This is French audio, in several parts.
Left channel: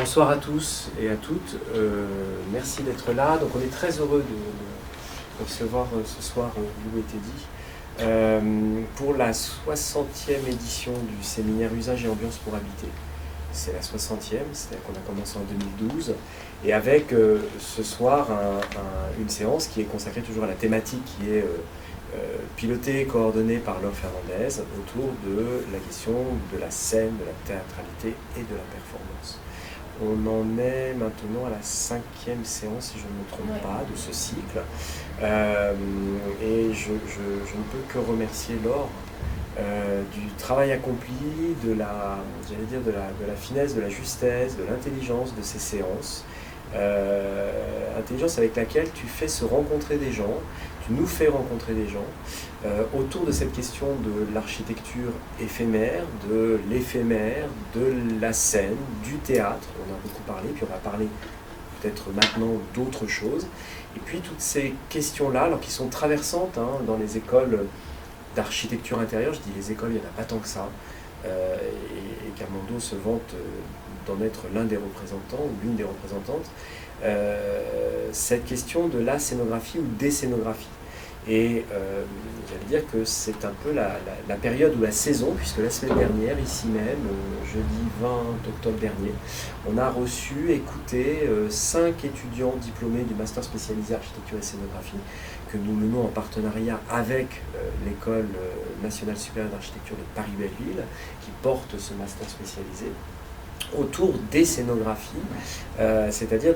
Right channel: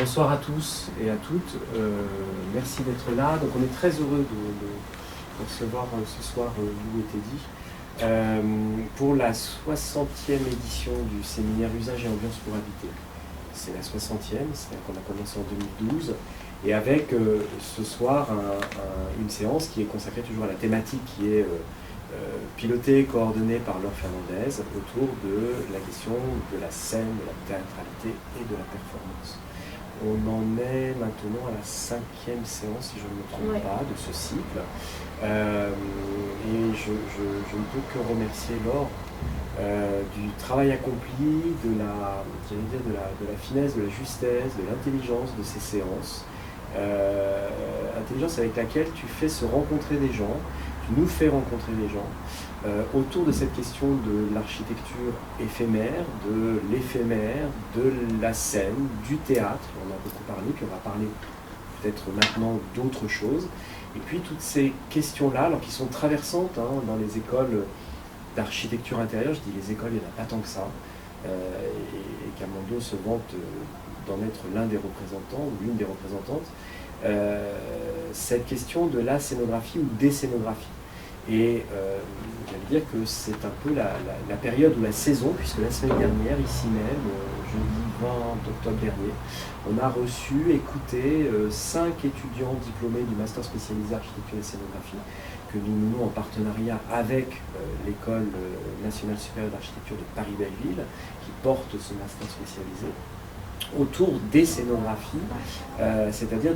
Bonsoir à tous et à toutes. Merci d'être là. Donc on est très heureux de recevoir ce soir Lou et Teddy pour la 60e édition du séminaire Usage et ambiance pour habiter. C'est la 60e, c'est-à-dire qu'on a commencé en 2012, et avec ce soir une séance qui est consacrée toujours à la thématique qui est pilotée et coordonnée par Laure Fernandez autour de la question de la scène, de la théâtralité et de la performance. On en est maintenant à la 5e séance, si je ne me trompe pas, de ce cycle. Et je ne peux que remercier Laure du travail accompli, de la finesse, de la justesse, de l'intelligence de ces séances. Intelligence avec laquelle tu fais se rencontrer des gens, tu nous fais rencontrer des gens autour de cette question de l'architecture éphémère, de l'éphémère, de la scène, du théâtre. On a beaucoup parlé, puis on va parler peut-être maintenant d'autres choses. Et puis toutes ces questions-là, alors qui sont traversantes dans les écoles d'architecture intérieure, je dis les écoles, il n'y en a pas tant que ça, et Camando se vante d'en être l'un des représentants ou l'une des représentantes, cette question de la scénographie ou des scénographies. Et j'allais dire que c'est un peu la période ou la saison, puisque la semaine dernière, ici même, jeudi 20 octobre dernier, on a reçu, écouté 5 étudiants diplômés du master spécialisé architecture et scénographie, que nous menons en partenariat avec l'École nationale supérieure d'architecture de Paris-Belleville, qui porte ce master spécialisé, autour des scénographies, c'est-à-dire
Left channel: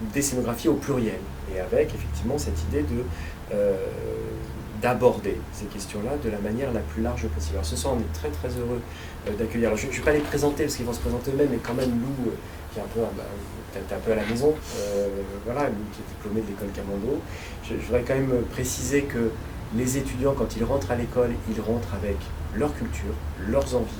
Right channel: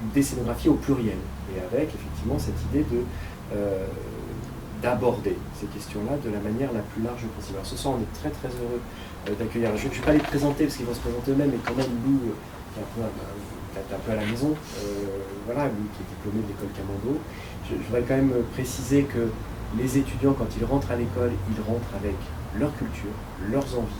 des scénographies au pluriel, et avec effectivement cette idée d'aborder ces questions-là de la manière la plus large possible. Alors ce soir, on est très très heureux d'accueillir. Alors, je ne vais pas les présenter parce qu'ils vont se présenter eux-mêmes, mais quand même Lou, qui est un peu à la maison, voilà, Lou qui est diplômé de l'école Camando. Je voudrais quand même préciser que les étudiants, quand ils rentrent à l'école, ils rentrent avec leur culture, leurs envies,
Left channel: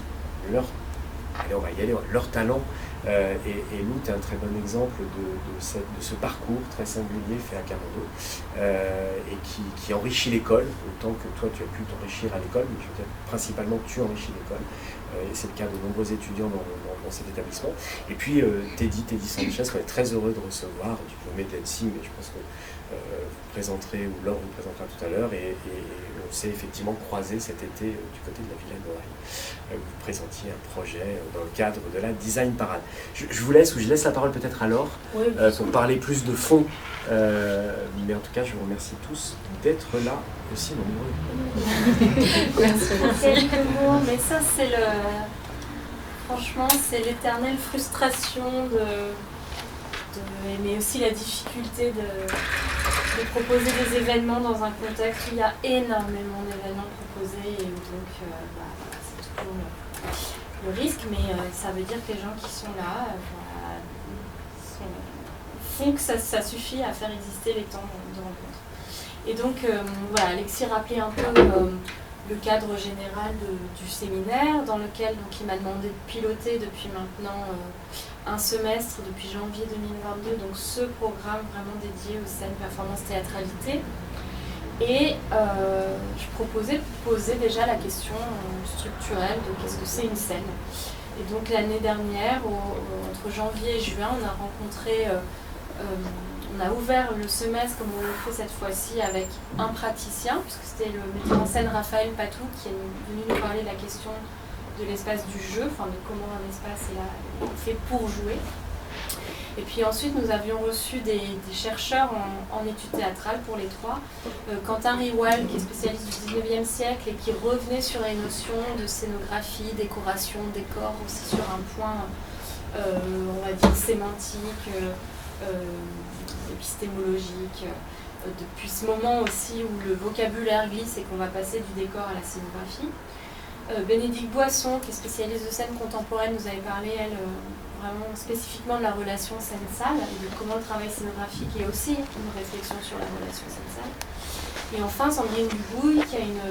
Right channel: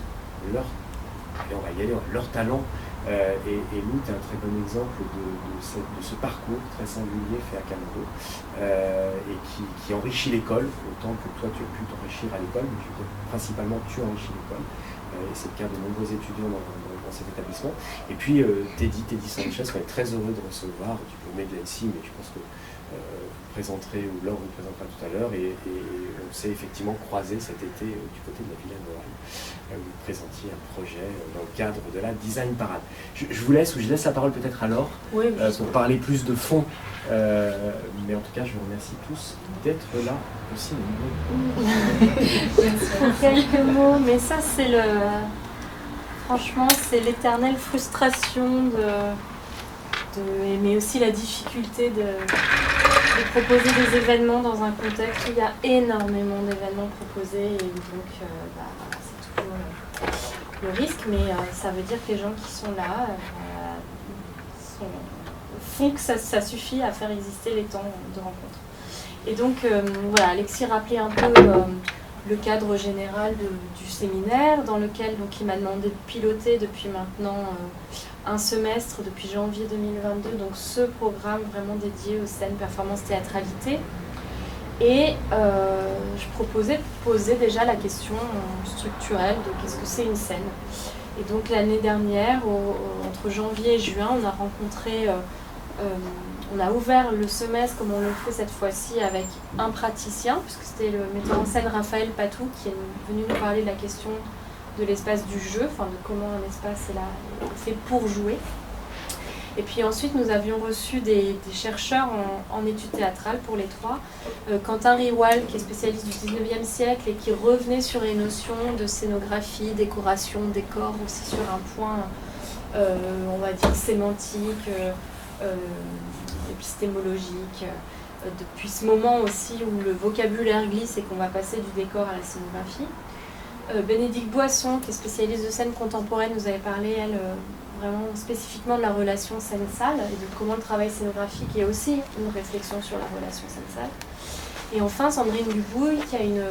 on va y aller, leur talent, et Lou, tu es un très bon exemple de ce parcours très singulier fait à Camando, et qui enrichit l'école, autant que toi tu as pu t'enrichir à l'école, mais je veux dire principalement tu enrichis l'école, et c'est le cas de nombreux étudiants dans cet établissement. Et puis Teddy Sanchez, qu'on est très heureux de recevoir, diplômé de l'ENSI, mais je pense que vous présenterez, ou Laure vous présentera tout à l'heure, et on s'est effectivement croisé cet été du côté de la Villa Noailles, où vous présentiez un projet dans le cadre de la Design Parade. Je vous laisse, ou je laisse la parole peut-être à Laure, pour parler plus de fond, mais en tout cas je vous remercie tous d'être là aussi nombreux. Merci. Pour quelques mots, mais ça c'est franchement c'est l'éternelle frustration mais aussi la difficulté de proposer des événements dans un contexte où il y a énormément d'événements proposés, et où donc voilà, c'est toujours le risque, mais ça veut dire que les gens qui sont là font que ça suffit à faire exister les temps de rencontre. Et donc voilà, Alexis rappelait un peu le cadre général du séminaire, dans lequel donc, il m'a demandé de piloter depuis maintenant un semestre, depuis janvier 2022, donc ce programme vraiment dédié aux scènes, performance, théâtralité. Et je proposais de poser déjà la question structurelle de qu'est-ce que c'est une scène. Et donc l'année dernière, entre janvier et juin, on a rencontré, on a ouvert le semestre comme on le fait cette fois-ci avec un praticien, puisque c'était le metteur en scène Raphaël Patou qui est venu nous parler de la question de l'espace du jeu, enfin de comment un espace est fait pour jouer. Et puis ensuite, nous avions reçu des chercheurs en études théâtrales pour les trois. Quentin Riwal, qui est spécialiste du 19e siècle et qui revenait sur les notions de scénographie, décoration, décor, aussi sur un point, on va dire, sémantique, épistémologique. Depuis ce moment aussi où le vocabulaire glisse et qu'on va passer du décor à la scénographie. Bénédicte Boisson, qui est spécialiste de scène contemporaine, nous avait parlé, elle, vraiment spécifiquement de la relation scène-salle et de comment le travail scénographique est aussi une réflexion sur la relation scène-salle. Et enfin, Sandrine Dubouille, qui a une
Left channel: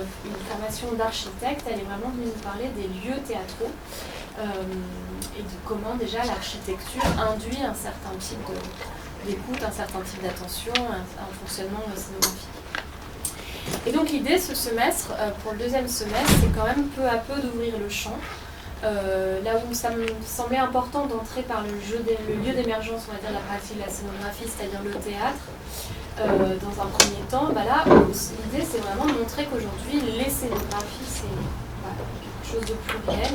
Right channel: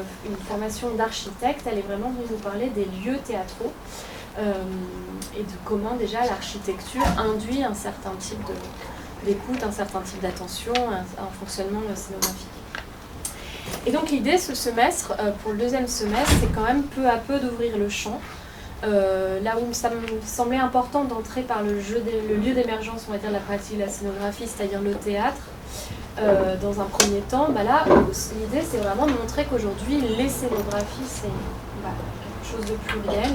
formation d'architecte, elle est vraiment venue nous parler des lieux théâtraux et de comment déjà l'architecture induit un certain type d'écoute, un certain type d'attention, un fonctionnement scénographique. Et donc l'idée ce semestre, pour le deuxième semestre, c'est quand même peu à peu d'ouvrir le champ là où ça me semblait important d'entrer par le lieu d'émergence, on va dire, de la pratique de la scénographie, c'est-à-dire le théâtre, dans un premier temps, là, l'idée c'est vraiment de montrer qu'aujourd'hui, les scénographies, c'est quelque chose de pluriel,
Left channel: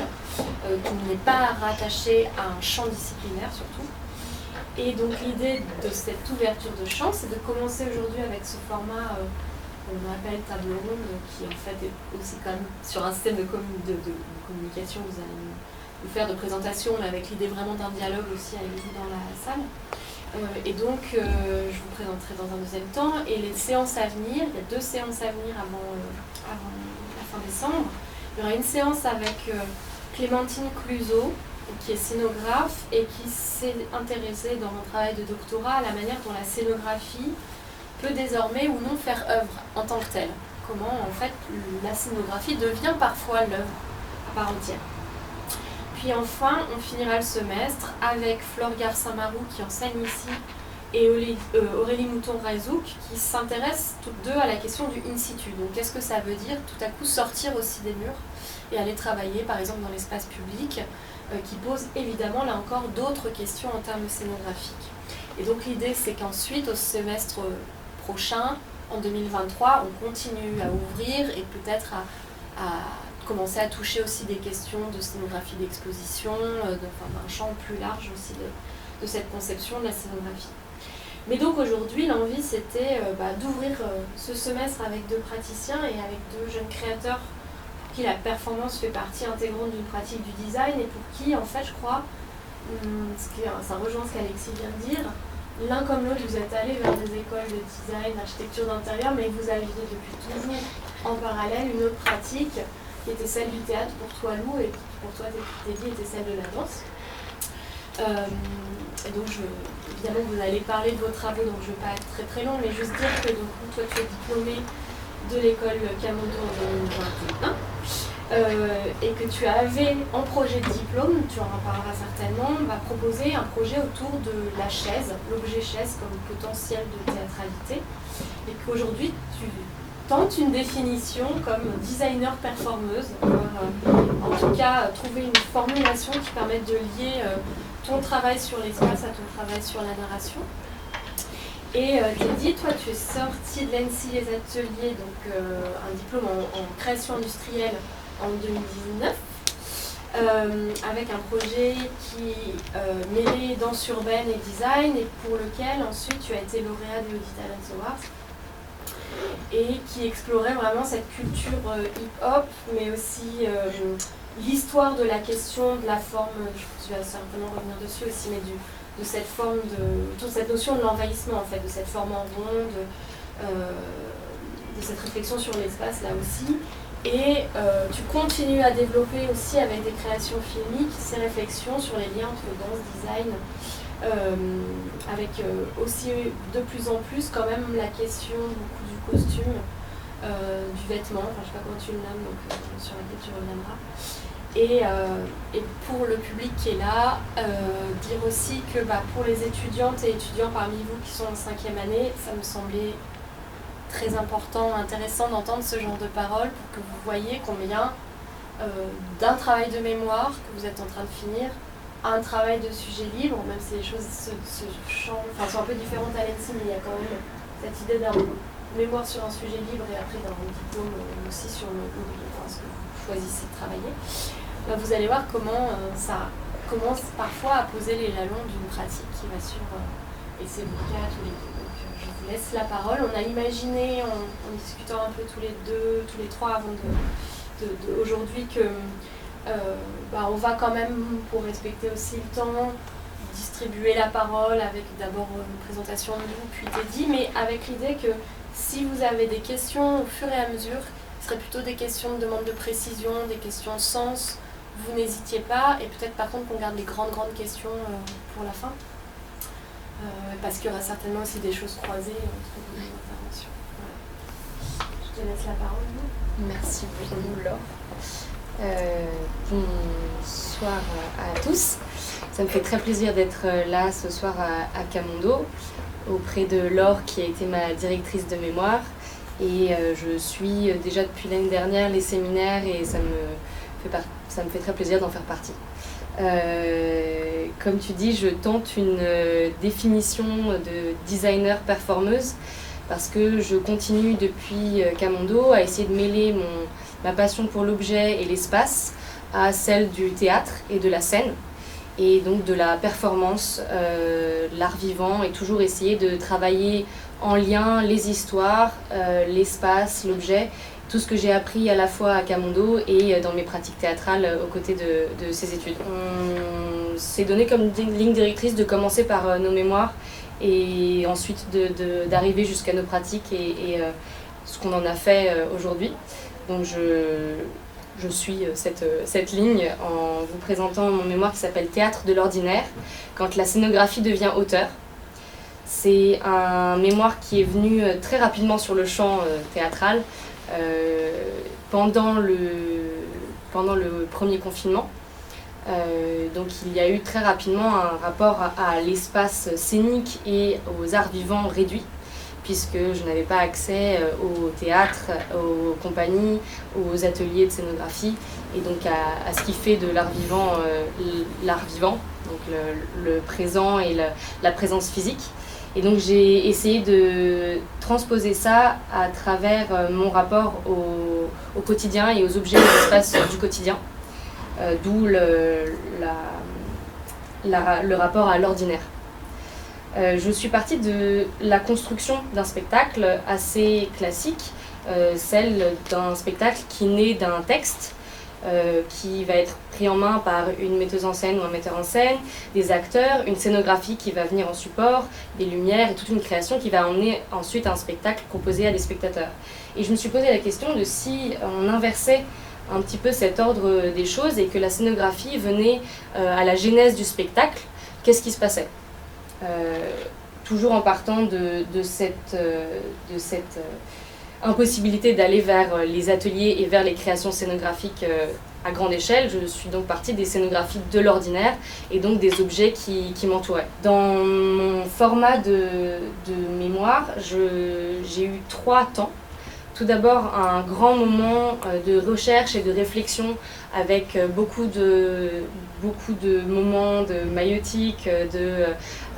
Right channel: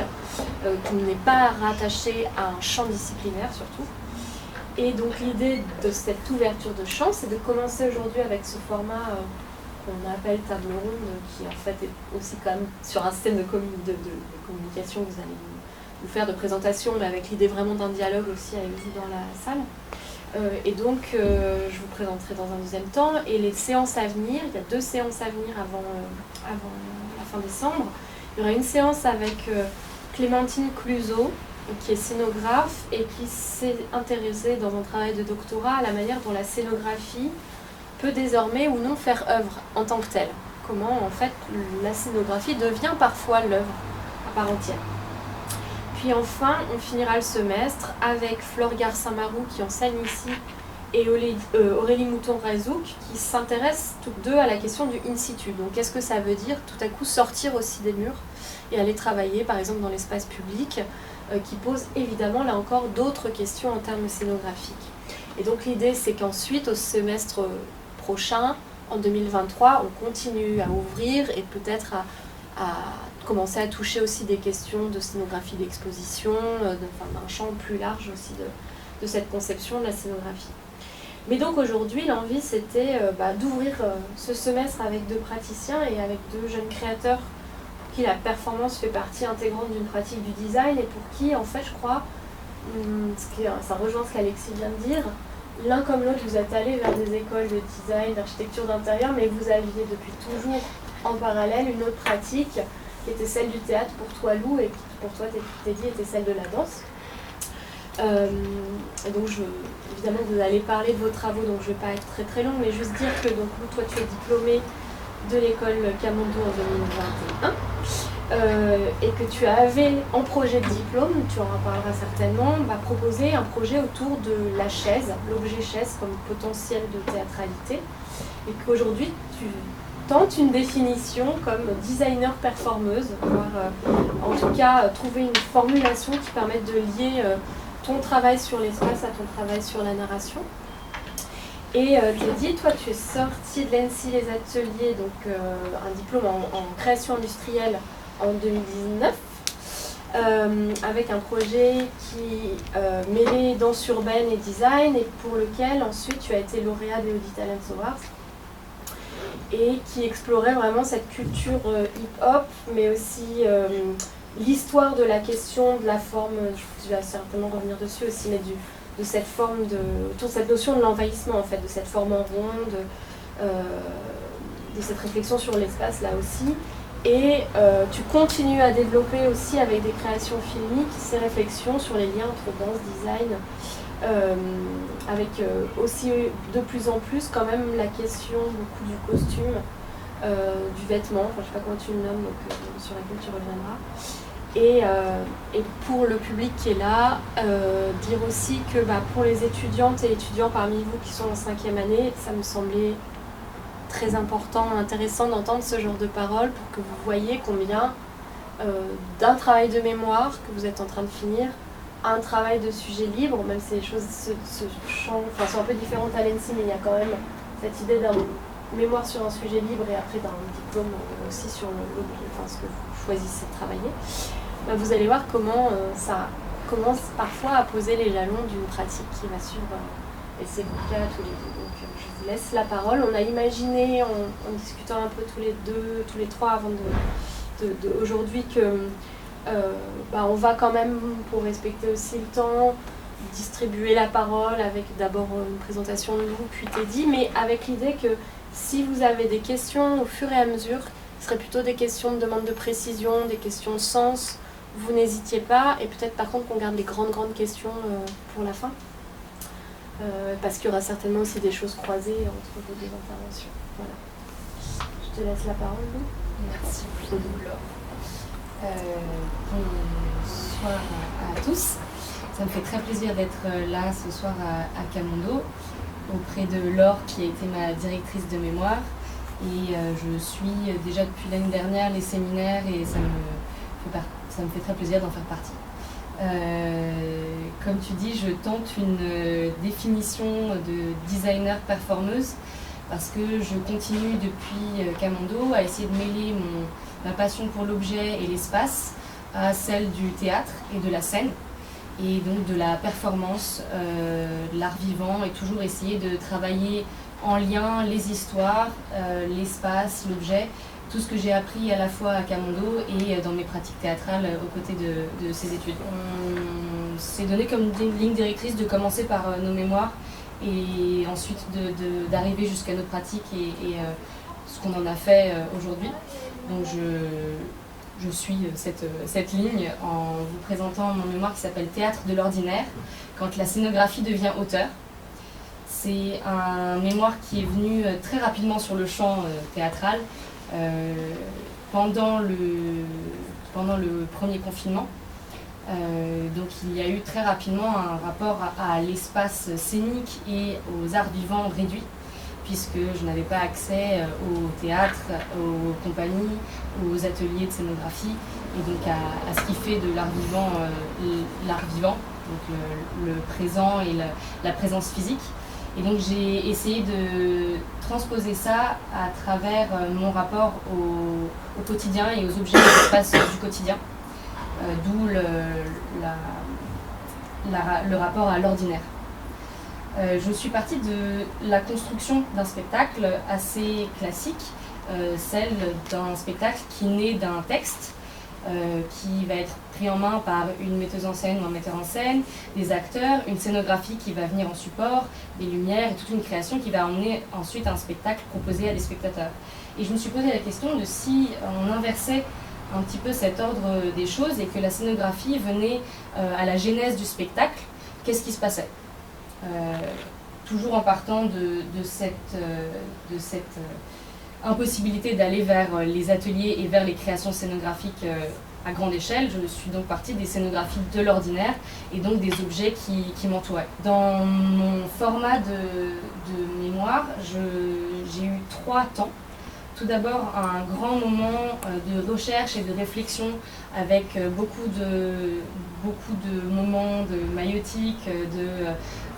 qui n'est pas rattaché à un champ disciplinaire surtout. Et donc l'idée de cette ouverture de champ, c'est de commencer aujourd'hui avec ce format qu'on appelle table ronde, qui en fait est aussi quand même sur un système de communication que vous allez nous faire de présentation, mais avec l'idée vraiment d'un dialogue aussi avec vous dans la salle. Et donc je vous présenterai dans un deuxième temps. Et les séances à venir, il y a 2 séances à venir avant la fin décembre. Il y aura une séance avec Clémentine Cluzot, qui est scénographe et qui s'est intéressée dans un travail de doctorat à la manière dont la scénographie peut désormais ou non faire œuvre en tant que telle. Comment en fait la scénographie devient parfois l'œuvre à part entière. Puis enfin, on finira le semestre avec Flore Garcin-Marou qui enseigne ici et Aurélie Mouton-Razouk qui s'intéressent toutes deux à la question du in situ. Donc qu'est-ce que ça veut dire tout à coup sortir aussi des murs et aller travailler par exemple dans l'espace public qui pose évidemment là encore d'autres questions en termes scénographiques. Et donc l'idée c'est qu'ensuite au semestre prochain, en 2023, on continue à ouvrir et peut-être à commencer à toucher aussi des questions de scénographie d'exposition, d'un champ plus large aussi de cette conception de la scénographie. Mais donc aujourd'hui, l'envie c'était d'ouvrir ce semestre avec 2 praticiens et avec 2 jeunes créateurs pour qui la performance fait partie intégrante d'une pratique du design et pour qui, en fait, je crois, ça rejoint ce qu'Alexis vient de dire, l'un comme l'autre, vous êtes allés vers des écoles de design, d'architecture d'intérieur, mais vous aviez depuis toujours en parallèle une autre pratique qui était celle du théâtre pour toi, Lou, et qui pour toi, Teddy, était celle de la danse. Et donc, évidemment, vous allez parler de vos travaux, donc je ne vais pas être très très long, mais juste dire que donc, toi, tu es diplômé de l'école Camondo en 2021. Et que tu avais en projet de diplôme, tu en reparleras certainement, proposé un projet autour de la chaise, l'objet chaise comme potentiel de théâtralité, et qu'aujourd'hui tu tentes une définition comme designer performeuse, voire en tout cas trouver une formulation qui permette de lier ton travail sur l'espace à ton travail sur la narration. Et Teddy, toi tu es sorti de l'ENSI Les Ateliers, donc un diplôme en création industrielle en 2019, avec un projet qui mêlait danse urbaine et design, et pour lequel ensuite tu as été lauréat des Audi Talents Awards, et qui explorait vraiment cette culture hip-hop, mais aussi l'histoire de la question, de la forme, tu vas certainement revenir dessus aussi, mais de cette forme, autour de cette notion de l'envahissement, en fait, de cette forme en rond, de cette réflexion sur l'espace là aussi. Et tu continues à développer aussi avec des créations filmiques ces réflexions sur les liens entre danse, design, avec aussi de plus en plus quand même la question beaucoup du costume, du vêtement, enfin je sais pas comment tu le nommes, donc sur laquelle tu reviendras. Et pour le public qui est là, dire aussi que pour les étudiantes et étudiants parmi vous qui sont en 5e année, ça me semblait très important, intéressant d'entendre ce genre de paroles pour que vous voyez combien d'un travail de mémoire que vous êtes en train de finir, un travail de sujet libre, même si les choses sont un peu différentes à l'ENSI, mais il y a quand même cette idée d'un mémoire sur un sujet libre et après d'un diplôme aussi sur ce que vous choisissez de travailler. Vous allez voir comment ça commence parfois à poser les jalons d'une pratique qui va suivre. Et c'est votre cas tous les deux. Donc je vous laisse la parole. On a imaginé, en discutant un peu tous les trois avant aujourd'hui, que on va quand même, pour respecter aussi le temps, distribuer la parole avec d'abord une présentation de Lou, puis Teddy, mais avec l'idée que si vous avez des questions au fur et à mesure, ce serait plutôt des questions de demande de précision, des questions de sens, vous n'hésitiez pas, et peut-être par contre qu'on garde les grandes questions pour la fin. Parce qu'il y aura certainement aussi des choses croisées entre vos deux interventions. Voilà. Je te laisse la parole, Lou. Merci beaucoup, Laure. Bonsoir à tous. Ça me fait très plaisir d'être là ce soir à Camondo, auprès de Laure qui a été ma directrice de mémoire. Et je suis déjà depuis l'année dernière les séminaires et ça me ça me fait très plaisir d'en faire partie. Comme tu dis, je tente une définition de designer performeuse parce que je continue depuis Camondo à essayer de mêler ma passion pour l'objet et l'espace à celle du théâtre et de la scène, et donc de la performance, l'art vivant, et toujours essayer de travailler en lien les histoires, l'espace, l'objet, tout ce que j'ai appris à la fois à Camondo et dans mes pratiques théâtrales aux côtés de ces études. On s'est donné comme ligne directrice de commencer par nos mémoires et ensuite d'arriver jusqu'à nos pratiques et ce qu'on en a fait aujourd'hui. Donc je suis cette ligne en vous présentant mon mémoire qui s'appelle Théâtre de l'ordinaire, quand la scénographie devient auteur. C'est un mémoire qui est venu très rapidement sur le champ théâtral pendant le premier confinement. Donc il y a eu très rapidement un rapport à l'espace scénique et aux arts vivants réduits, puisque je n'avais pas accès au théâtre, aux compagnies, aux ateliers de scénographie, et donc à ce qui fait de l'art vivant, donc le présent et la présence physique. Et donc j'ai essayé de transposer ça à travers mon rapport au quotidien et aux objets et l'espace du quotidien, d'où le rapport à l'ordinaire. Je suis partie de la construction d'un spectacle assez classique, celle d'un spectacle qui naît d'un texte, qui va être pris en main par une metteuse en scène ou un metteur en scène, des acteurs, une scénographie qui va venir en support, des lumières et toute une création qui va emmener ensuite un spectacle proposé à des spectateurs. Et je me suis posé la question de si on inversait un petit peu cet ordre des choses et que la scénographie venait à la genèse du spectacle, qu'est-ce qui se passait ? Toujours en partant de cette impossibilité d'aller vers les ateliers et vers les créations scénographiques à grande échelle, je suis donc partie des scénographies de l'ordinaire et donc des objets qui m'entouraient. Dans mon format de mémoire, j'ai eu 3 temps. Tout d'abord, un grand moment de recherche et de réflexion avec beaucoup de moments de maïeutique, de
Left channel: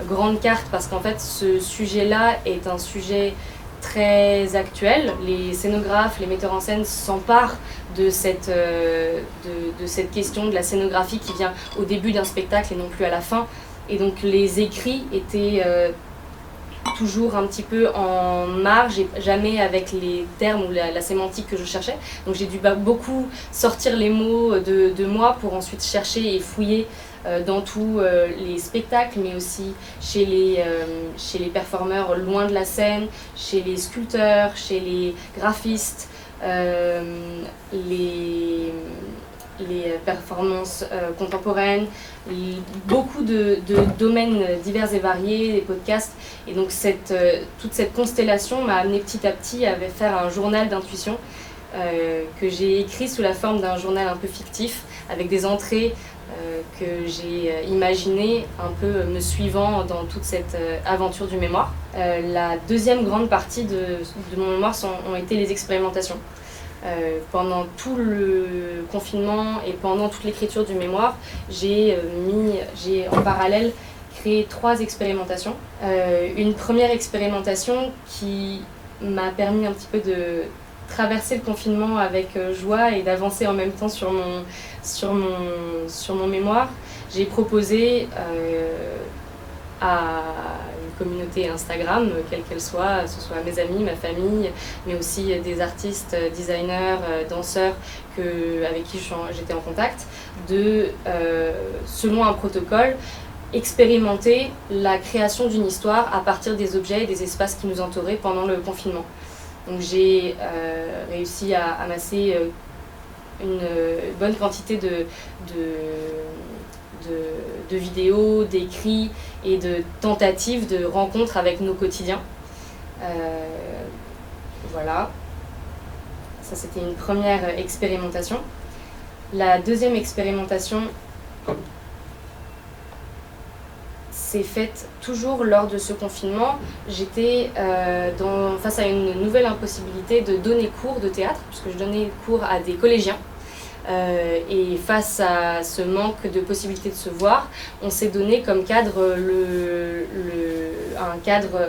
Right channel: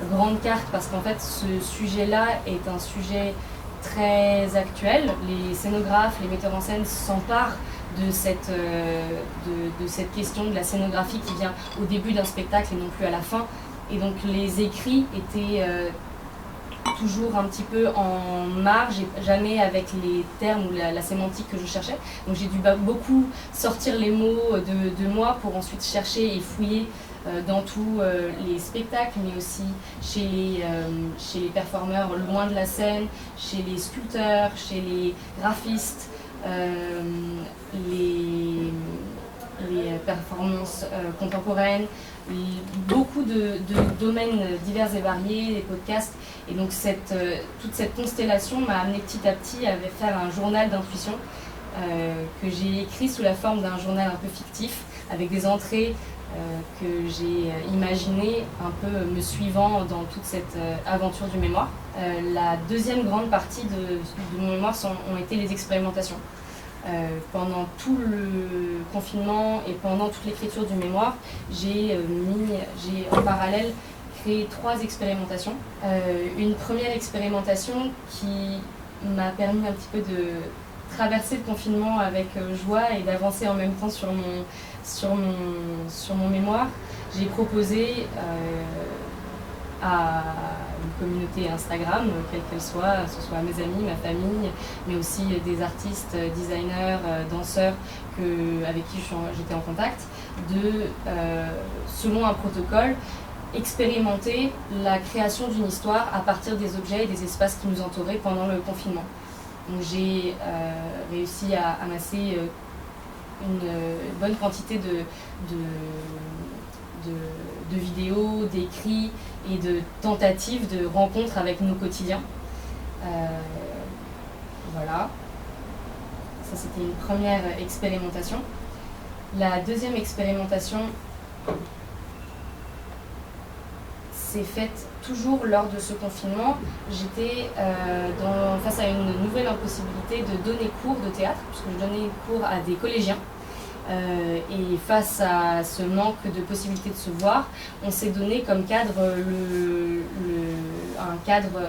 grandes cartes, parce qu'en fait, ce sujet-là est un sujet très actuel. Les scénographes, les metteurs en scène s'emparent de cette question de la scénographie qui vient au début d'un spectacle et non plus à la fin. Et donc les écrits étaient toujours un petit peu en marge et jamais avec les termes ou la sémantique que je cherchais. Donc j'ai dû beaucoup sortir les mots de moi pour ensuite chercher et fouiller dans tous les spectacles, mais aussi chez les performeurs loin de la scène, chez les sculpteurs, chez les graphistes, les performances contemporaines, beaucoup de domaines divers et variés, des podcasts. Et donc toute cette constellation m'a amené petit à petit à faire un journal d'intuition que j'ai écrit sous la forme d'un journal un peu fictif, avec des entrées que j'ai imaginées un peu me suivant dans toute cette aventure du mémoire. La deuxième grande partie de mon mémoire ont été les expérimentations. Pendant tout le confinement et pendant toute l'écriture du mémoire, j'ai en parallèle créé 3 expérimentations. Une première expérimentation qui m'a permis un petit peu de traverser le confinement avec joie et d'avancer en même temps sur mon mémoire. J'ai proposé à une communauté Instagram, quelle qu'elle soit, que ce soit mes amis, ma famille, mais aussi des artistes, designers, danseurs avec qui j'étais en contact, selon un protocole, expérimenter la création d'une histoire à partir des objets et des espaces qui nous entouraient pendant le confinement. Donc j'ai réussi à amasser une bonne quantité de vidéos, d'écrits et de tentatives de rencontres avec nos quotidiens. Voilà. Ça, c'était une première expérimentation. La deuxième expérimentation s'est faite toujours lors de ce confinement. J'étais face à une nouvelle impossibilité de donner cours de théâtre, puisque je donnais cours à des collégiens Et face à ce manque de possibilité de se voir, on s'est donné comme cadre un cadre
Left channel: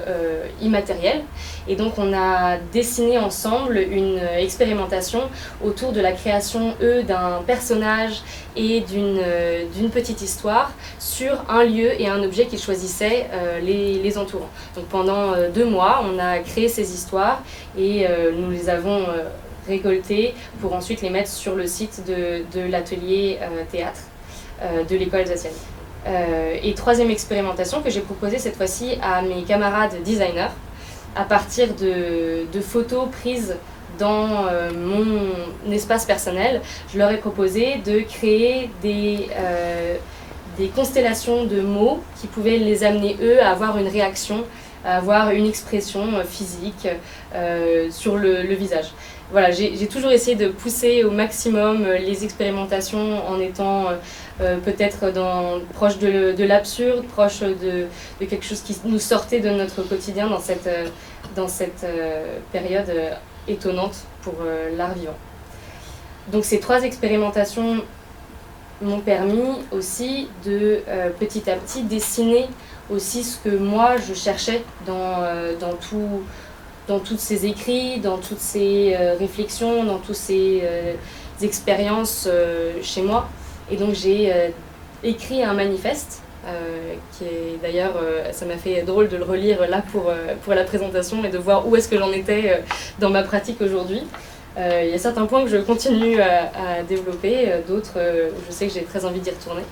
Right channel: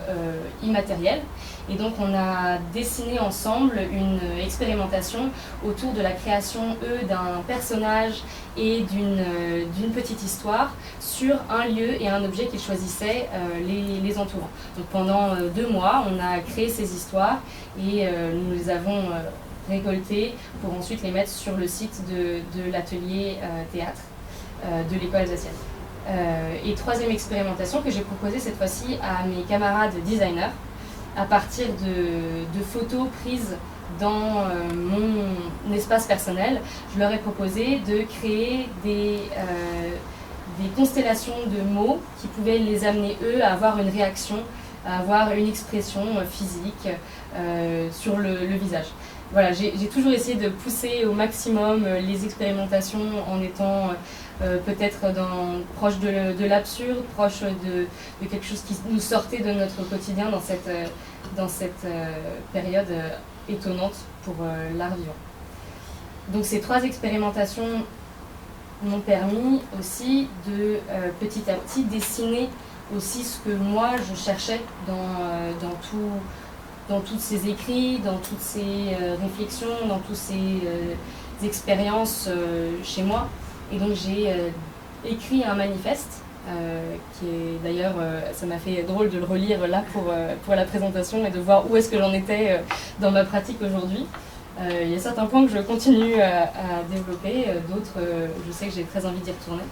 immatériel. Et donc on a dessiné ensemble une expérimentation autour de la création, d'un personnage et d'une petite histoire sur un lieu et un objet qu'ils choisissaient les entourant. Donc pendant 2 mois, on a créé ces histoires et nous les avons récoltées pour ensuite les mettre sur le site de l'atelier théâtre de l'école alsacienne. Et troisième expérimentation que j'ai proposée cette fois-ci à mes camarades designers, à partir de photos prises dans mon espace personnel, je leur ai proposé de créer des constellations de mots qui pouvaient les amener, eux, à avoir une réaction, à avoir une expression physique sur le visage. Voilà, j'ai toujours essayé de pousser au maximum les expérimentations en étant peut-être proche de l'absurde, proche de quelque chose qui nous sortait de notre quotidien dans cette période étonnante pour l'art vivant. Donc ces 3 expérimentations m'ont permis aussi de petit à petit dessiner aussi ce que moi je cherchais dans tous ces écrits, dans toutes ces réflexions, dans toutes ces expériences chez moi. Et donc j'ai écrit un manifeste qui est d'ailleurs, ça m'a fait drôle de le relire là pour la présentation et de voir où est-ce que j'en étais dans ma pratique aujourd'hui. Il y a certains points que je continue à développer, d'autres où je sais que j'ai très envie d'y retourner.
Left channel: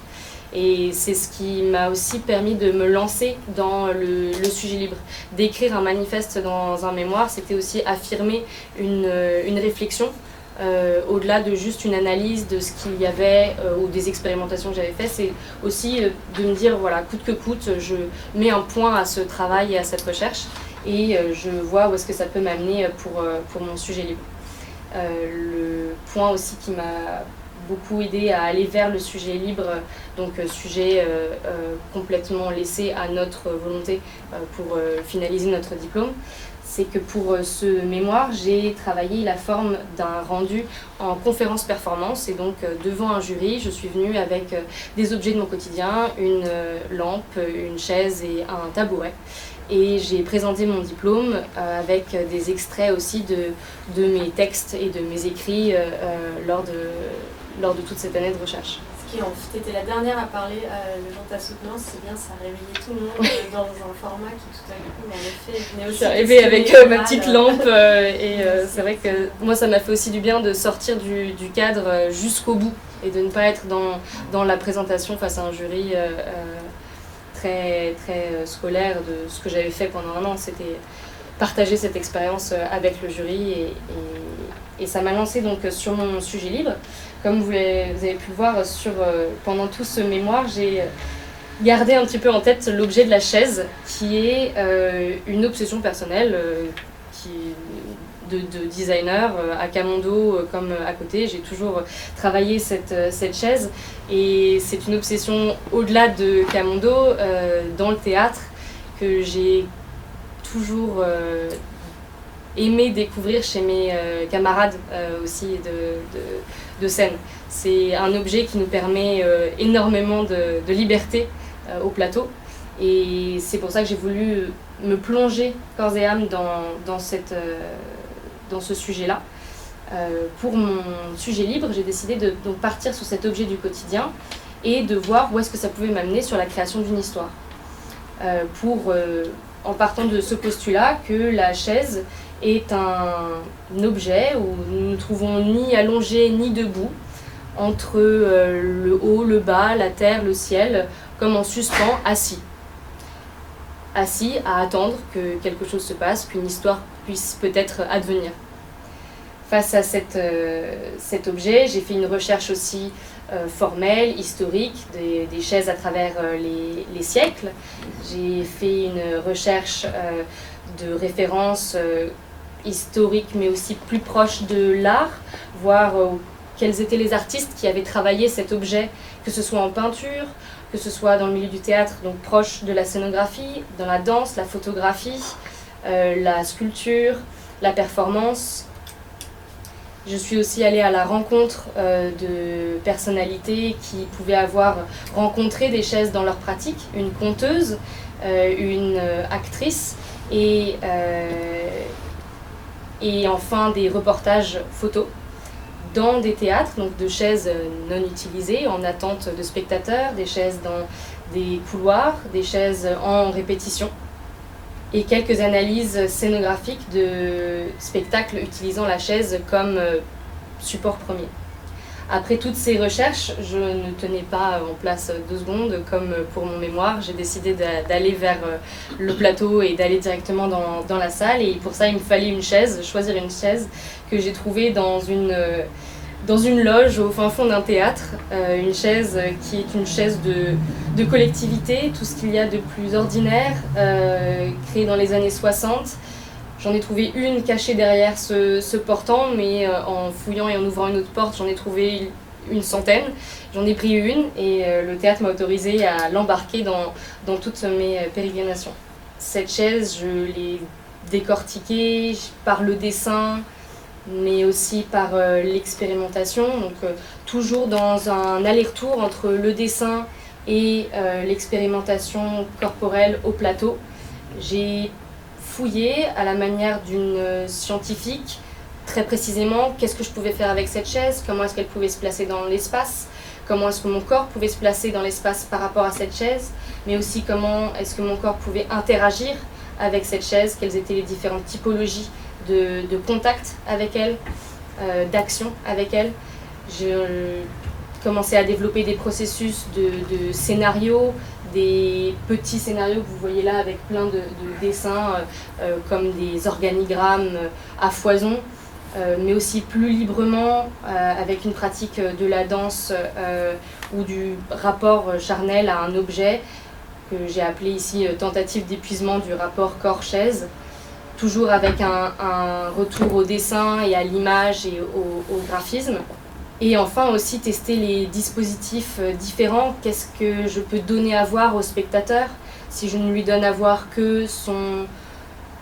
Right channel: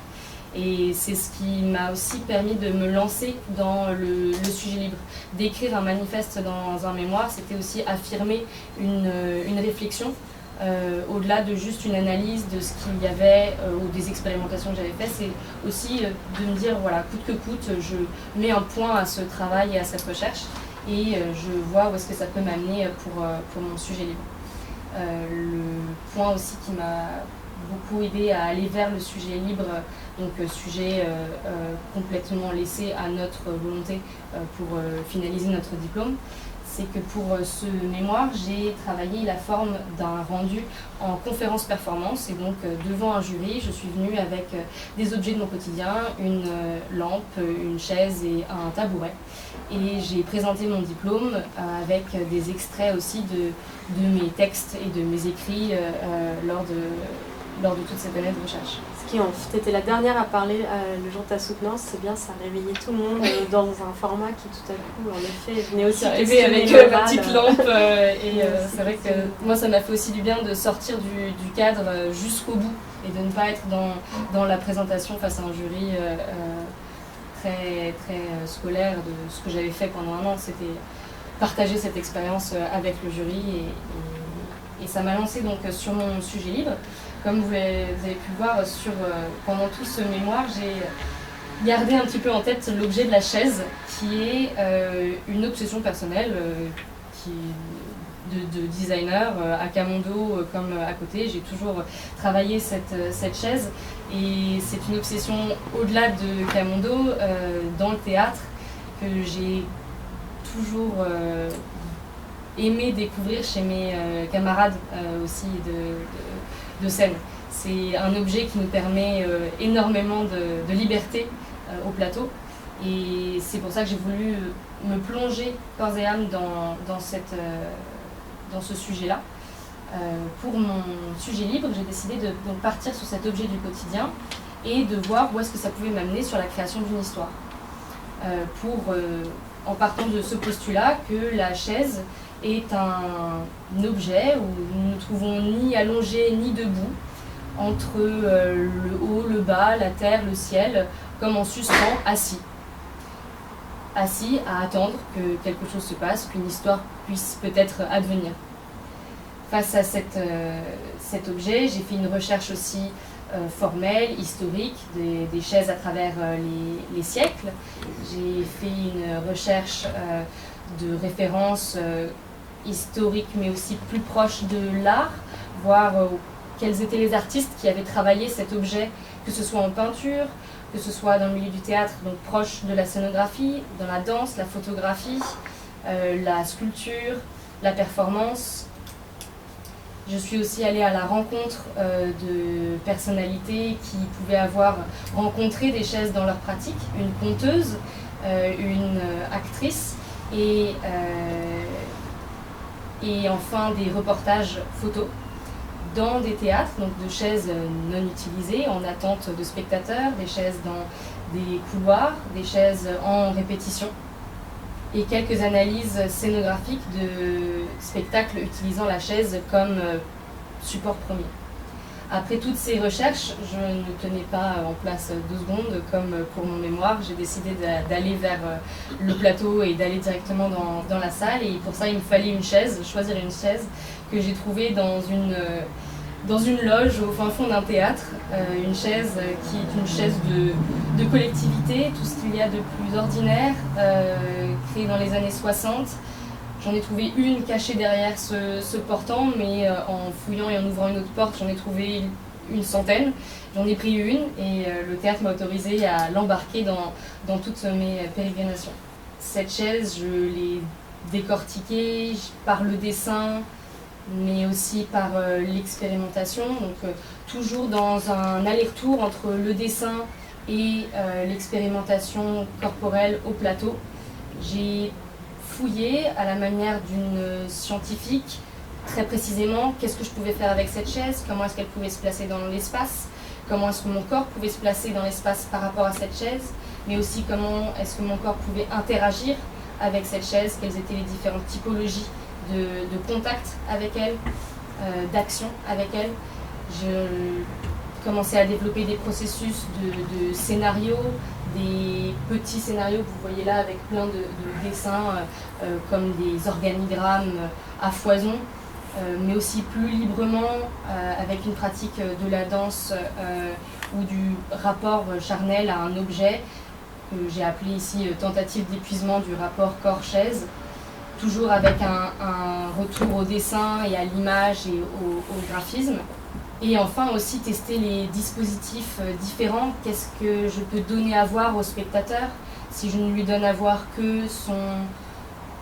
Et c'est ce qui m'a aussi permis de me lancer dans le sujet libre. D'écrire un manifeste dans un mémoire, c'était aussi affirmer une réflexion, au-delà de juste une analyse de ce qu'il y avait ou des expérimentations que j'avais faites. C'est aussi de me dire, voilà, coûte que coûte, je mets un point à ce travail et à cette recherche et je vois où est-ce que ça peut m'amener pour mon sujet libre. Le point aussi qui m'a beaucoup aidé à aller vers le sujet libre, donc sujet complètement laissé à notre volonté pour finaliser notre diplôme, c'est que pour ce mémoire, j'ai travaillé la forme d'un rendu en conférence-performance et donc devant un jury, je suis venue avec des objets de mon quotidien, une lampe, une chaise et un tabouret. Et j'ai présenté mon diplôme avec des extraits aussi de mes textes et de mes écrits lors de toute cette année de recherche. Tu étais la dernière à parler le jour de ta soutenance, c'est bien, ça réveillait tout le monde dans un format qui tout à coup, en effet, venait aussi arrivé avec ma petite lampe c'est vrai que moi ça m'a fait aussi du bien de sortir du cadre jusqu'au bout et de ne pas être dans la présentation face à un jury très, très scolaire de ce que j'avais fait pendant un an. C'était partager cette expérience avec le jury et ça m'a lancé donc sur mon sujet libre. Comme vous avez pu le voir pendant tout ce mémoire, j'ai gardé un petit peu en tête l'objet de la chaise qui est une obsession personnelle de designer à Camondo comme à côté. J'ai toujours travaillé cette chaise et c'est une obsession au-delà de Camondo dans le théâtre que j'ai toujours aimé découvrir chez mes camarades aussi de scène. C'est un objet qui nous permet énormément de liberté au plateau et c'est pour ça que j'ai voulu me plonger corps et âme dans ce sujet-là. Pour mon sujet libre, j'ai décidé de donc partir sur cet objet du quotidien et de voir où est-ce que ça pouvait m'amener sur la création d'une histoire. En partant de ce postulat que la chaise est un objet où nous ne trouvons ni allongé ni debout, entre le haut, le bas, la terre, le ciel, comme en suspens, assis. Assis à attendre que quelque chose se passe, qu'une histoire puisse peut-être advenir. Face à cet objet, j'ai fait une recherche aussi formelle, historique, des chaises à travers les siècles. J'ai fait une recherche de références historiques, mais aussi plus proches de l'art, voir quels étaient les artistes qui avaient travaillé cet objet, que ce soit en peinture, que ce soit dans le milieu du théâtre, donc proche de la scénographie, dans la danse, la photographie, la sculpture, la performance. Je suis aussi allée à la rencontre de personnalités qui pouvaient avoir rencontré des chaises dans leur pratique, une conteuse, une actrice et enfin des reportages photos dans des théâtres, donc de chaises non utilisées, en attente de spectateurs, des chaises dans des couloirs, des chaises en répétition, et quelques analyses scénographiques de spectacles utilisant la chaise comme support premier. Après toutes ces recherches, je ne tenais pas en place 2 secondes comme pour mon mémoire. J'ai décidé d'aller vers le plateau et d'aller directement dans la salle. Et pour ça, il me fallait une chaise, choisir une chaise que j'ai trouvée dans une loge au fin fond d'un théâtre. Une chaise qui est une chaise de collectivité, tout ce qu'il y a de plus ordinaire, créée dans les années 60. J'en ai trouvé une cachée derrière ce portant, mais en fouillant et en ouvrant une autre porte, j'en ai trouvé une centaine. J'en ai pris une et le théâtre m'a autorisé à l'embarquer dans toutes mes pérégrinations. Cette chaise, je l'ai décortiquée par le dessin, mais aussi par l'expérimentation. Donc toujours dans un aller-retour entre le dessin et l'expérimentation corporelle au plateau. J'ai fouillé à la manière d'une scientifique, très précisément, qu'est-ce que je pouvais faire avec cette chaise, comment est-ce qu'elle pouvait se placer dans l'espace, comment est-ce que mon corps pouvait se placer dans l'espace par rapport à cette chaise, mais aussi comment est-ce que mon corps pouvait interagir avec cette chaise, quelles étaient les différentes typologies de contact avec elle, d'action avec elle. Je commençais à développer des processus de scénarios, des petits scénarios que vous voyez là avec plein de dessins comme des organigrammes à foison, mais aussi plus librement avec une pratique de la danse ou du rapport charnel à un objet que j'ai appelé ici tentative d'épuisement du rapport corps-chaise, toujours avec un retour au dessin et à l'image et au graphisme. Et enfin aussi tester les dispositifs différents. Qu'est-ce que je peux donner à voir au spectateur si je ne lui donne à voir que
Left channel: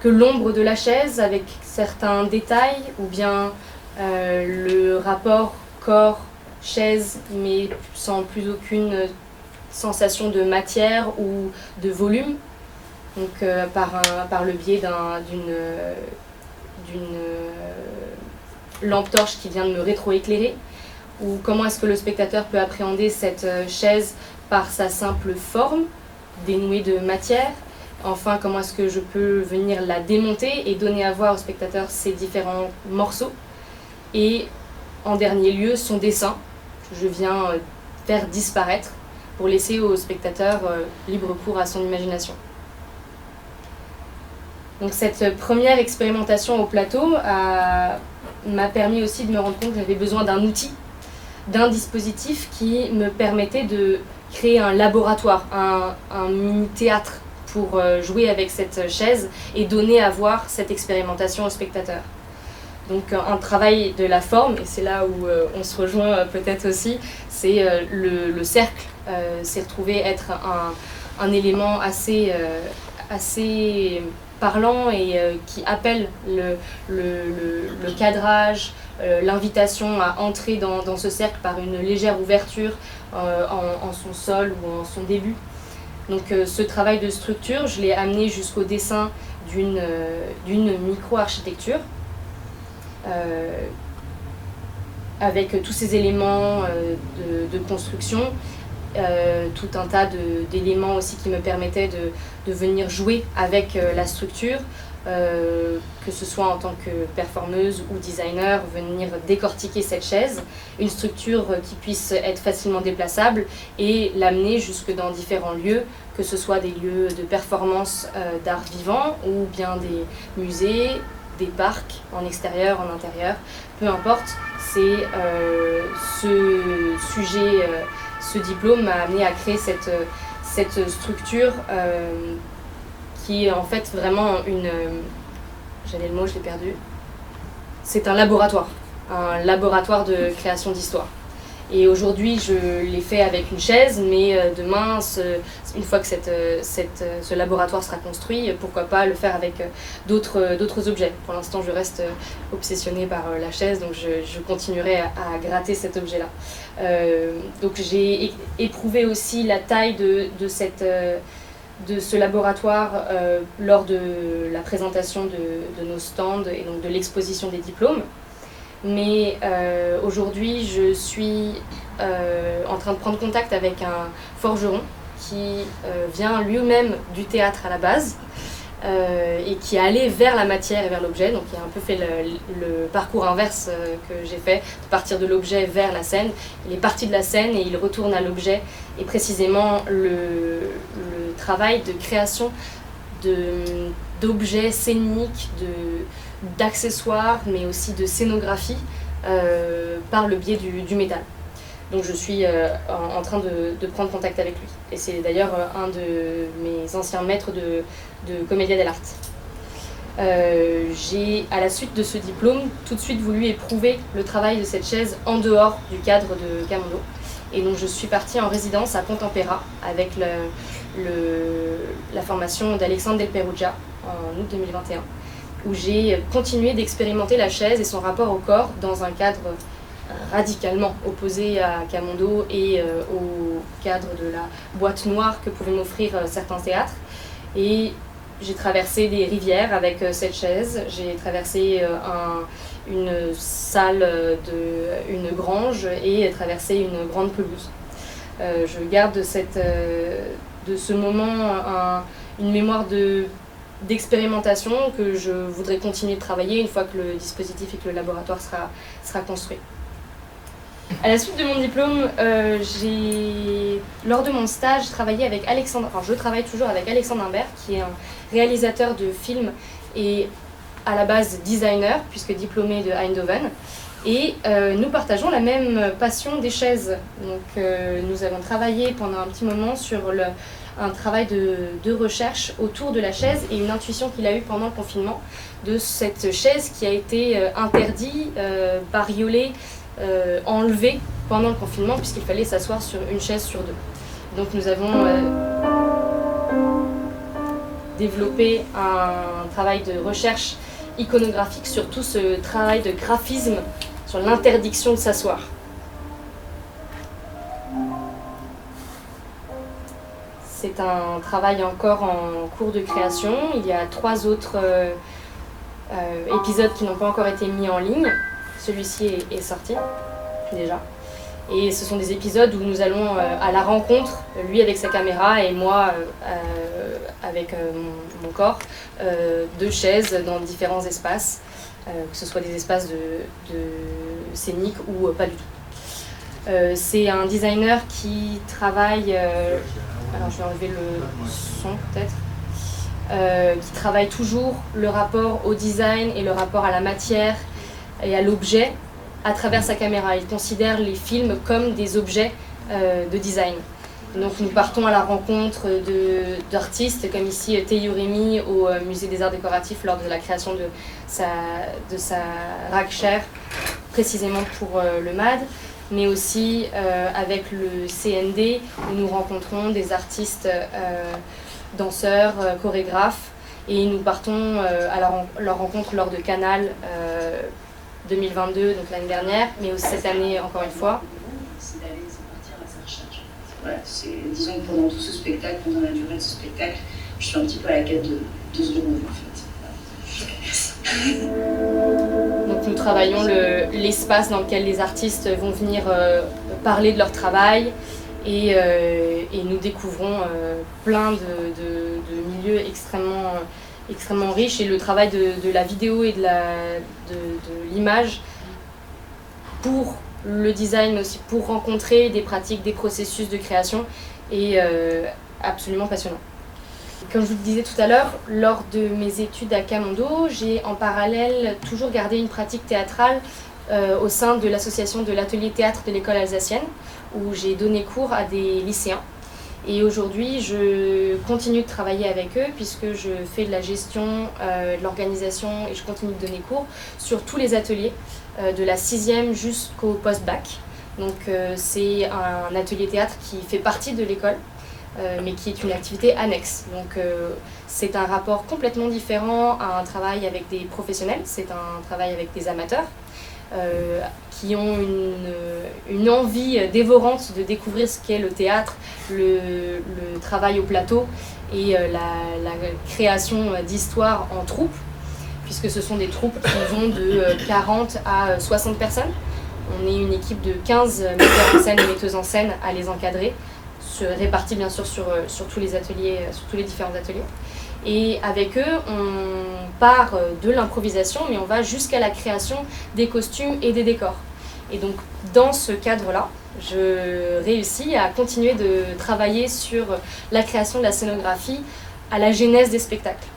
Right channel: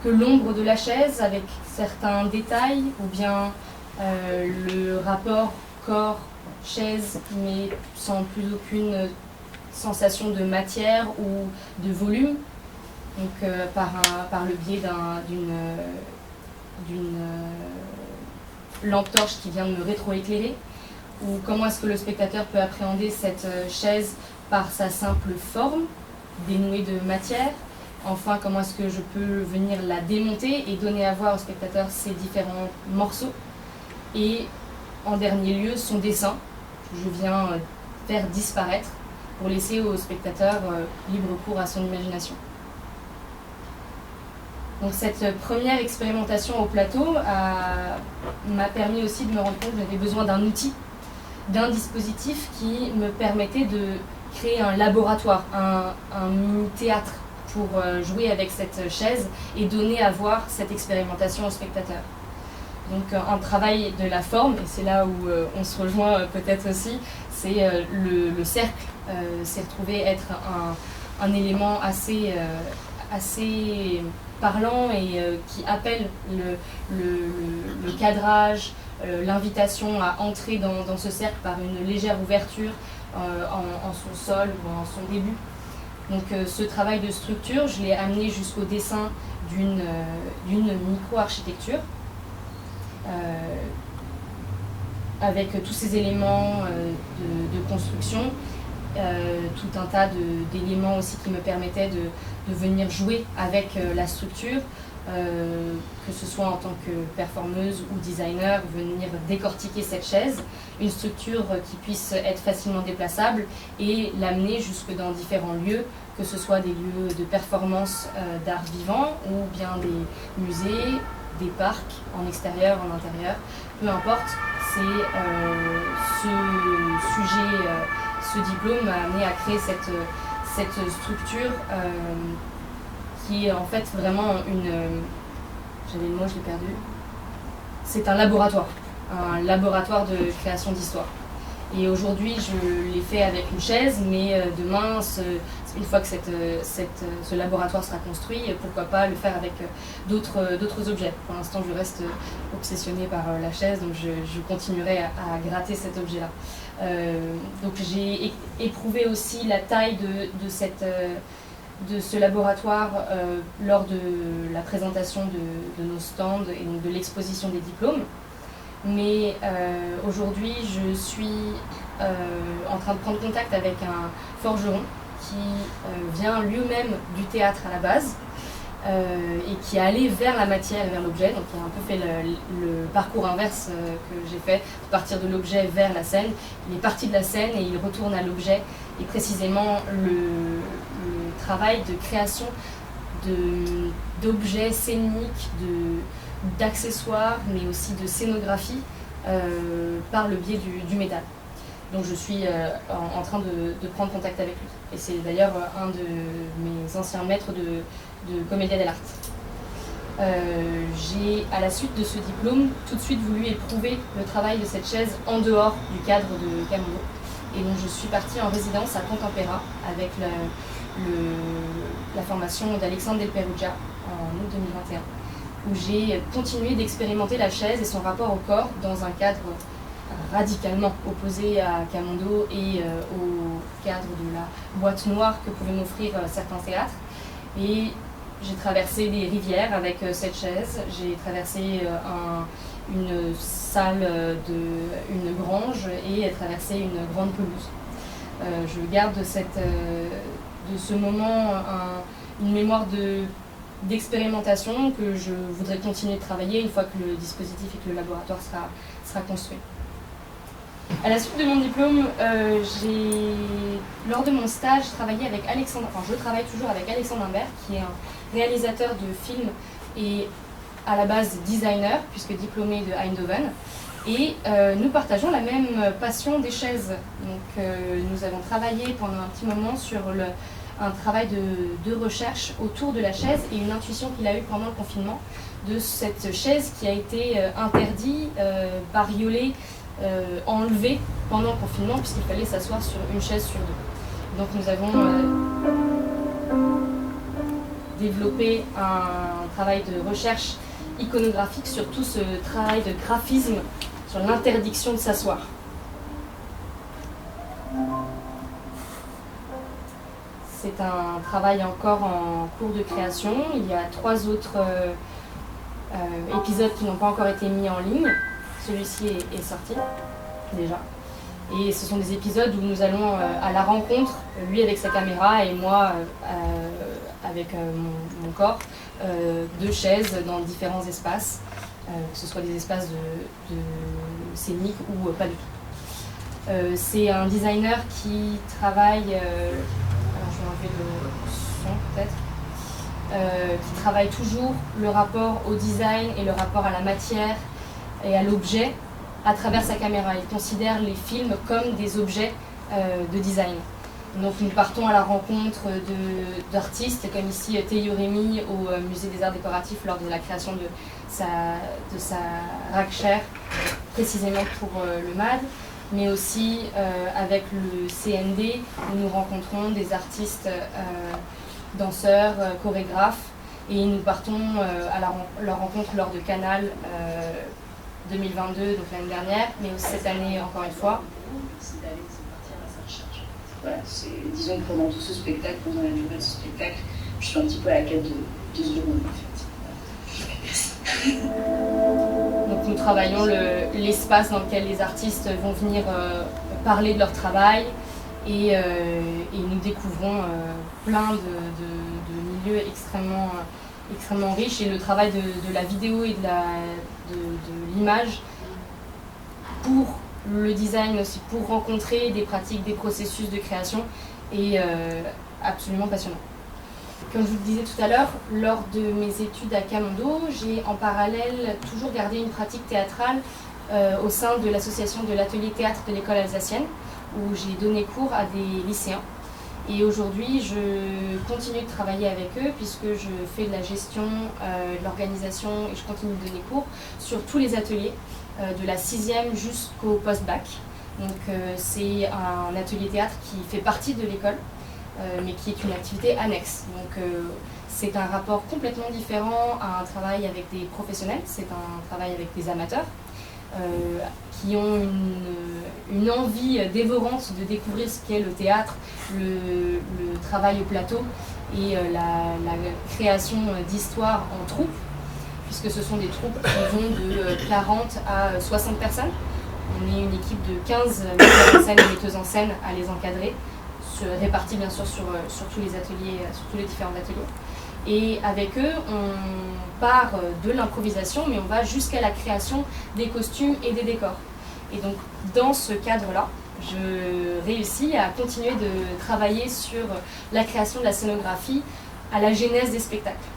l'ombre de la chaise avec certains détails, ou bien le rapport corps-chaise mais sans plus aucune sensation de matière ou de volume, donc par le biais d'une lampe torche qui vient de me rétroéclairer, ou comment est-ce que le spectateur peut appréhender cette chaise par sa simple forme, dénouée de matière. Enfin, comment est-ce que je peux venir la démonter et donner à voir au spectateur ces différents morceaux. Et en dernier lieu, son dessin, que je viens faire disparaître pour laisser au spectateur libre cours à son imagination. Donc cette première expérimentation au plateau m'a permis aussi de me rendre compte que j'avais besoin d'un outil, d'un dispositif qui me permettait de créer un laboratoire, un mini-théâtre pour jouer avec cette chaise et donner à voir cette expérimentation au spectateur. Donc un travail de la forme, et c'est là où on se rejoint peut-être aussi, c'est le cercle s'est retrouvé être un élément assez parlant et qui appelle le cadrage, l'invitation à entrer dans ce cercle par une légère ouverture en son sol ou en son début. Donc ce travail de structure, je l'ai amené jusqu'au dessin d'une micro-architecture avec tous ces éléments de construction, tout un tas d'éléments aussi qui me permettaient de venir jouer avec la structure, que ce soit en tant que performeuse ou designer, venir décortiquer cette chaise, une structure qui puisse être facilement déplaçable et l'amener jusque dans différents lieux, que ce soit des lieux de performance d'art vivant ou bien des musées, des parcs en extérieur, en intérieur, peu importe. C'est ce sujet, ce diplôme m'a amené à créer cette structure qui est en fait vraiment j'avais le mot, je l'ai perdu. C'est un laboratoire de création d'histoire. Et aujourd'hui, je l'ai fait avec une chaise, mais demain, une fois que ce laboratoire sera construit, pourquoi pas le faire avec d'autres objets. Pour l'instant, je reste obsessionnée par la chaise, donc je continuerai à gratter cet objet-là. Donc j'ai éprouvé aussi la taille de ce laboratoire lors de la présentation de nos stands et donc de l'exposition des diplômes. Mais aujourd'hui, je suis en train de prendre contact avec un forgeron qui vient lui-même du théâtre à la base et qui est allé vers la matière et vers l'objet. Donc il a un peu fait le parcours inverse que j'ai fait, de partir de l'objet vers la scène. Il est parti de la scène et il retourne à l'objet. Et précisément le travail de création d'objets scéniques, d'accessoires, mais aussi de scénographie par le biais du métal. Donc je suis en train de prendre contact avec lui. Et c'est d'ailleurs un de mes anciens maîtres de Commedia dell'arte. J'ai, à la suite de ce diplôme, tout de suite voulu éprouver le travail de cette chaise en dehors du cadre de Camondo. Et donc je suis partie en résidence à Pontampera avec la formation d'Alexandre Del Perugia en août 2021, où j'ai continué d'expérimenter la chaise et son rapport au corps dans un cadre radicalement opposé à Camondo et au cadre de la boîte noire que pouvaient m'offrir certains théâtres. Et j'ai traversé des rivières avec cette chaise, j'ai traversé une salle une grange et traversé une grande pelouse. Je garde de ce moment une mémoire d'expérimentation que je voudrais continuer de travailler une fois que le dispositif et que le laboratoire sera construit. À la suite de mon diplôme, lors de mon stage, je travaille toujours avec Alexandre Imbert, qui est un réalisateur de films et à la base designer, puisque diplômé de Eindhoven. Et nous partageons la même passion des chaises. Donc nous avons travaillé pendant un petit moment sur un travail de recherche autour de la chaise et une intuition qu'il a eue pendant le confinement de cette chaise qui a été interdite, bariolée, enlevée pendant le confinement puisqu'il fallait s'asseoir sur une chaise sur deux. Donc nous avons développé un travail de recherche iconographique sur tout ce travail de graphisme sur l'interdiction de s'asseoir. C'est un travail encore en cours de création. Il y a 3 autres épisodes qui n'ont pas encore été mis en ligne. Celui-ci est sorti déjà. Et ce sont des épisodes où nous allons à la rencontre, lui avec sa caméra et moi avec mon corps, de chaises dans différents espaces, que ce soit des espaces de scéniques ou pas du tout. C'est un designer qui travaille, alors je vais enlever le son peut-être, qui travaille toujours le rapport au design et le rapport à la matière et à l'objet à travers sa caméra. Il considère les films comme des objets de design. Donc nous partons à la rencontre d'artistes comme ici Théo Rémy au Musée des Arts Décoratifs lors de la création de sa rack chair, précisément pour le MAD, mais aussi avec le CND où nous rencontrons des artistes, danseurs, chorégraphes, et nous partons à leur rencontre lors de Canal 2022, donc l'année dernière, mais aussi cette année encore une fois. C'est partir à sa recherche. Voilà, disons que pendant tout ce spectacle, pendant la durée de ce spectacle, je suis un petit peu à la quête de ce renouveau en fait. Voilà. Donc nous travaillons l'espace dans lequel les artistes vont venir parler de leur travail et nous découvrons plein de milieux extrêmement riche, et le travail de la vidéo et de l'image pour le design, mais aussi pour rencontrer des pratiques, des processus de création est absolument passionnant. Comme je vous le disais tout à l'heure, lors de mes études à Camondo, j'ai en parallèle toujours gardé une pratique théâtrale au sein de l'association de l'atelier théâtre de l'école alsacienne, où j'ai donné cours à des lycéens. Et aujourd'hui, je continue de travailler avec eux puisque je fais de la gestion, de l'organisation et je continue de donner cours sur tous les ateliers de la 6e jusqu'au post-bac. Donc c'est un atelier théâtre qui fait partie de l'école, mais qui est une activité annexe. Donc c'est un rapport complètement différent à un travail avec des professionnels, c'est un travail avec des amateurs qui ont une envie dévorante de découvrir ce qu'est le théâtre, le travail au plateau et la création d'histoires en troupe, puisque ce sont des troupes qui vont de 40 à 60 personnes. On est une équipe de 15 metteurs en scène et metteuses en scène à les encadrer, répartis bien sûr sur tous les ateliers, sur tous les différents ateliers. Et avec eux, on part de l'improvisation, mais on va jusqu'à la création des costumes et des décors. Et donc, dans ce cadre-là, je réussis à continuer de travailler sur la création de la scénographie à la genèse des spectacles.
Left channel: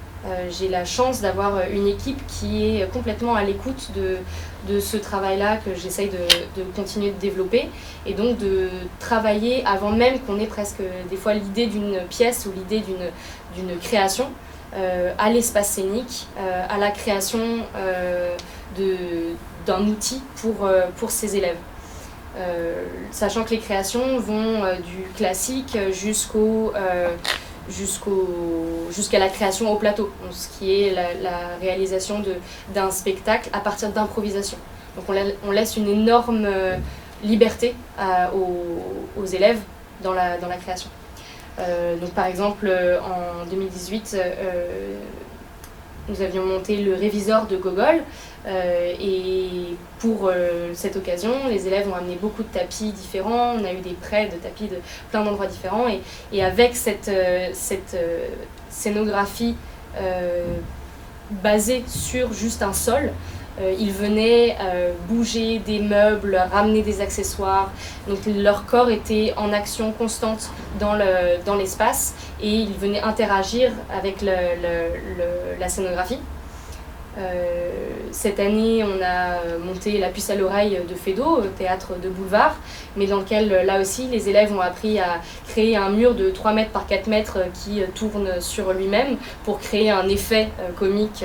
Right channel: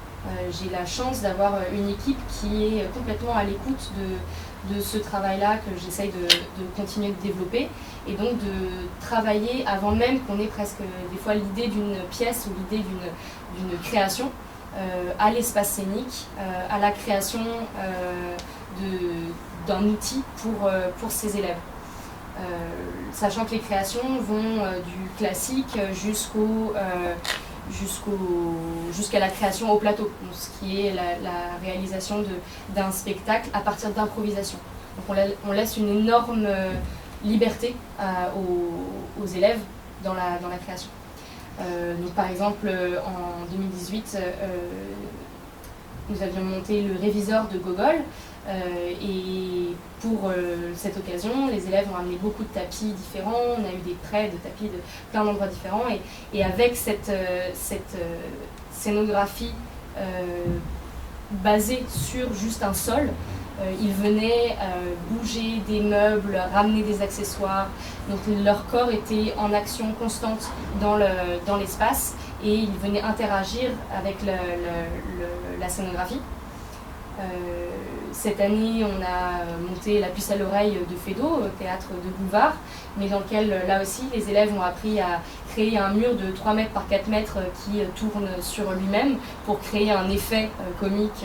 J'ai la chance d'avoir une équipe qui est complètement à l'écoute de ce travail-là que j'essaye de continuer de développer et donc de travailler avant même qu'on ait presque des fois l'idée d'une pièce ou l'idée d'une création à l'espace scénique, à la création d'un outil pour ces élèves. Sachant que les créations vont du classique jusqu'à la création au plateau, donc ce qui est la réalisation d'un spectacle à partir d'improvisation. Donc on laisse une énorme liberté aux élèves dans la création. Donc par exemple en 2018 nous avions monté le Réviseur de Gogol et pour cette occasion, les élèves ont amené beaucoup de tapis différents, on a eu des prêts de tapis de plein d'endroits différents et avec cette scénographie basée sur juste un sol, ils venaient bouger des meubles, ramener des accessoires, donc leur corps était en action constante dans l'espace et ils venaient interagir avec la scénographie. Cette année, on a monté La Puce à l'oreille de Feydeau, théâtre de boulevard, mais dans lequel, là aussi, les élèves ont appris à créer un mur de 3 mètres par 4 mètres qui tourne sur lui-même pour créer un effet comique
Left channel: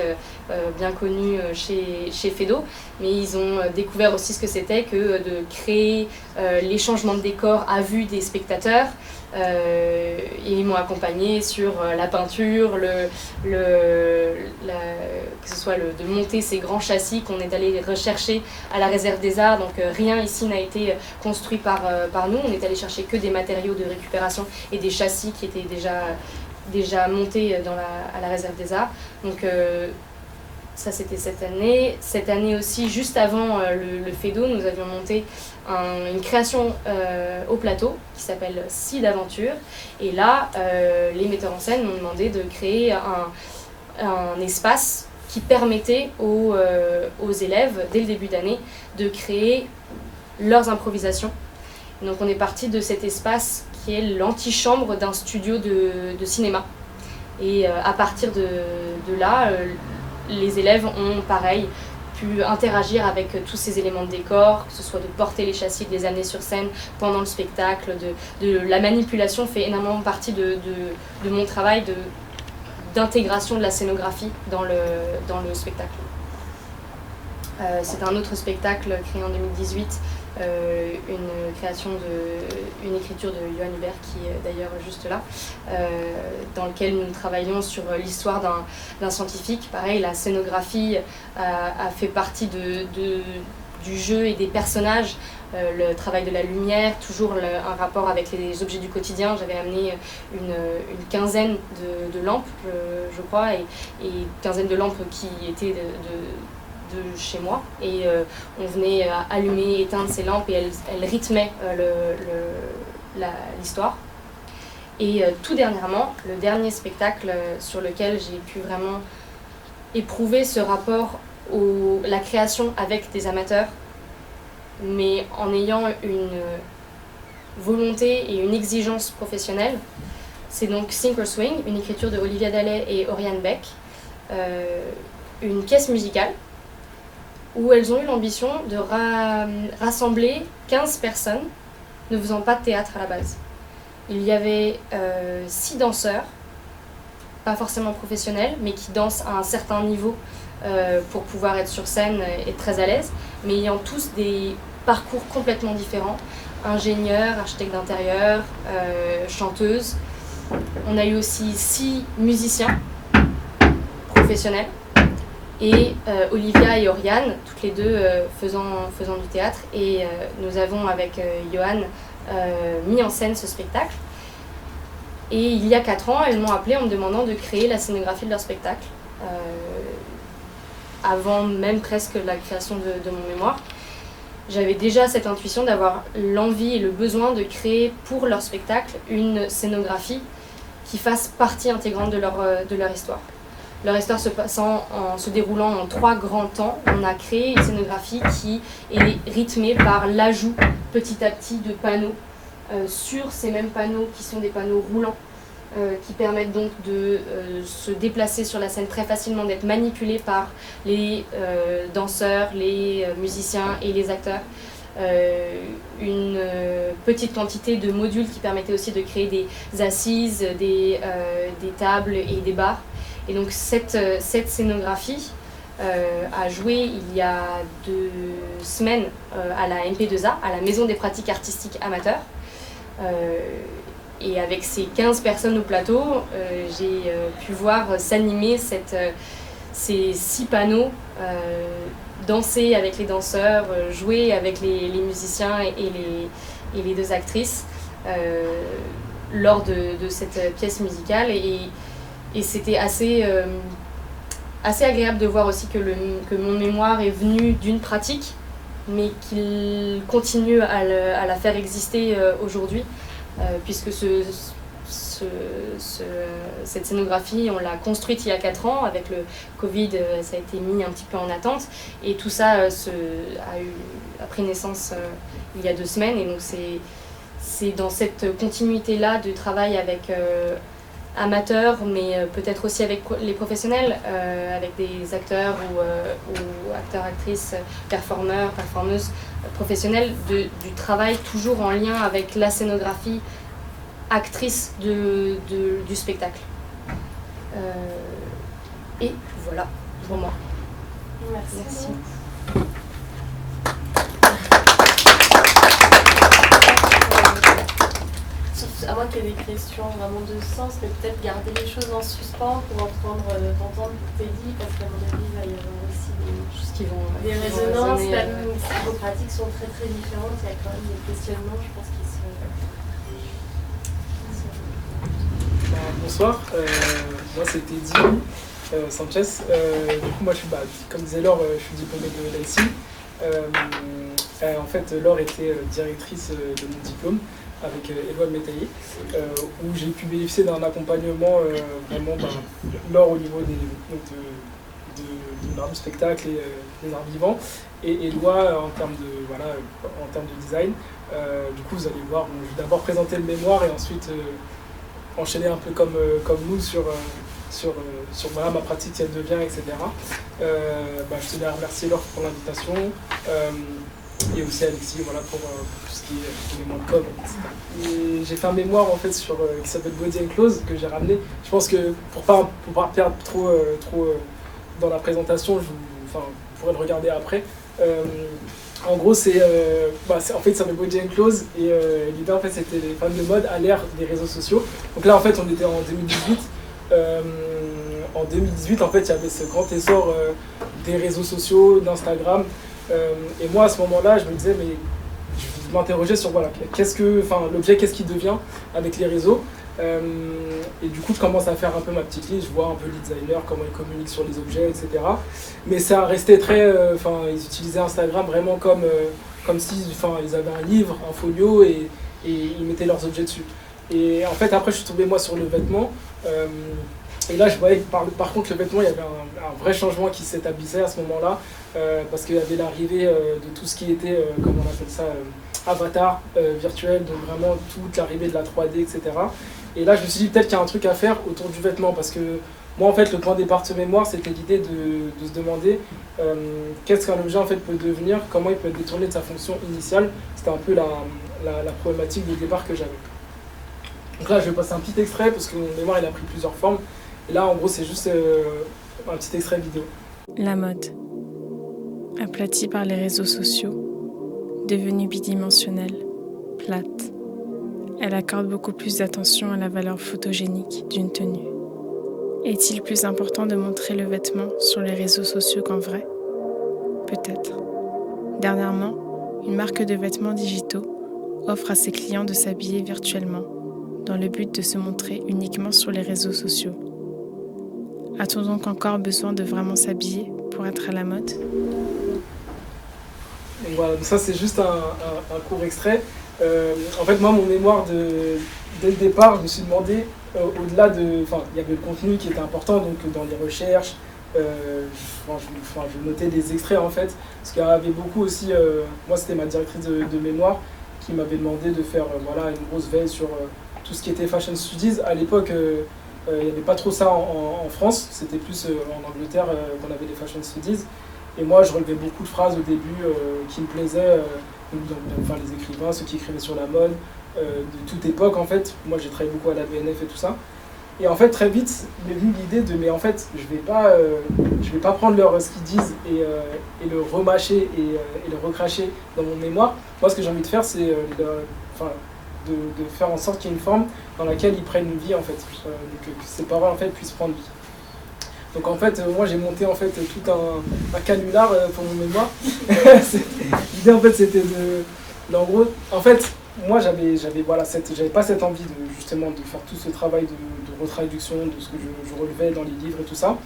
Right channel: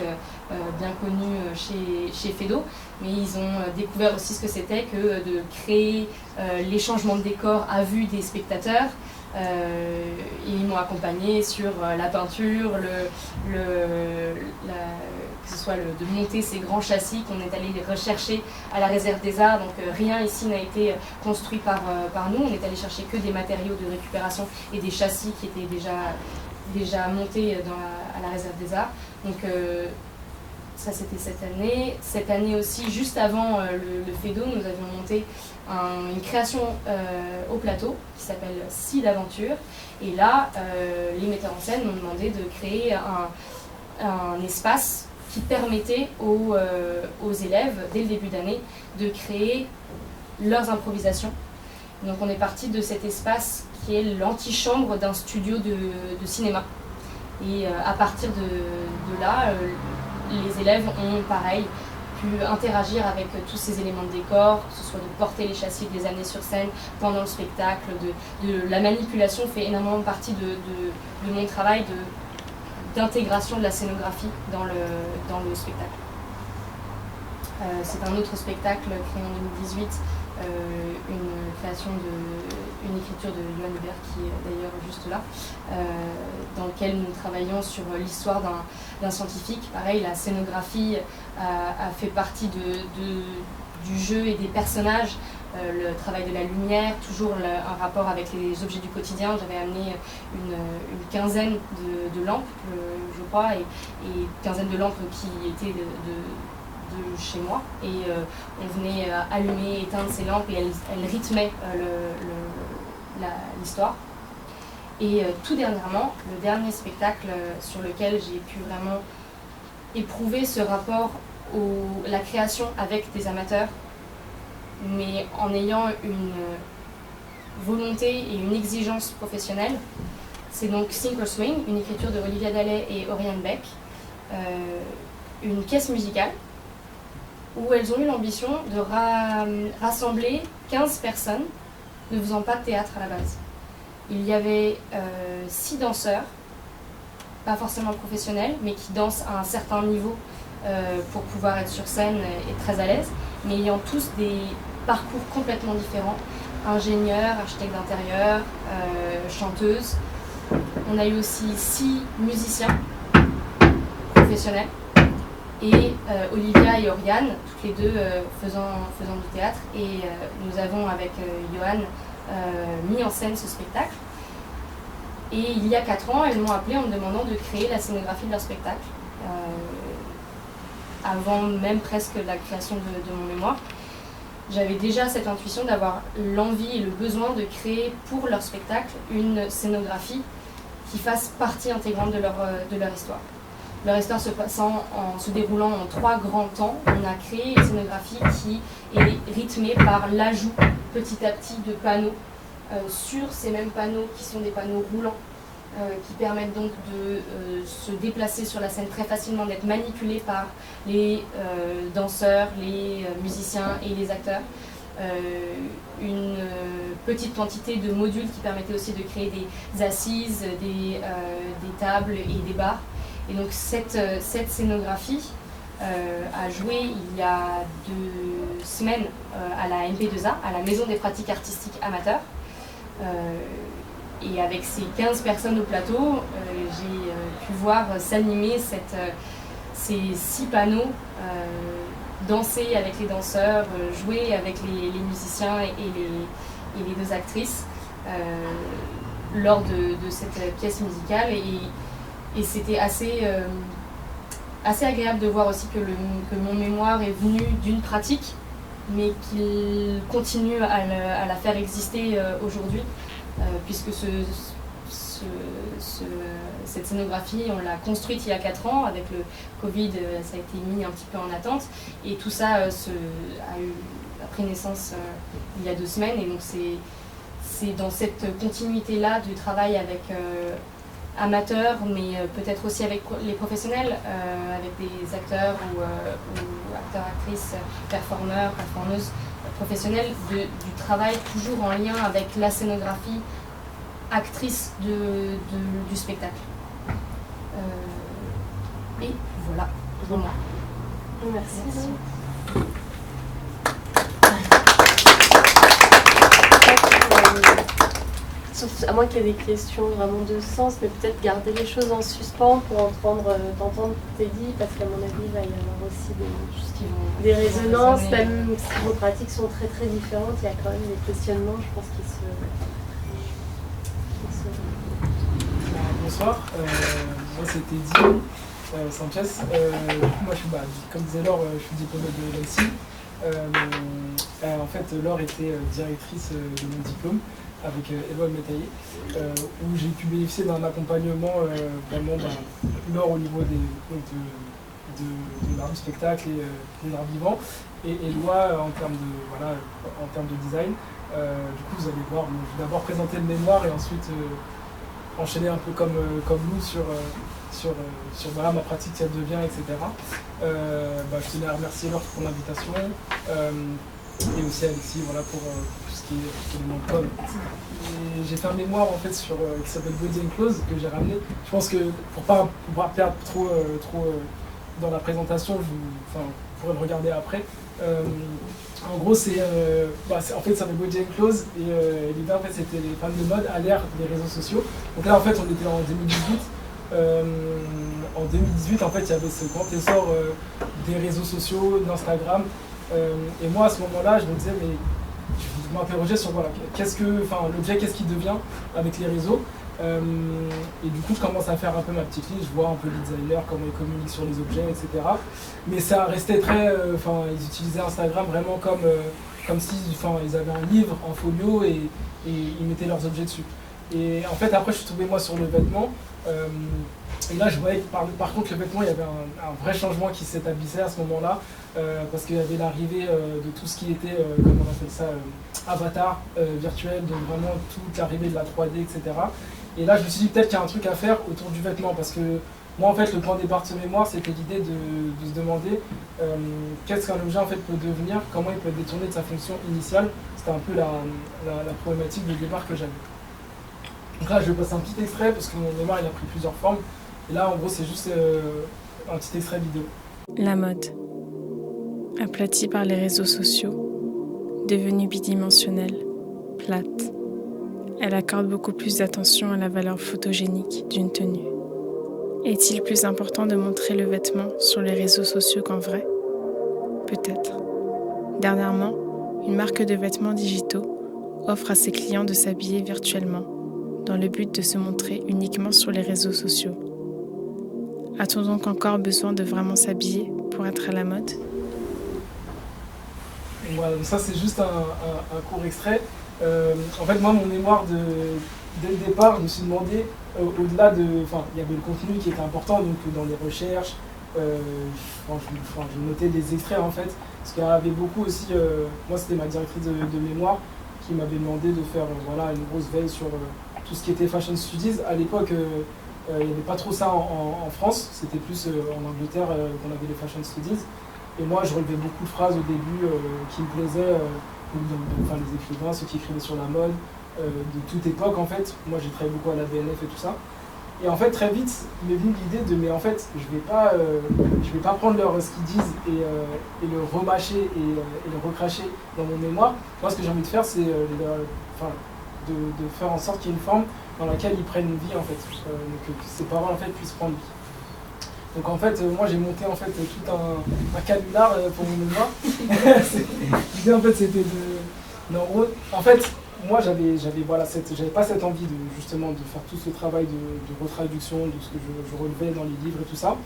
bien connu chez Feydeau. Mais ils ont découvert aussi ce que c'était que de créer les changements de décor à vue des spectateurs. Et ils m'ont accompagné sur la peinture, que ce soit de monter ces grands châssis qu'on est allé rechercher à la réserve des arts. Donc rien ici n'a été construit par nous, on est allé chercher que des matériaux de récupération et des châssis qui étaient déjà montés à la réserve des arts. Donc ça c'était cette année. Cette année aussi, juste avant le Feydeau, nous avions monté une création au plateau qui s'appelle Scie d'aventure. Et là, les metteurs en scène m'ont demandé de créer un espace qui permettait aux élèves, dès le début d'année, de créer leurs improvisations. Donc on est parti de cet espace qui est l'antichambre d'un studio de cinéma. Et à partir de là, les élèves ont, pareil, pu interagir avec tous ces éléments de décor, que ce soit de porter les châssis, de les amener sur scène pendant le spectacle. La manipulation fait énormément partie de mon travail d'intégration de la scénographie dans le spectacle. C'est un autre spectacle créé en 2018, une écriture de Johan Hubert qui est d'ailleurs juste là, dans lequel nous travaillons sur l'histoire d'un scientifique. Pareil, la scénographie a fait partie du jeu et des personnages, le travail de la lumière, toujours un rapport avec les objets du quotidien. J'avais amené une quinzaine de lampes, je crois, et une quinzaine de lampes qui étaient de chez moi, et on venait allumer, éteindre ces lampes et elles rythmaient l'histoire. Et tout dernièrement, le dernier spectacle sur lequel j'ai pu vraiment éprouver ce rapport la création avec des amateurs, mais en ayant une volonté et une exigence professionnelle, c'est donc Sink or Swing, une écriture de Olivia Dallet et Oriane Beck, une pièce musicale où elles ont eu l'ambition de rassembler 15 personnes ne faisant pas de théâtre à la base. Il y avait 6 danseurs, pas forcément professionnels, mais qui dansent à un certain niveau pour pouvoir être sur scène et très à l'aise, mais ayant tous des parcours complètement différents. Ingénieur, architecte d'intérieur, chanteuse. On a eu aussi 6 musiciens professionnels. Et Olivia et Oriane, toutes les deux faisant du théâtre. Et nous avons, avec Johan, mis en scène ce spectacle. Et il y a 4 ans, elles m'ont appelée en me demandant de créer la scénographie de leur spectacle, avant même presque la création de mon mémoire. J'avais déjà cette intuition d'avoir l'envie et le besoin de créer pour leur spectacle une scénographie qui fasse partie intégrante de leur histoire. Leur histoire se déroulant en 3 grands temps, on a créé une scénographie qui est rythmée par l'ajout petit à petit de panneaux sur ces mêmes panneaux qui sont des panneaux roulants qui permettent donc de se déplacer sur la scène très facilement, d'être manipulés par les danseurs, les musiciens et les acteurs. Une petite quantité de modules qui permettaient aussi de créer des assises, des tables et des bars. Et donc cette scénographie a joué il y a 2 semaines à la MP2A, à la Maison des pratiques artistiques amateurs. Et avec ces 15 personnes au plateau, j'ai pu voir s'animer ces 6 panneaux, danser avec les danseurs, jouer avec les musiciens et les 2 actrices lors de cette pièce musicale. Et c'était assez agréable de voir aussi que mon mémoire est venu d'une pratique, mais qu'il continue à la faire exister aujourd'hui, puisque cette scénographie, on l'a construite il y a 4 ans. Avec le Covid, ça a été mis un petit peu en attente. Et tout ça a pris naissance il y a 2 semaines. Et donc c'est dans cette continuité-là de travail avec amateurs, mais peut-être aussi avec les professionnels, avec des acteurs ou acteurs, actrices, performeurs, performeuses professionnels, du travail toujours en lien avec la scénographie actrice du spectacle. Et voilà pour moi. Merci. À moins qu'il y ait des questions vraiment de sens, mais peut-être garder les choses en suspens pour t'entendre ce que tu dit, parce qu'à mon avis, il va y avoir aussi des résonances, même si vos pratiques sont très très différentes, il y a quand même des questionnements, je pense, qui se... Bonsoir, moi c'est Teddy Sanchez. Du coup, moi, comme disait Laure, je suis diplômé de l'ANSSI. En fait, Laure était directrice de mon diplôme avec Éloine Métaillé, où j'ai pu bénéficier d'un accompagnement vraiment, Laure au niveau de l'art du spectacle et des arts vivants, et Éloi en termes de design. Du coup, vous allez voir, je vais d'abord présenter le mémoire et ensuite enchaîner un peu comme nous sur ma pratique, si elle devient, etc. Je tenais à remercier Laure pour l'invitation, et aussi Alexis pour tout ce qui est éléments de com, etc. Et j'ai fait un mémoire en fait qui s'appelle Body and Clothes, que j'ai ramené. Je pense que pour pas perdre trop dans la présentation, vous pourrez le regarder après. En gros, en fait, ça s'appelle Body and Clothes, et l'idée en fait c'était les femmes de mode à l'ère des réseaux sociaux. Donc là en fait on était en 2018. En 2018 en fait il y avait ce grand essor des réseaux sociaux, d'Instagram, et moi à ce moment-là je me disais, mais je m'interrogeais sur l'objet, qu'est-ce qu'il devient avec les réseaux. Et du coup je commence à faire un peu ma petite liste, je vois un peu les designers, comment ils communiquent sur les objets, etc. Mais ça restait très... ils utilisaient Instagram vraiment comme si ils avaient un livre en folio et ils mettaient leurs objets dessus. Et en fait après je suis tombé moi sur le vêtement, et là je voyais que par contre le vêtement, il y avait un vrai changement qui s'établissait à ce moment-là, parce qu'il y avait l'arrivée de tout ce qui était, comment on appelle ça, avatar virtuel, donc vraiment toute l'arrivée de la 3D, etc. Et là je me suis dit peut-être qu'il y a un truc à faire autour du vêtement, parce que moi en fait le point de départ de ce mémoire c'était l'idée de se demander qu'est-ce qu'un objet en fait peut devenir, comment il peut être détourné de sa fonction initiale. C'était un peu la problématique de départ que j'avais. Donc là je vais passer un petit extrait parce que mon mémoire il a pris plusieurs formes, et là en gros c'est juste un petit extrait vidéo. La mode, aplatie par les réseaux sociaux, devenue bidimensionnelle, plate. Elle accorde beaucoup plus d'attention à la valeur photogénique d'une tenue. Est-il plus important de montrer le vêtement sur les réseaux sociaux qu'en vrai ? Peut-être. Dernièrement, une marque de vêtements digitaux offre à ses clients de s'habiller virtuellement, dans le but de se montrer uniquement sur les réseaux sociaux. A-t-on donc encore besoin de vraiment s'habiller pour être à la mode ? Donc voilà, donc ça c'est juste un court extrait. En fait, moi, mon mémoire, dès le départ, je me suis demandé, au-delà de... Enfin, il y avait le contenu qui était important, donc dans les recherches, je notais des extraits, en fait, parce qu'il y en avait beaucoup aussi... moi, c'était ma directrice de mémoire qui m'avait demandé de faire une grosse veille sur tout ce qui était fashion studies. À l'époque, il n'y avait pas trop ça en France, c'était plus en Angleterre qu'on avait les fashion studies. Et moi, je relevais beaucoup de phrases au début qui me plaisaient, enfin, les écrivains, ceux qui écrivaient sur la mode, de toute époque en fait. Moi, j'ai travaillé beaucoup à la BNF et tout ça. Et en fait, très vite, m'est venue l'idée de, mais en fait, je vais pas prendre ce qu'ils disent et le remâcher et le recracher dans mon mémoire. Moi, ce que j'ai envie de faire, c'est de faire en sorte qu'il y ait une forme dans laquelle ils prennent une vie, en fait. Donc, que ces paroles, en fait, puissent prendre vie. Donc en fait, moi j'ai monté en fait tout un canular pour mon mémoire. L'idée en fait c'était de... En gros, en fait, moi j'avais pas cette envie justement de faire tout ce travail de retraduction de ce que je relevais dans les livres et tout ça.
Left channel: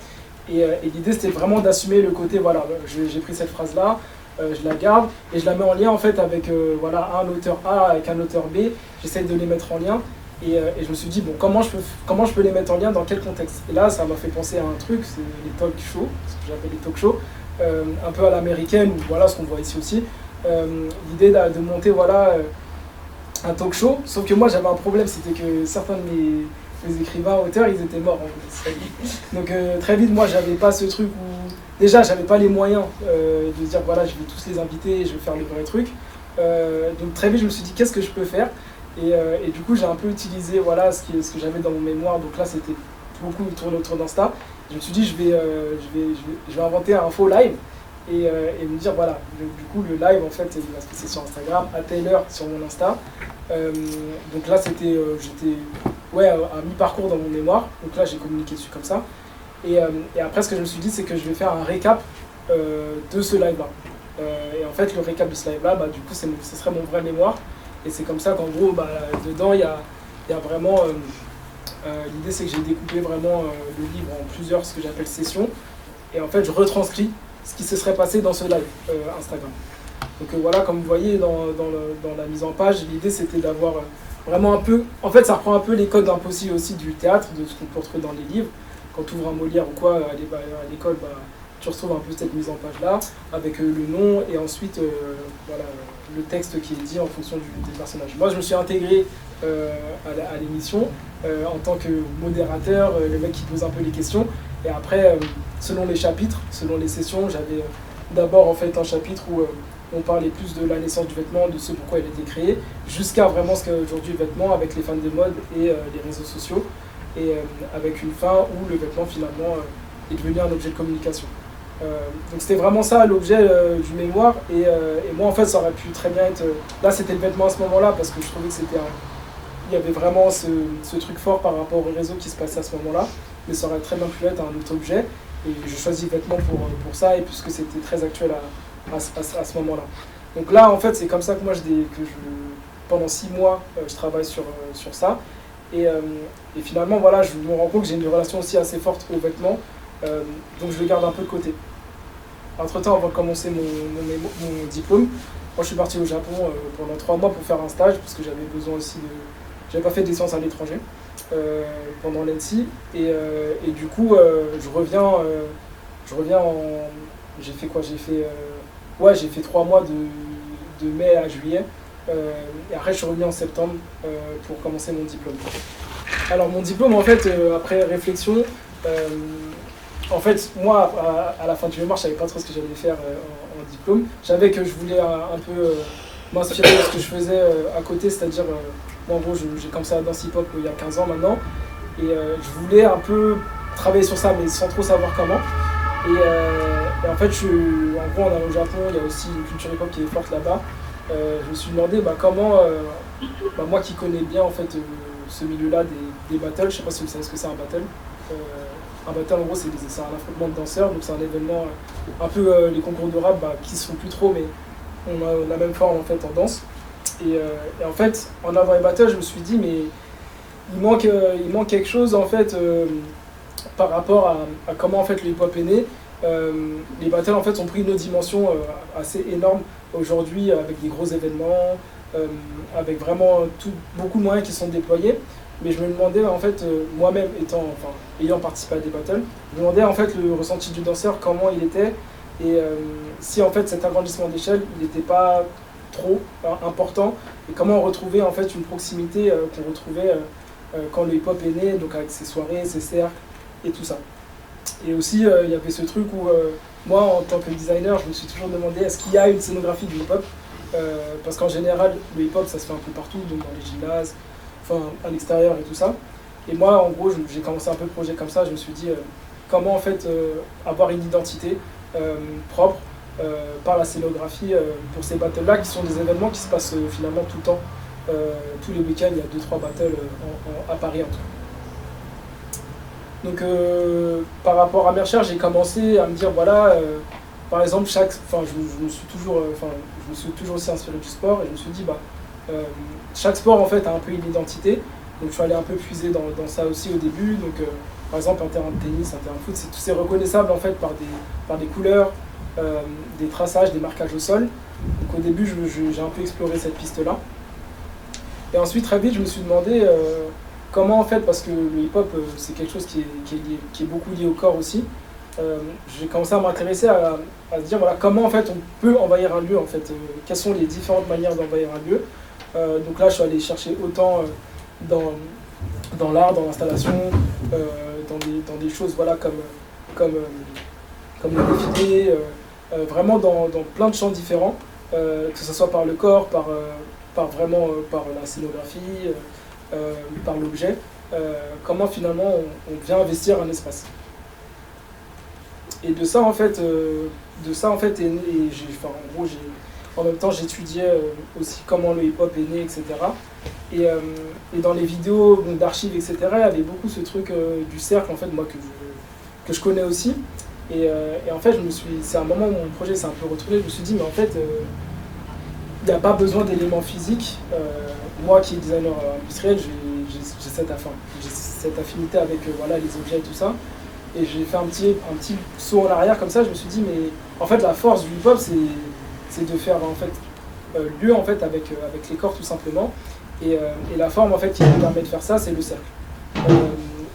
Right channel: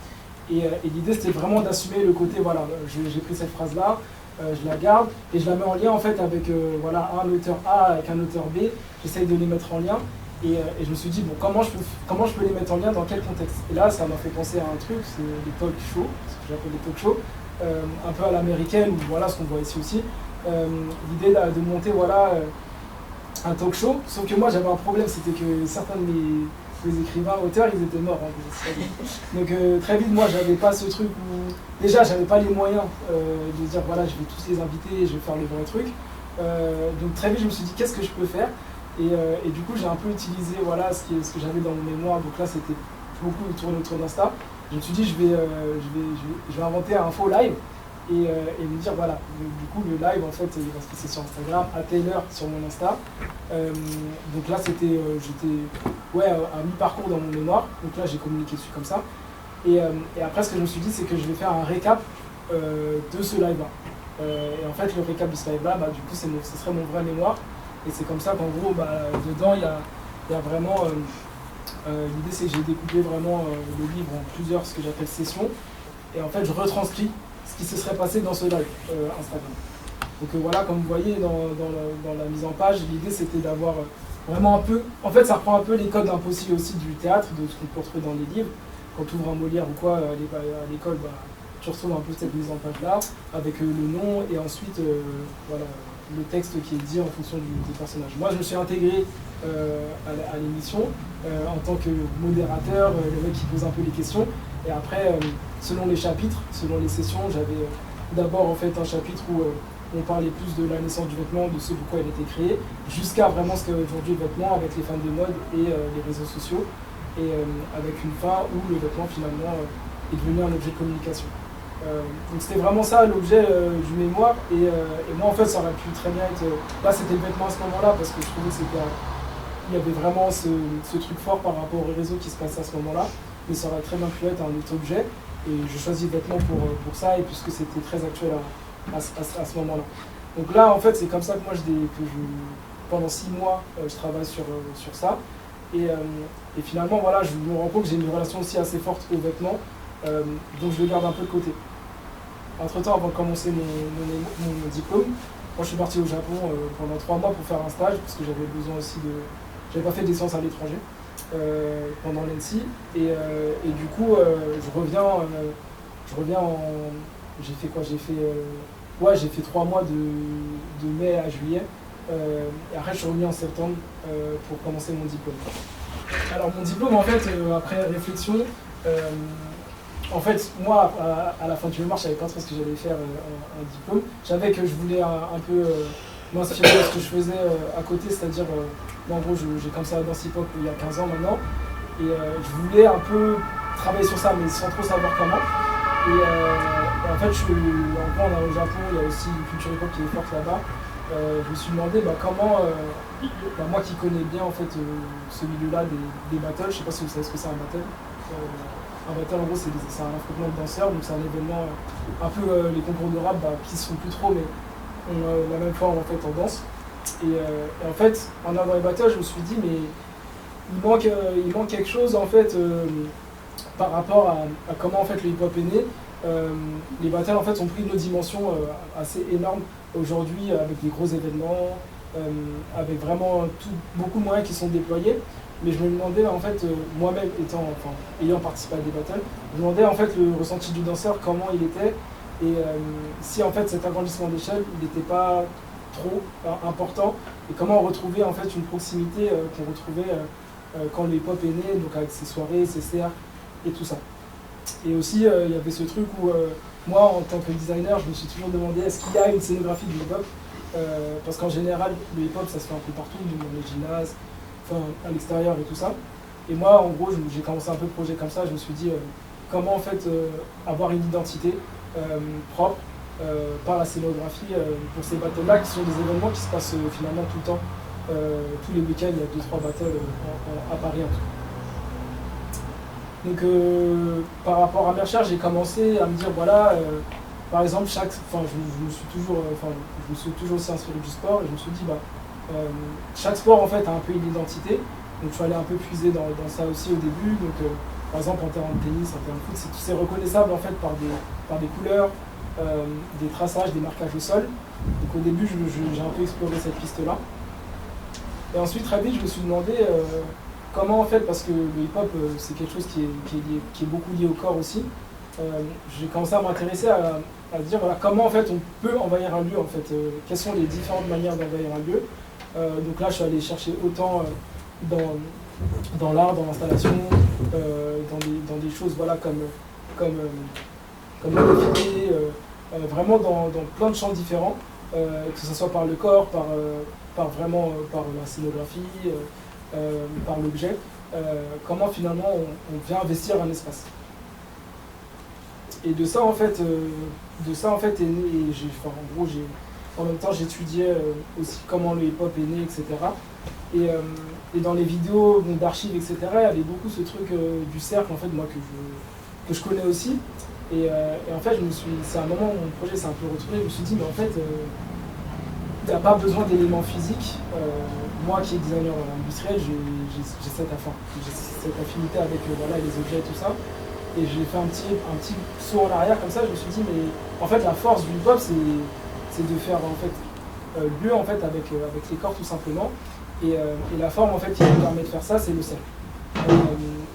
Et l'idée c'était vraiment d'assumer le côté, voilà, j'ai pris cette phrase-là, je la garde et je la mets en lien en fait avec un auteur A avec un auteur B. J'essaye de les mettre en lien. Et je me suis dit, bon, comment je peux les mettre en lien, dans quel contexte ? Et là, ça m'a fait penser à un truc, c'est les talk shows, ce que j'appelle les talk shows, un peu à l'américaine, ou voilà ce qu'on voit ici aussi. L'idée de monter un talk show, sauf que moi j'avais un problème, c'était que certains de mes écrivains, auteurs, ils étaient morts en fait. Donc très vite, moi j'avais pas ce truc où... Déjà, j'avais pas les moyens de dire, voilà, je vais tous les inviter et je vais faire le vrai truc. Donc très vite, je me suis dit, qu'est-ce que je peux faire ? Et du coup, j'ai un peu utilisé ce que j'avais dans mon mémoire. Donc là, c'était beaucoup tourné autour d'Insta. Je me suis dit, je vais inventer un faux live et me dire, voilà, du coup, le live, en fait, il va se passer sur Instagram, à telle heure sur mon Insta. Donc là, j'étais à mi-parcours dans mon mémoire. Donc là, j'ai communiqué dessus comme ça. Et après, ce que je me suis dit, c'est que je vais faire un récap de ce live-là. Et en fait, le récap de ce live-là, du coup, ce serait mon vrai mémoire. Et c'est comme ça qu'en gros, dedans, il y a vraiment... l'idée, c'est que j'ai découpé vraiment le livre en plusieurs, ce que j'appelle sessions. Et en fait, je retranscris ce qui se serait passé dans ce live Instagram. Donc voilà, comme vous voyez dans la mise en page, l'idée, c'était d'avoir vraiment un peu... En fait, ça reprend un peu les codes impossibles aussi du théâtre, de ce qu'on peut retrouver dans les livres. Quand tu ouvres un Molière ou quoi à l'école, tu retrouves un peu cette mise en page là, avec le nom et ensuite le texte qui est dit en fonction des personnages. Moi, je me suis intégré à l'émission en tant que modérateur, le mec qui pose un peu les questions. Et après, selon les chapitres, selon les sessions, j'avais d'abord en fait un chapitre où on parlait plus de la naissance du vêtement, de ce pourquoi il a été créé, jusqu'à vraiment ce qu'est aujourd'hui le vêtement avec les fans de mode et les réseaux sociaux, et avec une fin où le vêtement finalement est devenu un objet de communication. Donc c'était vraiment ça l'objet du mémoire et moi en fait ça aurait pu très bien être là c'était le vêtement à ce moment là parce que je trouvais que il y avait vraiment ce truc fort par rapport aux réseaux qui se passait à ce moment là, mais ça aurait très bien pu être un autre objet et je choisis le vêtement pour ça et puisque c'était très actuel à ce moment là. Donc là en fait c'est comme ça que moi pendant 6 mois je travaille sur ça et finalement voilà je me rends compte que j'ai une relation aussi assez forte aux vêtements. Donc je le garde un peu de côté. Entre temps, avant de commencer mon diplôme, moi je suis parti au Japon pendant 3 mois pour faire un stage parce que j'avais besoin aussi j'avais pas fait des séances à l'étranger pendant l'ENSI et du coup je reviens j'ai fait quoi? J'ai fait 3 mois de mai à juillet et après je suis revenu en septembre pour commencer mon diplôme. Alors mon diplôme en fait après réflexion en fait, moi, à la fin du mémoire, je savais pas trop ce que j'allais faire en diplôme. Je savais que je voulais un peu m'inspirer de ce que je faisais à côté, c'est-à-dire, en gros, j'ai comme ça dans hip-hop il y a 15 ans maintenant. Et je voulais un peu travailler sur ça, mais sans trop savoir comment. Et en fait, en gros, on est au Japon, il y a aussi une culture hip-hop qui est forte là-bas. je me suis demandé comment, moi qui connais bien en fait ce milieu-là des battles, je sais pas si vous savez ce que c'est un battle. Un battle en gros c'est un affrontement de danseurs, donc c'est un événement un peu les concours de rap qui se font plus trop, mais on a la même forme en fait en danse. Et en fait en allant dans les battles, je me suis dit mais il manque quelque chose en fait par rapport à comment en fait le hip-hop est né. Les battles en fait ont pris une autre dimension assez énorme aujourd'hui avec des gros événements, avec vraiment beaucoup de moyens qui sont déployés. Mais je me demandais en fait, moi-même ayant participé à des battles, je me demandais en fait le ressenti du danseur, comment il était, et si en fait cet agrandissement d'échelle il n'était pas trop important, et comment retrouver en fait une proximité qu'on retrouvait quand le hip-hop est né, donc avec ses soirées, ses cercles et tout ça. Et aussi il y avait ce truc où moi en tant que designer, je me suis toujours demandé est-ce qu'il y a une scénographie du hip-hop, parce qu'en général le hip-hop ça se fait un peu partout, donc dans les gymnases, à l'extérieur et tout ça. Et moi, en gros, j'ai commencé un peu le projet comme ça. Je me suis dit comment en fait avoir une identité propre par la scénographie pour ces battles-là, qui sont des événements qui se passent finalement tout le temps. Tous les week-ends, il y a 2-3 battles à Paris en tout cas. Donc par rapport à mes recherches, j'ai commencé à me dire voilà, par exemple, je me suis toujours aussi inspiré du sport, et je me suis dit chaque sport en fait a un peu une identité, donc je suis allé un peu puiser dans ça aussi au début. Donc par exemple un terrain de tennis, un terrain de foot, c'est reconnaissable en fait par des couleurs, des traçages, des marquages au sol. Donc au début j'ai un peu exploré cette piste là, et ensuite très vite je me suis demandé comment en fait, parce que le hip hop c'est quelque chose qui est beaucoup lié au corps aussi. J'ai commencé à m'intéresser à se dire voilà, comment en fait on peut envahir un lieu en fait, quelles sont les différentes manières d'envahir un lieu. Donc là je suis allé chercher autant dans l'art, dans l'installation, dans des choses voilà, comme le défilé, vraiment dans plein de champs différents, que ce soit par le corps, par la scénographie, par l'objet, comment finalement on vient investir un espace. Et de ça en fait est né, en même temps j'étudiais aussi comment le hip-hop est né, etc. Et dans les vidéos d'archives, etc., il y avait beaucoup ce truc du cercle en fait, moi que je connais aussi. Et en fait c'est un moment où mon projet s'est un peu retourné, je me suis dit mais en fait il n'y a pas besoin d'éléments physiques. Moi qui est designer industriel, j'ai cette affinité avec les objets et tout ça. Et j'ai fait un petit saut en arrière comme ça, je me suis dit mais en fait la force du hip-hop c'est de faire en fait lieu en fait avec les corps tout simplement, et la forme en fait qui nous permet de faire ça c'est le cercle.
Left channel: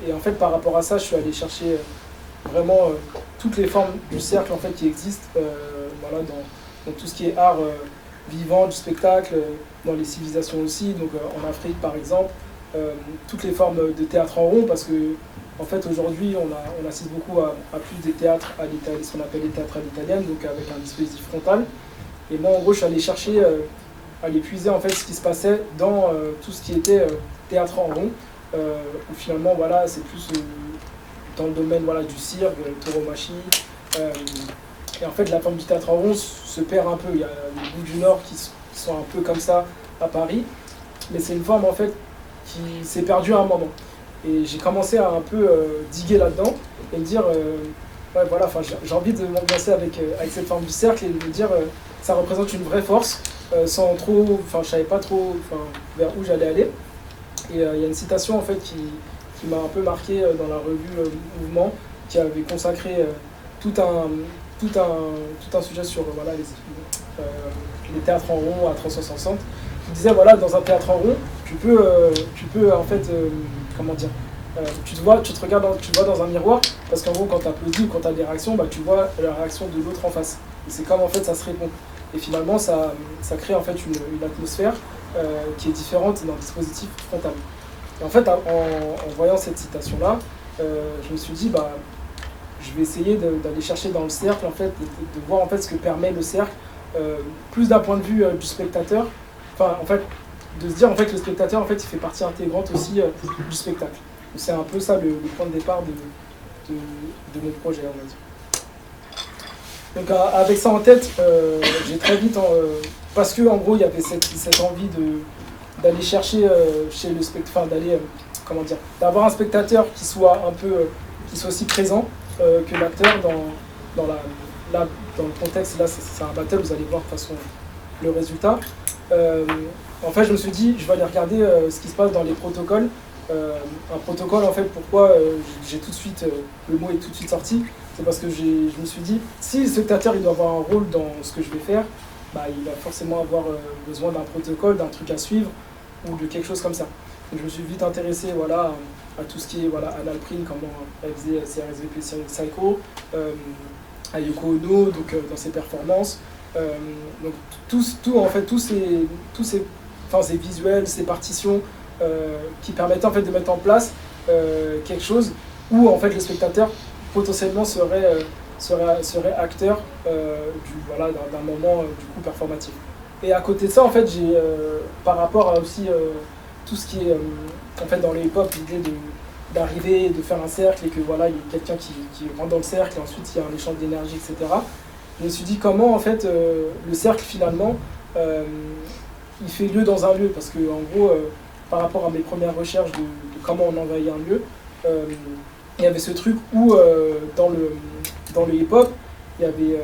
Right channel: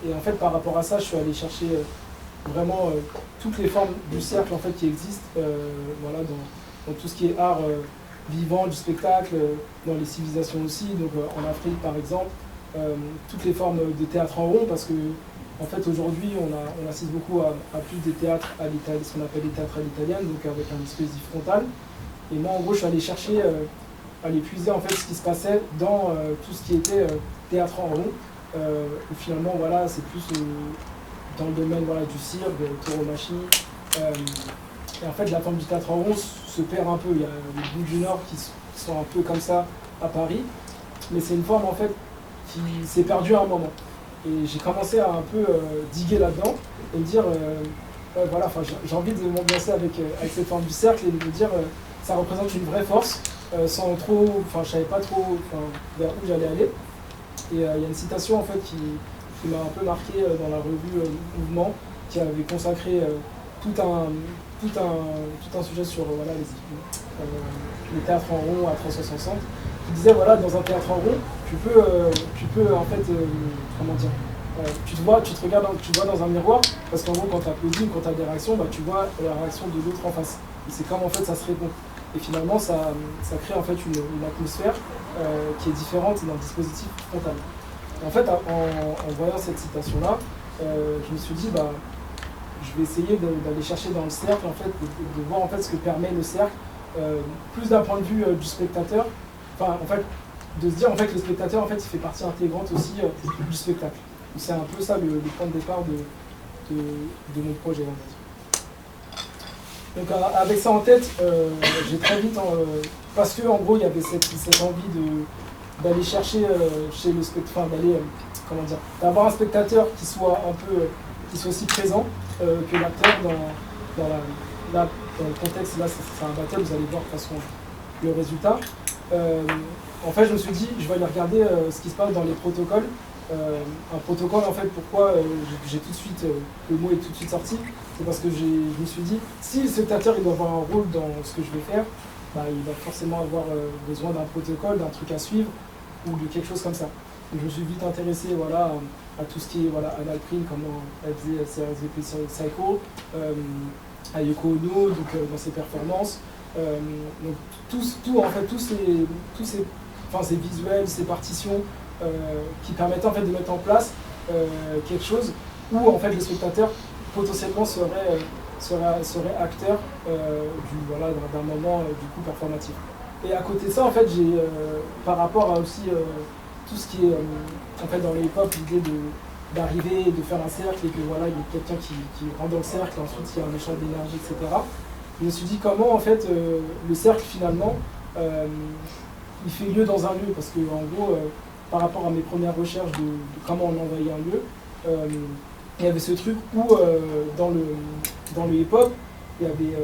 Et en fait par rapport à ça je suis allé chercher vraiment toutes les formes du cercle en fait qui existent dans tout ce qui est art vivant, du spectacle, dans les civilisations aussi, donc en Afrique par exemple, toutes les formes de théâtre en rond, parce que en fait, aujourd'hui, on assiste beaucoup à plus des théâtres à l'italienne, ce qu'on appelle les théâtres à l'italienne, donc avec un dispositif frontal. Et moi, en gros, je suis allé chercher, aller puiser en fait ce qui se passait dans tout ce qui était théâtre en rond, où finalement, voilà, c'est plus dans le domaine du cirque, tauromachie. Et en fait, la forme du théâtre en rond se perd un peu. Il y a les bouts du Nord qui sont un peu comme ça à Paris, mais c'est une forme en fait qui s'est perdue à un moment. Et j'ai commencé à un peu diguer là-dedans et me dire, j'ai envie de m'ambiancer avec cette forme du cercle et de me dire, ça représente une vraie force, sans trop, je savais pas trop vers où j'allais aller. Et il y a une citation en fait qui m'a un peu marqué dans la revue Mouvement, qui avait consacré tout un sujet sur les théâtres en rond à 360, qui disait dans un théâtre en rond, tu peux en fait tu te regardes, tu vois dans un miroir, parce qu'en gros quand tu applaudis ou quand tu as des réactions, tu vois la réaction de l'autre en face. Et c'est comme en fait ça se répond. Et finalement ça crée en fait une atmosphère qui est différente d'un dispositif frontal. Et en fait en voyant cette citation là, je me suis dit je vais essayer d'aller chercher dans le cercle en fait, de voir en fait ce que permet le cercle, plus d'un point de vue du spectateur, en fait de se dire en fait que le spectateur en fait il fait partie intégrante aussi du spectacle. Donc c'est un peu ça le point de départ de mon projet, on va dire. Donc avec ça en tête, j'ai très vite, parce que en gros il y avait cette envie d'aller chercher chez le spectateur, d'aller, comment dire, d'avoir un spectateur qui soit aussi présent que l'acteur dans le contexte. Là c'est un battle, vous allez voir de toute façon le résultat. En fait je me suis dit, je vais aller regarder ce qui se passe dans les protocoles. Un protocole en fait, pourquoi j'ai tout de suite, le mot est tout de suite sorti, c'est parce que je me suis dit, si le spectateur il doit avoir un rôle dans ce que je vais faire, bah, il va forcément avoir besoin d'un protocole, d'un truc à suivre ou de quelque chose comme ça. Donc, je me suis vite intéressé voilà, à tout ce qui est voilà, Anna Print, comment elle faisait CRSVP Psycho, à Yoko Ono donc, dans ses performances. Donc ces visuels, ces partitions qui permettaient en fait de mettre en place quelque chose où en fait le spectateur potentiellement serait acteur d'un moment du coup performatif. Et à côté de ça, en fait, j'ai par rapport à aussi tout ce qui est en fait dans le hip-hop, l'idée d'arriver, de faire un cercle et que voilà, il y a quelqu'un qui rentre dans le cercle et ensuite il y a un échange d'énergie, etc. Je me suis dit comment en fait le cercle finalement il fait lieu dans un lieu, parce que en gros par rapport à mes premières recherches de comment on envahit un lieu, il y avait ce truc où dans le hip-hop, il y avait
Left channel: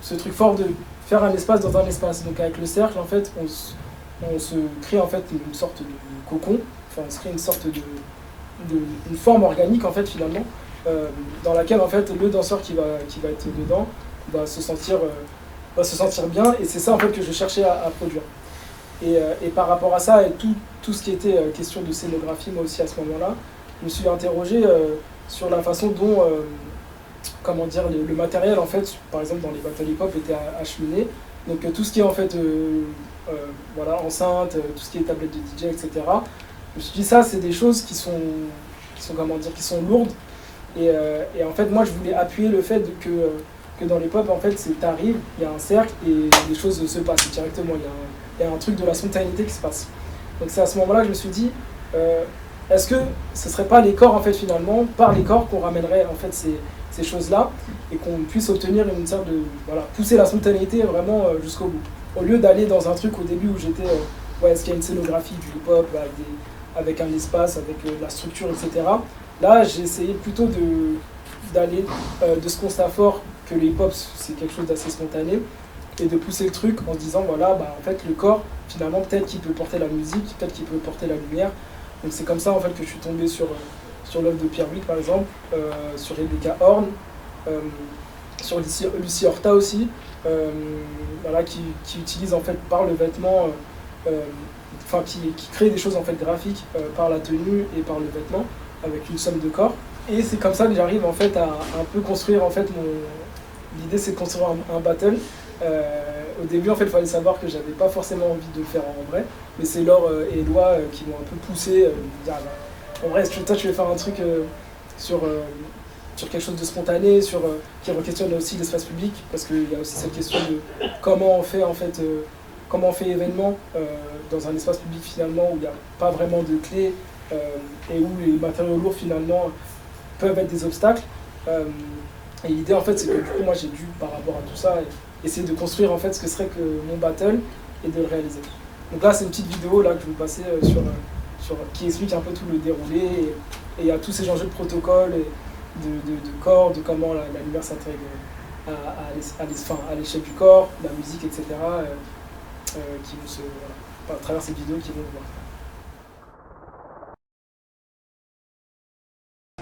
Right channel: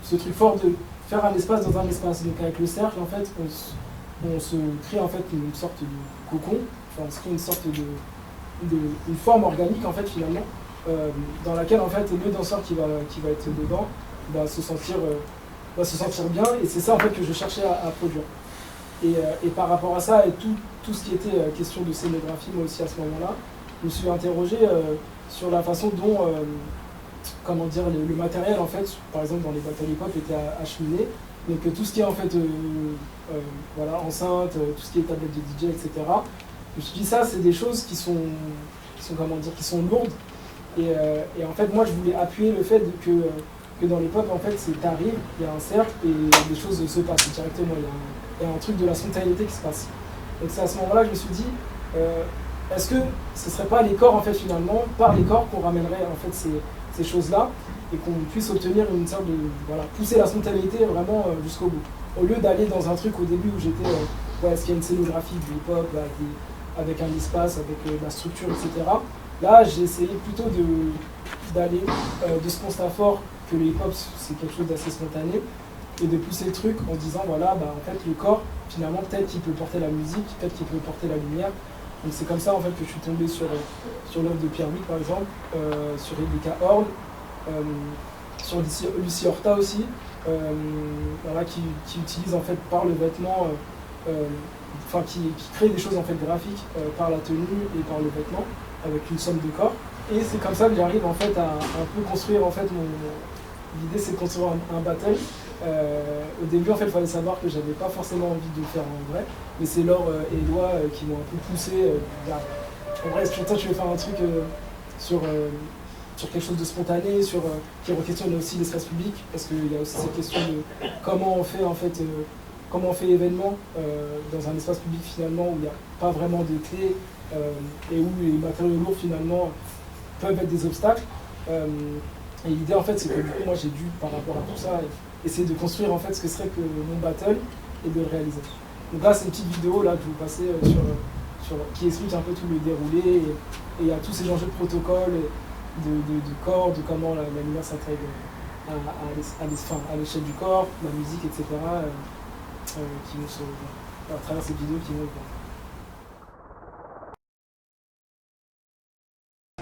ce truc fort de faire un espace dans un espace. Donc avec le cercle, en fait, on se crée en fait une sorte de cocon, enfin on se crée une sorte une forme organique en fait finalement, dans laquelle en fait le danseur qui va être dedans va se sentir bien, et c'est ça en fait que je cherchais à produire. Et par rapport à ça et tout ce qui était question de scénographie, moi aussi à ce moment-là, je me suis interrogé sur la façon dont comment dire, le matériel en fait, par exemple dans les battles hip-hop était acheminé. Donc tout ce qui est en fait voilà, enceinte, tout ce qui est tablette de DJ, etc. Je me suis dit ça c'est des choses qui sont comment dire, qui sont lourdes. Et en fait moi je voulais appuyer le fait que dans les pop en fait t'arrives, il y a un cercle et les choses se passent directement, il y a un truc de la spontanéité qui se passe. Donc c'est à ce moment-là que je me suis dit est-ce que ce serait pas les corps en fait finalement, par les corps qu'on ramènerait en fait ces choses-là et qu'on puisse obtenir une sorte de voilà, pousser la spontanéité vraiment jusqu'au bout. Au lieu d'aller dans un truc au début où j'étais est-ce qu'il y a une scénographie du hip-hop avec un espace, avec de la structure, etc. Là j'ai essayé plutôt d'aller de ce constat fort que le hip-hop c'est quelque chose d'assez spontané et de pousser le truc en disant voilà bah en fait le corps finalement peut-être qu'il peut porter la musique, peut-être qu'il peut porter la lumière. Donc c'est comme ça en fait que je suis tombé sur l'œuvre de Pierre Brick par exemple, sur Rebecca Horn, sur Lucie Horta aussi, voilà, qui utilise en fait par le vêtement, qui crée des choses en fait graphiques par la tenue et par le vêtement avec une somme de corps. Et c'est comme ça que j'arrive en fait à un peu construire en fait l'idée c'est de construire un battle. Au début en fait il fallait savoir que j'avais pas forcément envie de le faire en vrai, mais c'est Laure et Eloi qui m'ont un peu poussé, de dire en vrai toi tu veux faire un truc sur quelque chose de spontané, qui re-questionne aussi l'espace public, parce qu'il y a aussi cette question de comment on fait en fait comment on fait événement dans un espace public finalement où il n'y a pas vraiment de clé et où les matériaux lourds finalement peuvent être des obstacles. Et l'idée en fait c'est que du coup moi j'ai dû par rapport à tout ça essayer de construire en fait ce que serait que mon battle et de le réaliser. Donc là c'est une petite vidéo là que je vous passais qui explique un peu tout le déroulé et il y a tous ces enjeux de protocole et de corps, de comment la lumière s'intègre à l'échelle du corps, la musique, etc. Qui vont à travers cette vidéo qui vont voir.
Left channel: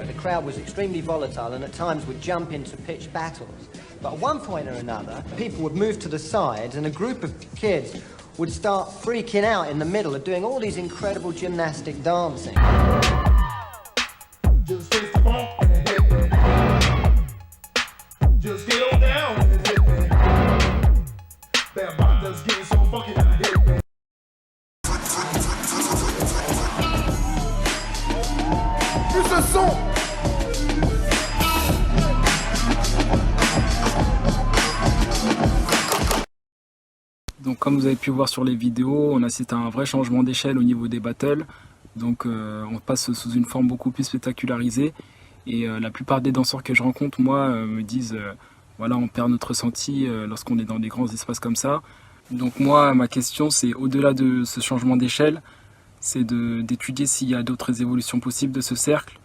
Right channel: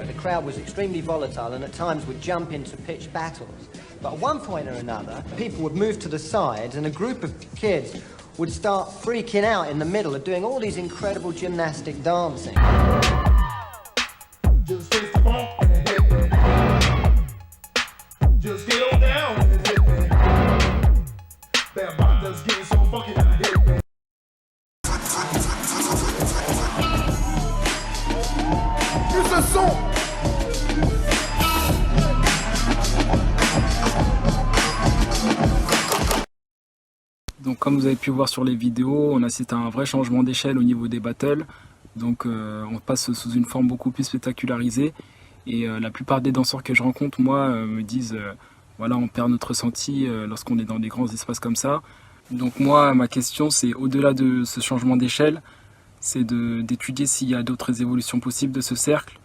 The crowd was extremely volatile and at times would jump into pitched battles. But at one point or another, people would move to the sides and a group of kids would start freaking out in the middle of doing all these incredible gymnastic dancing. Just face the bump and hit me. Just get on down and hit me. That bop that's getting so fucking hit me. Plus le son. Donc comme vous avez pu voir sur les vidéos, on assiste à un vrai changement d'échelle au niveau des battles. Donc on passe sous une forme beaucoup plus spectacularisée. Et la plupart des danseurs que je rencontre, moi, me disent voilà, on perd notre ressenti lorsqu'on est dans des grands espaces comme ça. Donc moi, ma question, c'est au-delà de ce changement d'échelle, c'est d'étudier s'il y a d'autres évolutions possibles de ce cercle,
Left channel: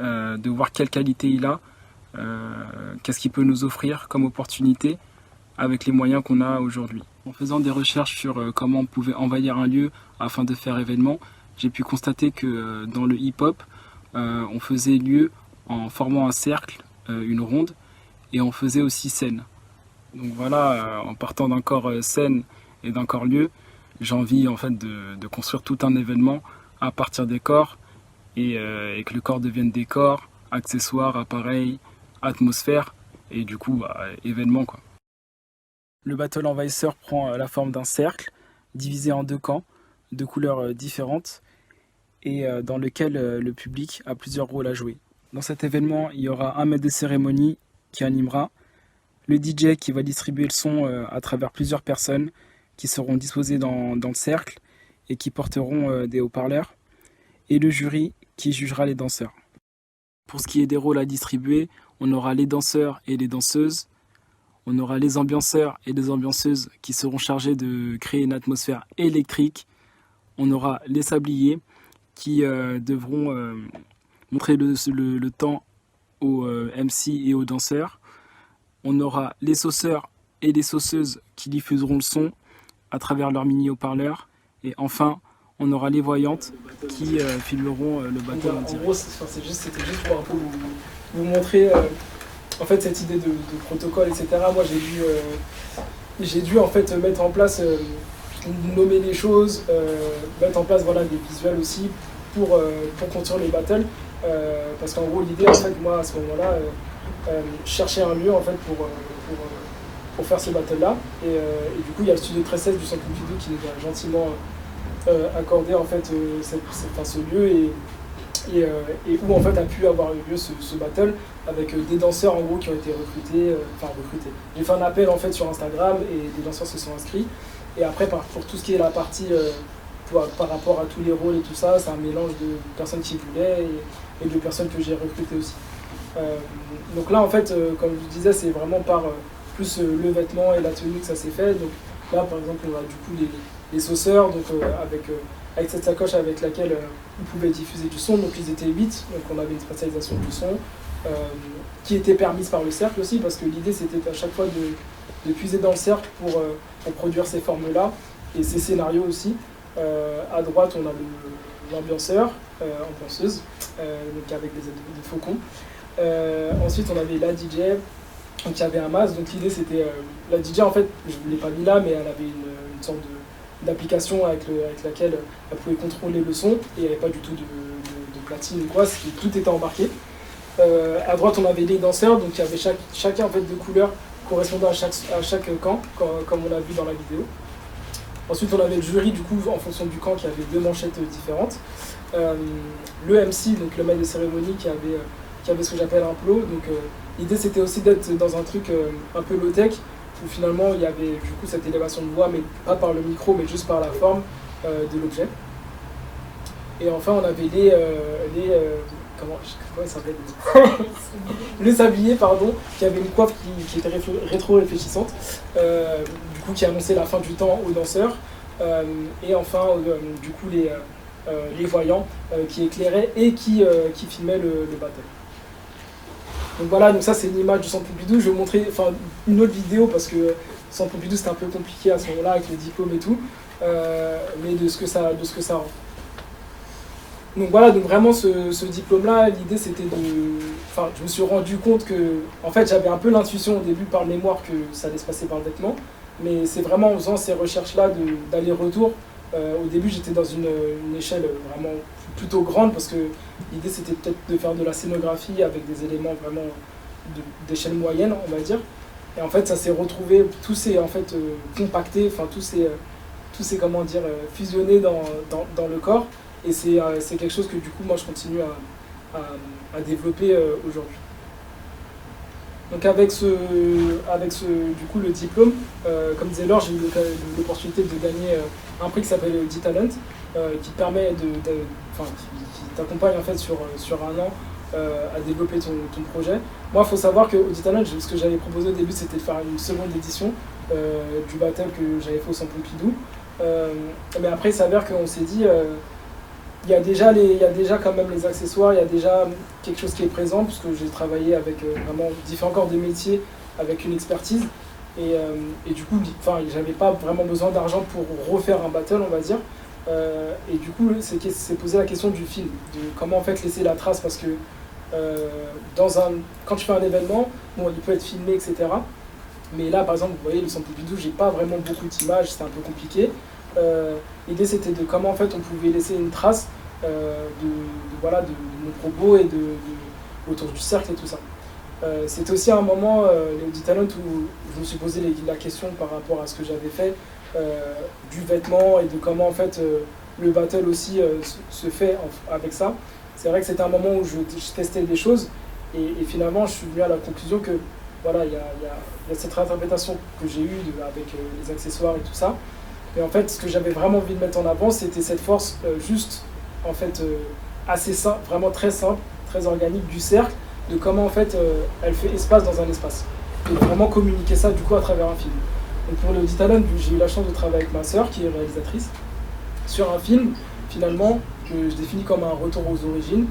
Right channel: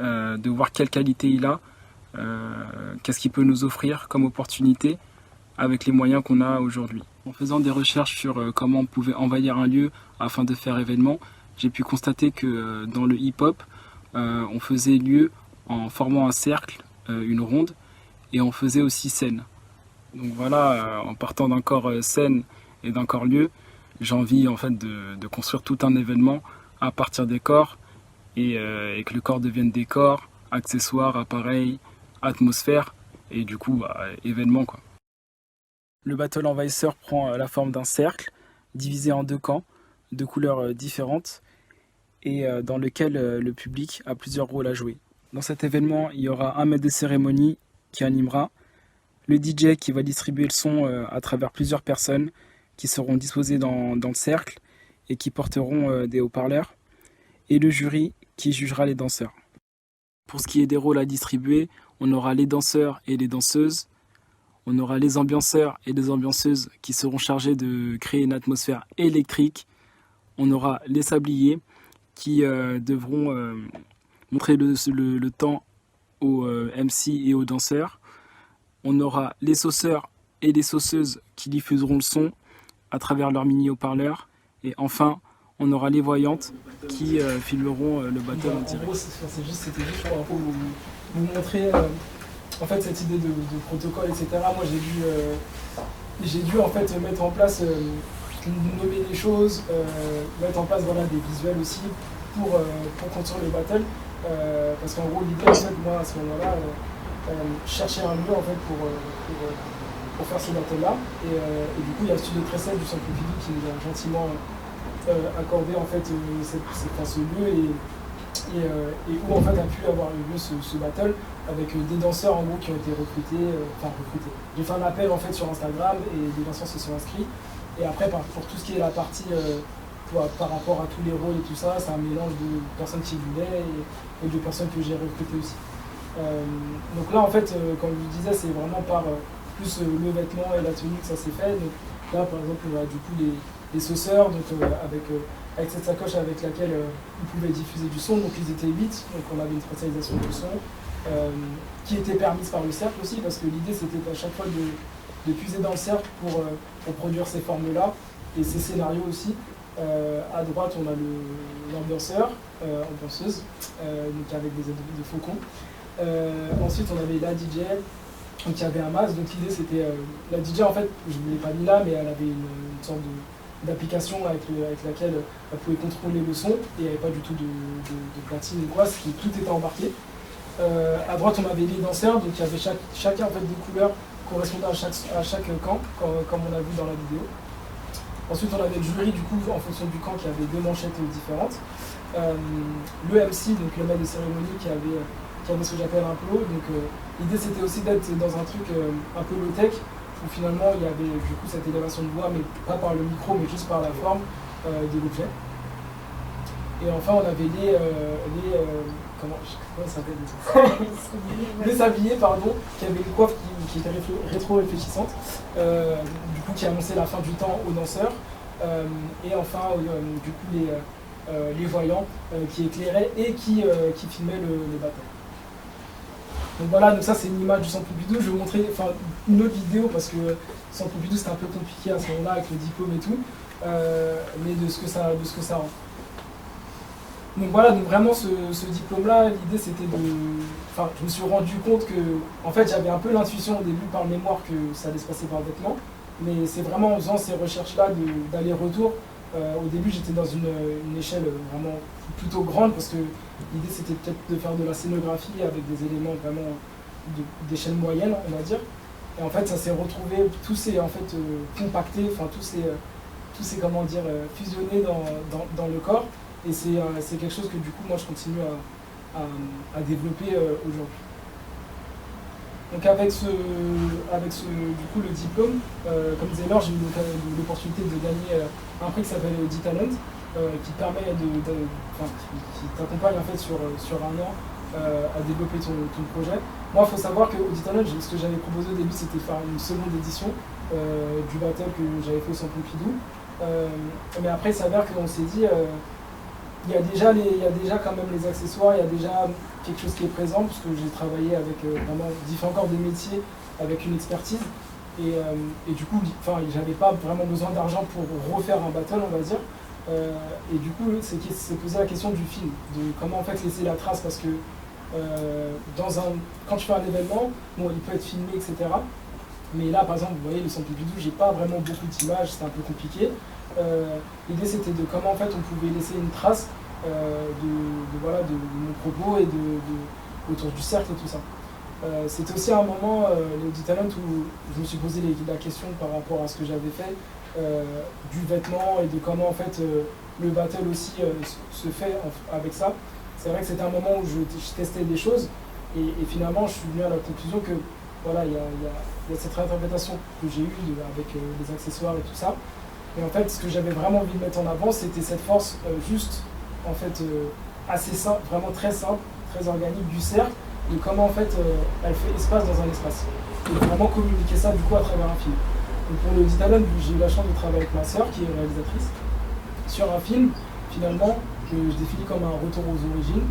de voir quelle qualité il a, qu'est-ce qu'il peut nous offrir comme opportunité avec les moyens qu'on a aujourd'hui. En faisant des recherches sur comment on pouvait envahir un lieu afin de faire événement, j'ai pu constater que dans le hip-hop, on faisait lieu en formant un cercle, une ronde, et on faisait aussi scène. Donc voilà, en partant d'un corps scène et d'un corps lieu, j'ai envie en fait de construire tout un événement à partir des corps et que le corps devienne décor, accessoires, appareils, atmosphère et du coup événement quoi. Le Battle Envahisseur prend la forme d'un cercle divisé en 2 camps, de couleurs différentes et dans lequel le public a plusieurs rôles à jouer. Dans cet événement, il y aura un maître de cérémonie qui animera, le DJ qui va distribuer le son à travers plusieurs personnes qui seront disposées dans le cercle et qui porteront des haut-parleurs, et le jury qui jugera les danseurs. Pour ce qui est des rôles à distribuer, on aura les danseurs et les danseuses, on aura les ambianceurs et les ambianceuses qui seront chargés de créer une atmosphère électrique, on aura les sabliers qui devront montrer le temps aux MC et aux danseurs, on aura les sauceurs et les sauceuses qui diffuseront le son à travers leurs mini haut-parleurs. Et enfin, on aura les voyantes qui filmeront le battle en direct. En gros, c'était juste pour un peu vous montrer en fait, cette idée de protocole, etc. Moi, j'ai dû en fait mettre en place, nommer les choses, mettre en place voilà, des visuels aussi pour construire le battle. Parce qu'en gros, l'idée, en fait, moi, à ce moment-là, chercher un lieu en fait pour faire ce battle là et du coup il y a le studio 1316 du Centre Pompidou qui nous a gentiment accordé en fait ce lieu et où en fait a pu avoir eu lieu ce battle avec des danseurs en gros qui ont été recrutés. J'ai fait un appel en fait sur Instagram et les danseurs se sont inscrits et après pour tout ce qui est la partie par rapport à tous les rôles et tout ça, c'est un mélange de personnes qui voulaient et de personnes que j'ai recrutées aussi. Donc là en fait comme je disais c'est vraiment par plus le vêtement et la tenue que ça s'est fait. Donc là par exemple on a du coup les sauceurs donc, avec cette sacoche avec laquelle on pouvait diffuser du son, donc ils étaient 8, donc on avait une spatialisation du son qui était permise par le cercle aussi parce que l'idée c'était à chaque fois de puiser dans le cercle pour produire ces formes là et ces scénarios aussi. À droite on a l'ambianceur, ambianceuse, donc avec des aides de faucon. Ensuite on avait la DJ qui avait un masque, donc l'idée c'était la DJ en fait je ne l'ai pas mis là mais elle avait une sorte d'application avec laquelle elle pouvait contrôler le son et il n'y avait pas du tout de platine ou quoi, tout était embarqué. À droite on avait les danseurs, donc il y avait chacun en fait de couleurs correspondant à chaque camp comme on a vu dans la vidéo. Ensuite on avait le jury du coup en fonction du camp qui avait 2 manchettes différentes. Le MC, donc le maître de cérémonie qui avait ce que j'appelle un plot. Donc l'idée c'était aussi d'être dans un truc un peu low-tech où finalement il y avait du coup cette élévation de voix mais pas par le micro mais juste par la forme de l'objet. Et enfin on avait comment il s'appelle les sabliers pardon, qui avait une coiffe qui était rétro-réfléchissante, du coup qui annonçait la fin du temps aux danseurs, et enfin du coup les voyants qui éclairaient et qui filmaient le battle. Donc voilà, donc ça c'est une image du Centre Pompidou. Je vais vous montrer une autre vidéo parce que le Centre Pompidou c'était un peu compliqué à ce moment-là avec le diplôme et tout, mais de ce que ça rend. Donc voilà, donc vraiment ce diplôme-là, l'idée c'était je me suis rendu compte que, en fait j'avais un peu l'intuition au début par le mémoire que ça allait se passer par le vêtement, mais c'est vraiment en faisant ces recherches-là d'aller-retour. Au début j'étais dans une échelle vraiment plutôt grande parce que l'idée c'était peut-être de faire de la scénographie avec des éléments vraiment d'échelle moyenne on va dire. Et en fait ça s'est retrouvé, tout s'est en fait compacté, tout s'est comment dire fusionné dans le corps. Et c'est quelque chose que du coup moi je continue à développer aujourd'hui. Donc avec du coup le diplôme, comme disait Laure, j'ai eu l'opportunité de gagner un prix qui s'appelle D-Talent, qui permet qui t'accompagne en fait sur un an à développer ton projet. Moi, il faut savoir qu'au Talent, ce que j'avais proposé au début, c'était de faire une seconde édition du battle que j'avais fait au Centre Pompidou. Mais après, il s'avère qu'on s'est dit, il y a déjà quand même les accessoires, il y a déjà quelque chose qui est présent, parce que j'ai travaillé avec vraiment différents corps de métier, avec une expertise. Et du coup, j'avais pas vraiment besoin d'argent pour refaire un battle, on va dire. Et du coup, c'est posé la question du film, de comment en fait laisser la trace, parce que quand tu fais un événement, bon, il peut être filmé, etc. Mais là, par exemple, vous voyez, le Centre Pompidou, j'ai pas vraiment beaucoup d'images, c'était un peu compliqué. L'idée, c'était de comment en fait on pouvait laisser une trace de mon propos et autour du cercle et tout ça. C'était aussi un moment, les Talent, où je me suis posé la question par rapport à ce que j'avais fait, du vêtement et de comment en fait le battle aussi se fait avec ça. C'est vrai que c'était un moment où je testais des choses et finalement je suis venu à la conclusion que voilà, il y a cette réinterprétation que j'ai eue avec les accessoires et tout ça. Mais en fait, ce que j'avais vraiment envie de mettre en avant, c'était cette force juste, en fait, assez simple, vraiment très simple, très organique du cercle, de comment en fait elle fait espace dans un espace. Et de vraiment communiquer ça du coup à travers un film. Donc pour les Talent, j'ai eu la chance de travailler avec ma sœur, qui est réalisatrice, sur un film, finalement, que je définis comme un retour aux origines,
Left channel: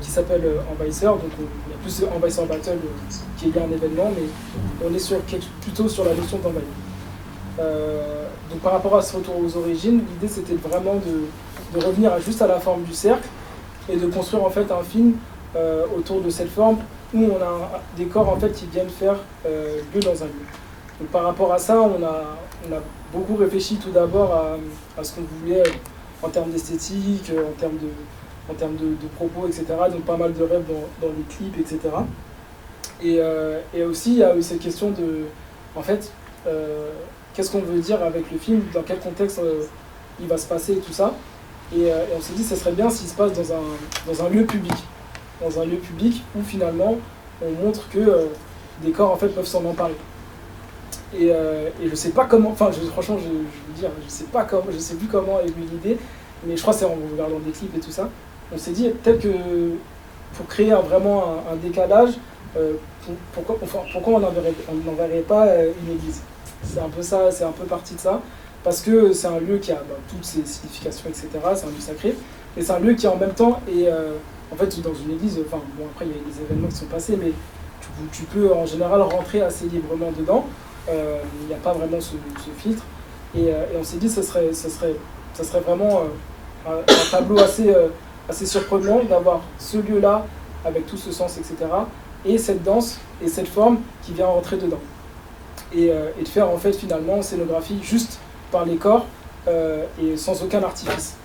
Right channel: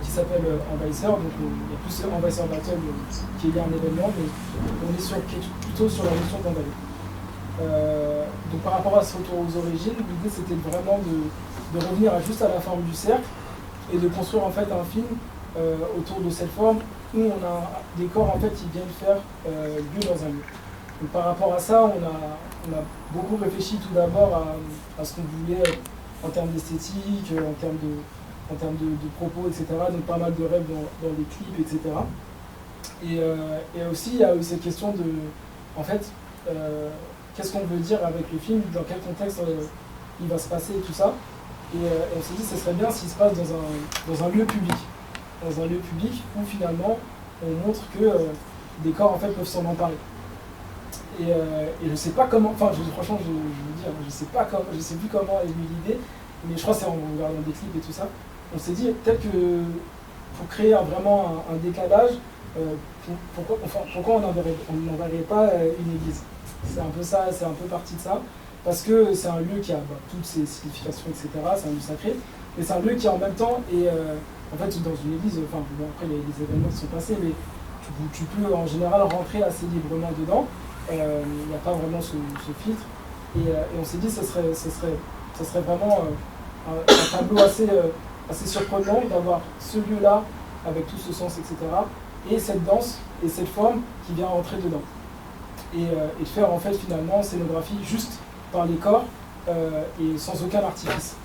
qui s'appelle Envahisseur. Donc il y a plus Envahisseur Battle qui est lié à un événement, mais on est plutôt sur la notion d'envahir. Donc par rapport à ce retour aux origines, l'idée c'était vraiment de revenir juste à la forme du cercle et de construire en fait un film autour de cette forme où on a des corps en fait qui viennent faire lieu dans un lieu. Donc par rapport à ça, on a beaucoup réfléchi tout d'abord à ce qu'on voulait en termes d'esthétique, en termes de propos, etc. Donc pas mal de rêves dans les clips, etc. Et aussi, il y a eu cette question de, en fait, qu'est-ce qu'on veut dire avec le film, dans quel contexte il va se passer et tout ça. Et on s'est dit que ce serait bien s'il se passe dans un lieu public. Dans un lieu public où finalement, on montre que des corps en fait, peuvent s'en emparer. Et je sais pas comment, franchement, je veux dire, je sais plus comment est venue l'idée, mais je crois que c'est en regardant des clips et tout ça. On s'est dit peut-être que pour créer vraiment un décalage, pourquoi on n'enverrait pas une église. C'est un peu ça, c'est un peu parti de ça, parce que c'est un lieu qui a toutes ses significations, etc. C'est un lieu sacré, et c'est un lieu qui en même temps est, en fait, dans une église, après il y a eu des événements qui sont passés, mais tu peux en général rentrer assez librement dedans. Il n'y a pas vraiment ce filtre, et on s'est dit que ça serait vraiment un tableau assez surprenant d'avoir ce lieu-là avec tout ce sens, etc. et cette danse et cette forme qui vient rentrer dedans. Et de faire en fait finalement scénographie juste par les corps et sans aucun artifice.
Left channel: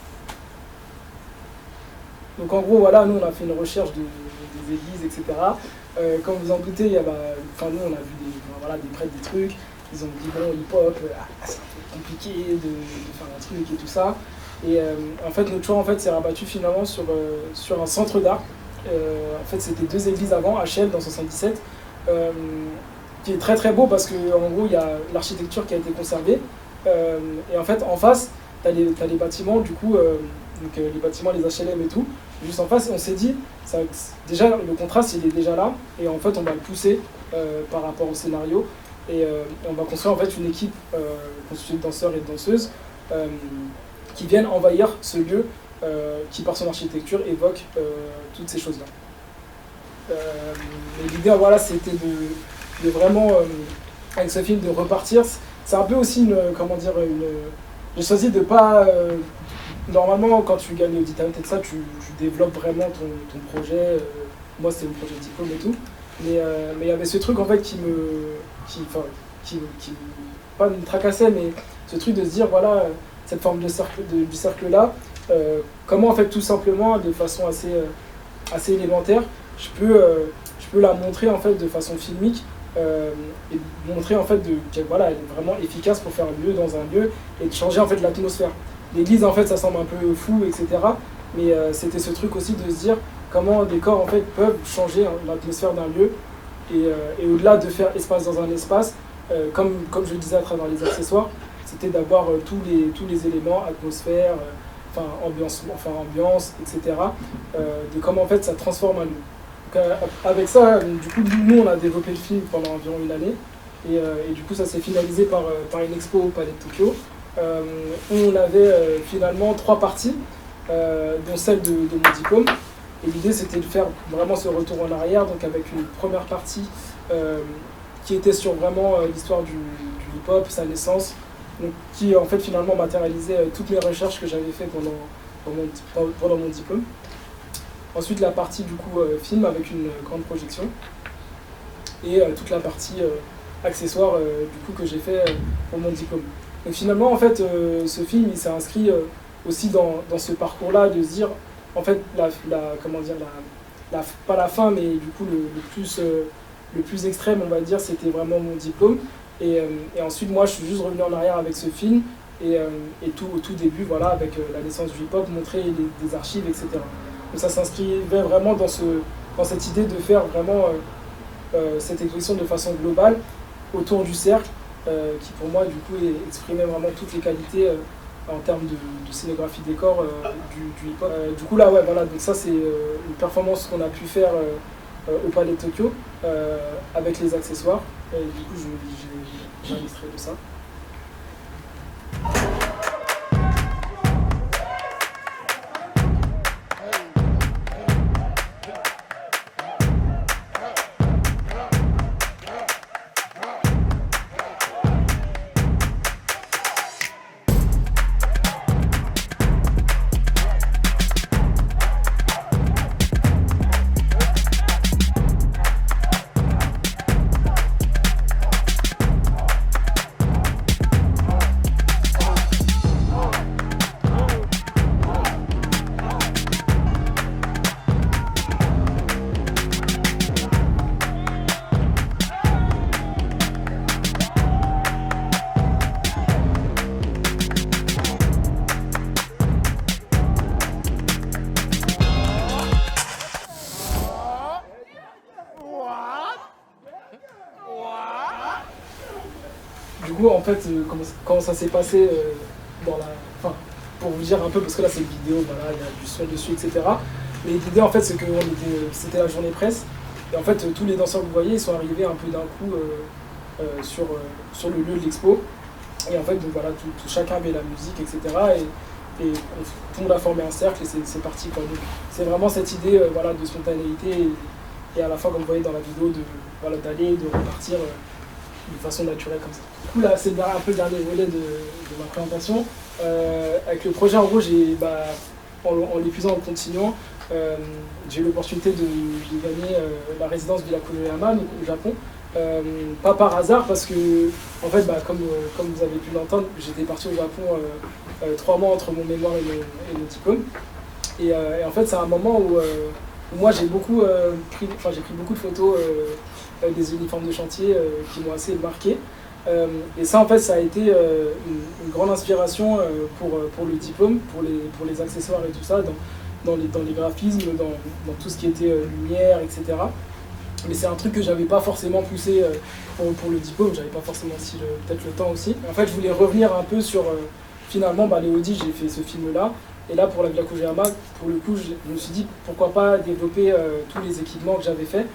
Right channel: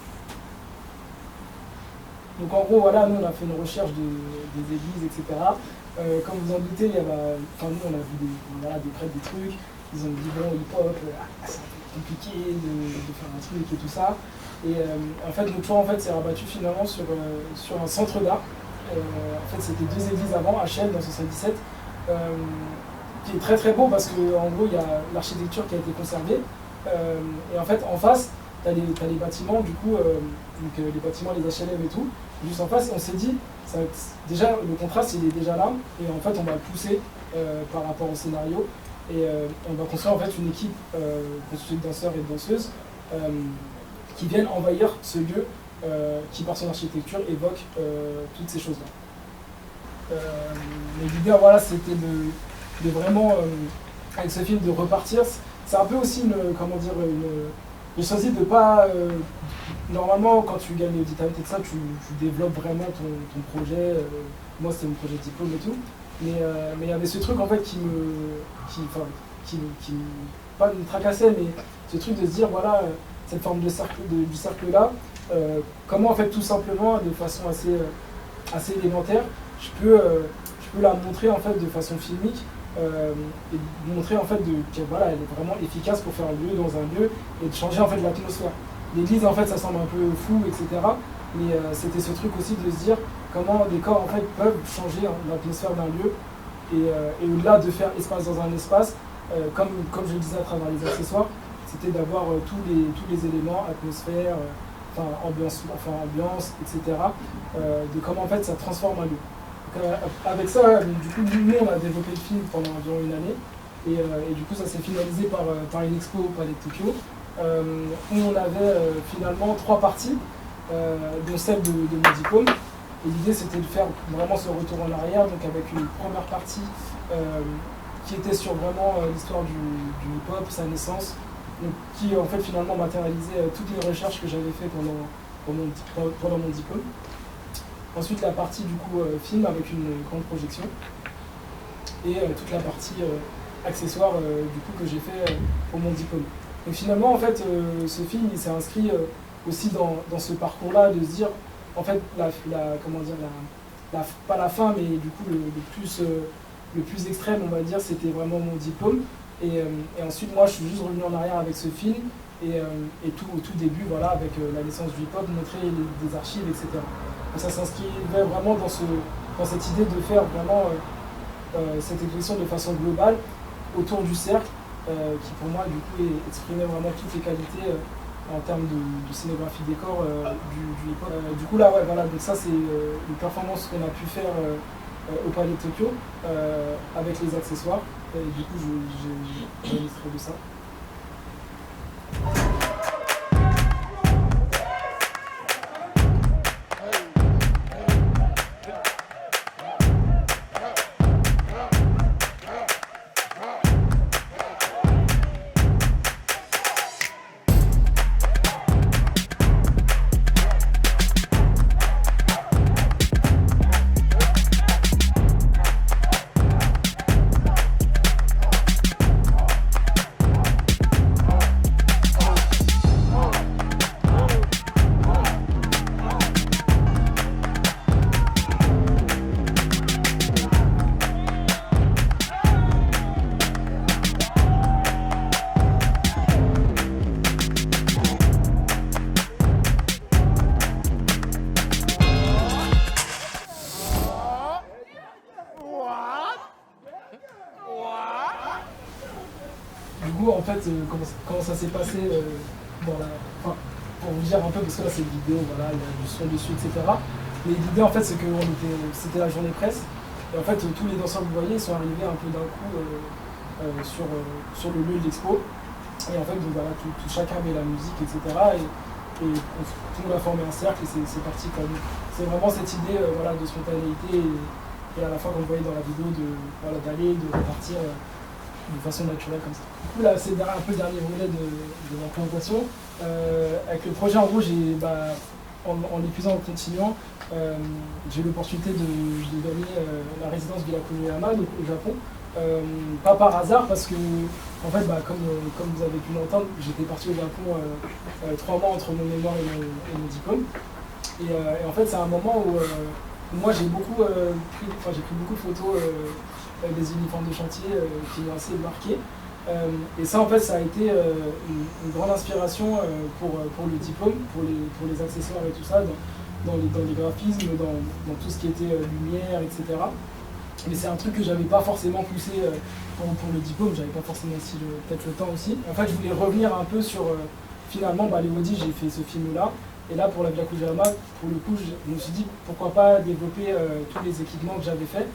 Donc en gros voilà, nous on a fait une recherche des églises, etc. Comme vous en doutez, nous on a vu des prêtres, des trucs, ils ont dit bon hip-hop, c'est un peu compliqué de faire un truc et tout ça. Et en fait notre choix s'est rabattu finalement sur un centre d'art. En fait c'était 2 églises avant, à Chelles dans 77. Qui est très très beau parce qu'en gros il y a l'architecture qui a été conservée et en fait en face t'as les bâtiments du coup les bâtiments, les HLM et tout juste en face, et on s'est dit déjà le contraste il est déjà là et en fait on va le pousser par rapport au scénario et on va construire en fait une équipe constituée de danseurs et de danseuses qui viennent envahir ce lieu qui par son architecture évoque toutes ces choses là. Mais l'idée voilà c'était de vraiment, avec ce film, de repartir. C'est un peu aussi j'ai choisi de pas... normalement, quand tu gagnes les Audi Talent et ça, tu développes vraiment ton projet. Moi, c'était mon projet de diplôme et tout. Mais il y avait ce truc, en fait, qui pas me tracassait, mais ce truc de se dire, voilà, cette forme du cercle-là, comment, en fait, tout simplement, de façon assez élémentaire, je peux la montrer, en fait, de façon filmique, et montrer en fait qu'elle est vraiment efficace pour faire lieu dans un lieu et de changer en fait l'atmosphère. L'église en fait ça semble un peu fou, etc. Mais c'était ce truc aussi de se dire comment des corps en fait peuvent changer l'atmosphère d'un lieu et au-delà de faire espace dans un espace, comme je le disais à travers les accessoires, c'était d'avoir tous les éléments, atmosphère, ambiance, etc. De comment en fait ça transforme un lieu. avec ça, du coup, nous, on a développé le film pendant environ une année. Et du coup, ça s'est finalisé par une expo au Palais de Tokyo, où on avait finalement 3 parties, dont celle de mon diplôme. Et l'idée, c'était de faire vraiment ce retour en arrière, donc avec une première partie qui était sur vraiment l'histoire du hip-hop, sa naissance, donc, qui en fait finalement matérialisait toutes mes recherches que j'avais fait pendant mon diplôme. Ensuite, la partie du coup film avec une grande projection, et toute la partie accessoire du coup que j'ai fait pour mon diplôme. Donc finalement, en fait, ce film, il s'est inscrit aussi dans ce parcours-là, de se dire, en fait, pas la fin, mais du coup le plus extrême, on va dire, c'était vraiment mon diplôme. Et ensuite, moi, je suis juste revenu en arrière avec ce film, et tout au tout début, voilà, avec la naissance du hip-hop, montrer des archives, etc. Donc ça s'inscrivait vraiment dans cette idée de faire vraiment cette exposition de façon globale autour du cercle, qui pour moi, du coup, exprimait vraiment toutes les qualités en termes de scénographie décor du hip-hop. Du coup, là, ouais, voilà, donc ça, c'est une performance qu'on a pu faire au Palais de Tokyo, avec les accessoires. Et du coup, j'ai un extrait de ça. Du coup, en fait, comment ça s'est passé enfin, pour vous dire un peu, parce que là c'est une vidéo, voilà, il y a du son dessus, etc. Mais l'idée, en fait, c'est que c'était la journée presse. Et en fait, tous les danseurs que vous voyez, ils sont arrivés un peu d'un coup sur le lieu de l'expo. Et en fait, donc voilà, chacun avait la musique, etc. Et tout le monde a formé un cercle, et c'est parti, quoi. Donc, c'est vraiment cette idée voilà, de spontanéité, et à la fois, comme vous voyez dans la vidéo, d'aller, de repartir de façon naturelle comme ça. Du coup, là, c'est un peu le dernier volet de ma présentation. Avec le projet, en gros, en l'épuisant, en le continuant, j'ai eu l'opportunité de gagner la résidence Villa Konoyama, donc au Japon. Pas par hasard, parce que, en fait, comme vous avez pu l'entendre, j'étais parti au Japon 3 mois entre mon mémoire et mon diplôme. Et en fait, c'est un moment où moi, j'ai pris beaucoup de photos des uniformes de chantier qui m'ont assez marqué. Et ça, en fait, ça a été une grande inspiration pour le diplôme, pour les accessoires et tout ça, dans les graphismes, dans tout ce qui était lumière, etc. Mais c'est un truc que j'avais pas forcément poussé pour le diplôme, j'avais pas forcément aussi peut-être le temps aussi. Et en fait, je voulais revenir un peu sur, finalement, les Audi, j'ai fait ce film-là. Et là, pour la Villa Konoyama, pour le coup, je me suis dit, pourquoi pas développer tous les équipements que j'avais faits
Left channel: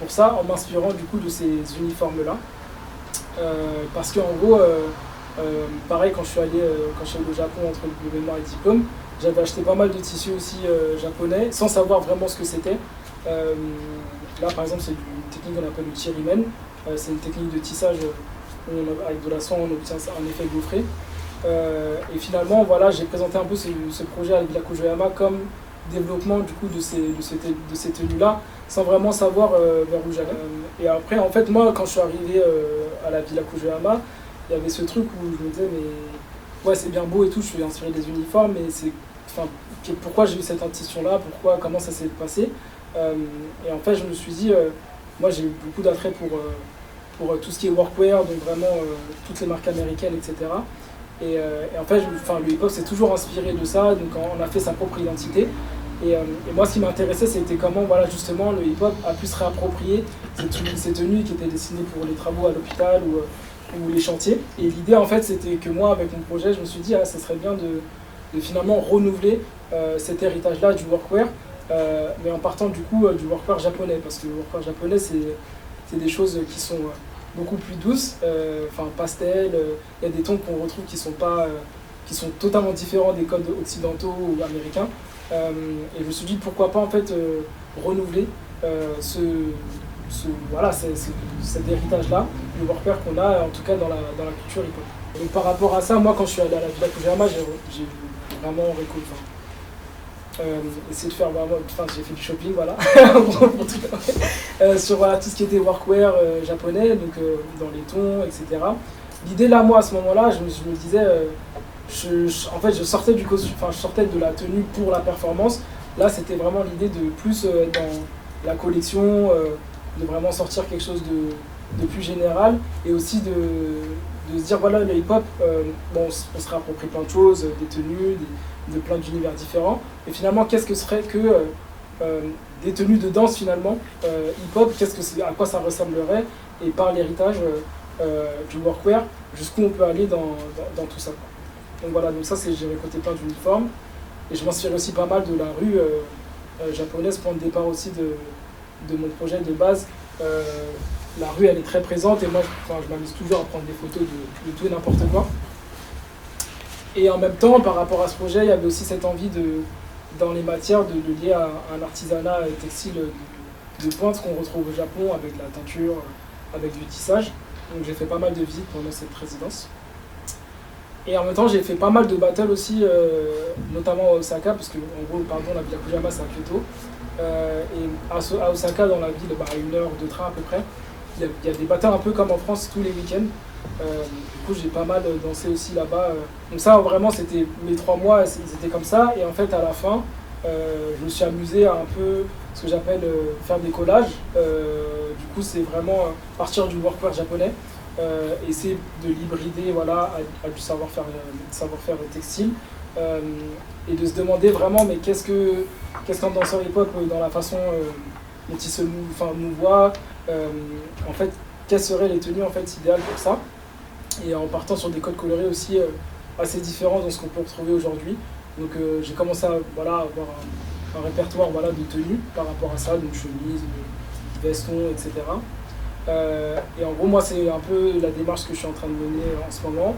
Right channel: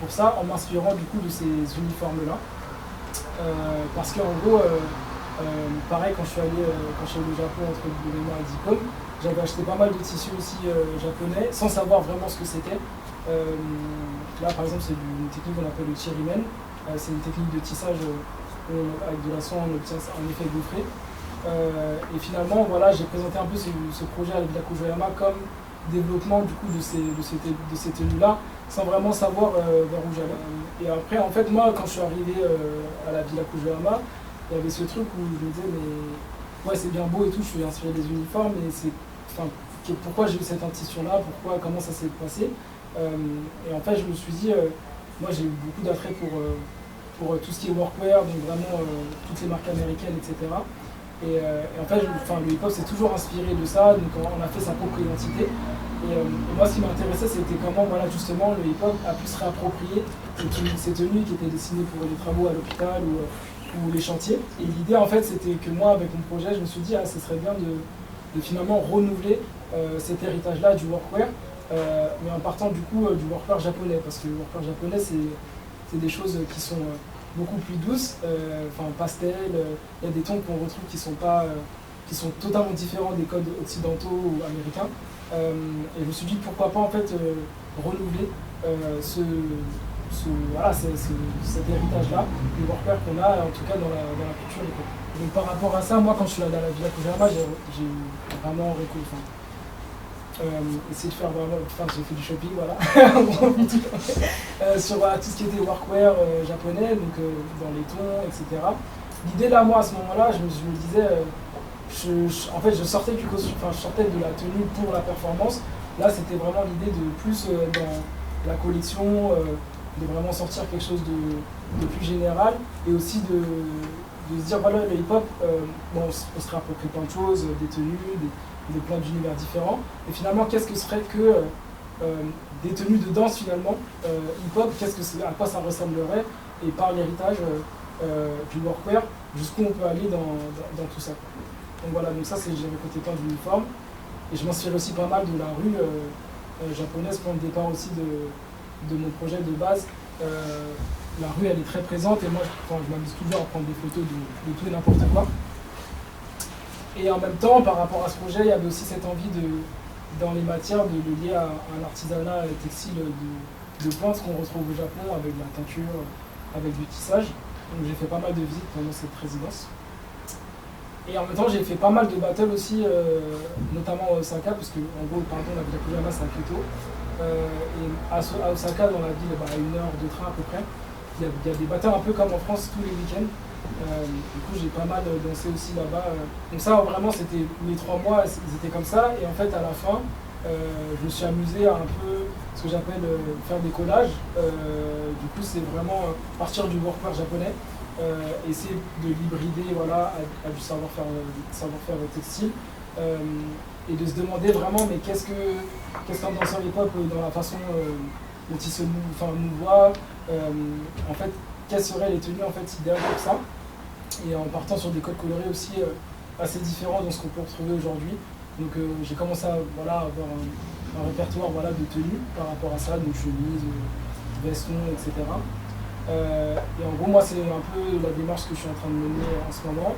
pour ça, en m'inspirant du coup de ces uniformes-là. Parce qu'en gros, pareil, quand je suis allé au Japon entre le mémoire et le diplôme, j'avais acheté pas mal de tissus aussi japonais, sans savoir vraiment ce que c'était. Là, par exemple, c'est une technique qu'on appelle le chirimen. C'est une technique de tissage où avec de la soie, on obtient un effet gaufré. Et finalement, voilà, j'ai présenté un peu ce projet avec Villa Konoyama comme développement du coup de ces tenues-là, sans vraiment savoir vers où j'allais. Et après, en fait, moi, quand je suis arrivé à la Villa Konoyama, il y avait ce truc où je me disais, mais ouais, c'est bien beau et tout, je suis inspiré des uniformes, mais pourquoi j'ai eu cette intuition-là, comment ça s'est passé. Et en fait, je me suis dit, moi, j'ai eu beaucoup d'attrait pour tout ce qui est workwear, donc vraiment toutes les marques américaines, etc. Et en fait, le hip-hop s'est toujours inspiré de ça, donc on a fait sa propre identité. Et moi, ce qui m'intéressait, c'était comment, voilà, justement, le hip-hop a pu se réapproprier ces tenues qui étaient dessinées pour les travaux à l'hôpital ou les chantiers. Et l'idée, en fait, c'était que moi, avec mon projet, je me suis dit, ça serait bien de finalement renouveler cet héritage-là du workwear, mais en partant du coup du workwear japonais, parce que le workwear japonais c'est des choses qui sont beaucoup plus douces, pastel, il y a des tons qu'on retrouve qui sont totalement différents des codes occidentaux ou américains, et je me suis dit pourquoi pas en fait renouveler cet héritage-là du workwear qu'on a en tout cas dans la culture hip-hop. Donc par rapport à ça, moi quand je suis allé à la Villa Kujama, j'ai vraiment essayé de faire j'ai fait du shopping, voilà, sur tout ce qui était workwear japonais, donc dans les tons, etc. L'idée là, moi à ce moment-là, je me disais, en fait je sortais du costume, je sortais de la tenue pour la performance. Là c'était vraiment l'idée de plus être dans la collection, de vraiment sortir quelque chose de plus général, et aussi de se dire voilà, le hip-hop, on se réapproprie plein de choses, des tenues, de plein d'univers différents, et finalement qu'est-ce que serait que des tenues de danse finalement hip-hop, à quoi ça ressemblerait, et par l'héritage du workwear, jusqu'où on peut aller dans tout ça, quoi. Donc voilà, donc ça j'ai récolté plein d'uniformes, et je m'inspire aussi pas mal de la rue japonaise, point de départ aussi de mon projet de base. La rue elle est très présente, et moi je m'amuse toujours à prendre des photos de tout et n'importe quoi. Et en même temps, par rapport à ce projet, il y avait aussi cette envie dans les matières de lier à un artisanat textile de pointe qu'on retrouve au Japon, avec de la teinture, avec du tissage. Donc j'ai fait pas mal de visites pendant cette résidence. Et en même temps, j'ai fait pas mal de battles aussi, notamment à Osaka, parce que en gros, la Villa Kujama c'est à Kyoto. Et à Osaka, dans la ville, à 1 heure de train à peu près, il y a des battles un peu comme en France tous les week-ends. Du coup, j'ai pas mal dansé aussi là-bas. Donc ça, vraiment, c'était mes 3 mois, c'était comme ça. Et en fait, à la fin, je me suis amusé à un peu ce que j'appelle faire des collages. Du coup, c'est vraiment partir du workwear japonais, essayer de l'hybrider à du savoir-faire textile, et de se demander vraiment, mais qu'est-ce qu'un danseur hip-hop dans la façon dont il se mouvoit, en fait, quelles seraient les tenues en fait idéales pour ça, et en partant sur des codes colorés aussi assez différents de ce qu'on peut retrouver aujourd'hui. Donc j'ai commencé à avoir un répertoire de tenues par rapport à ça, donc chemise, veston, etc. Et en gros, moi c'est un peu la démarche que je suis en train de mener en ce moment,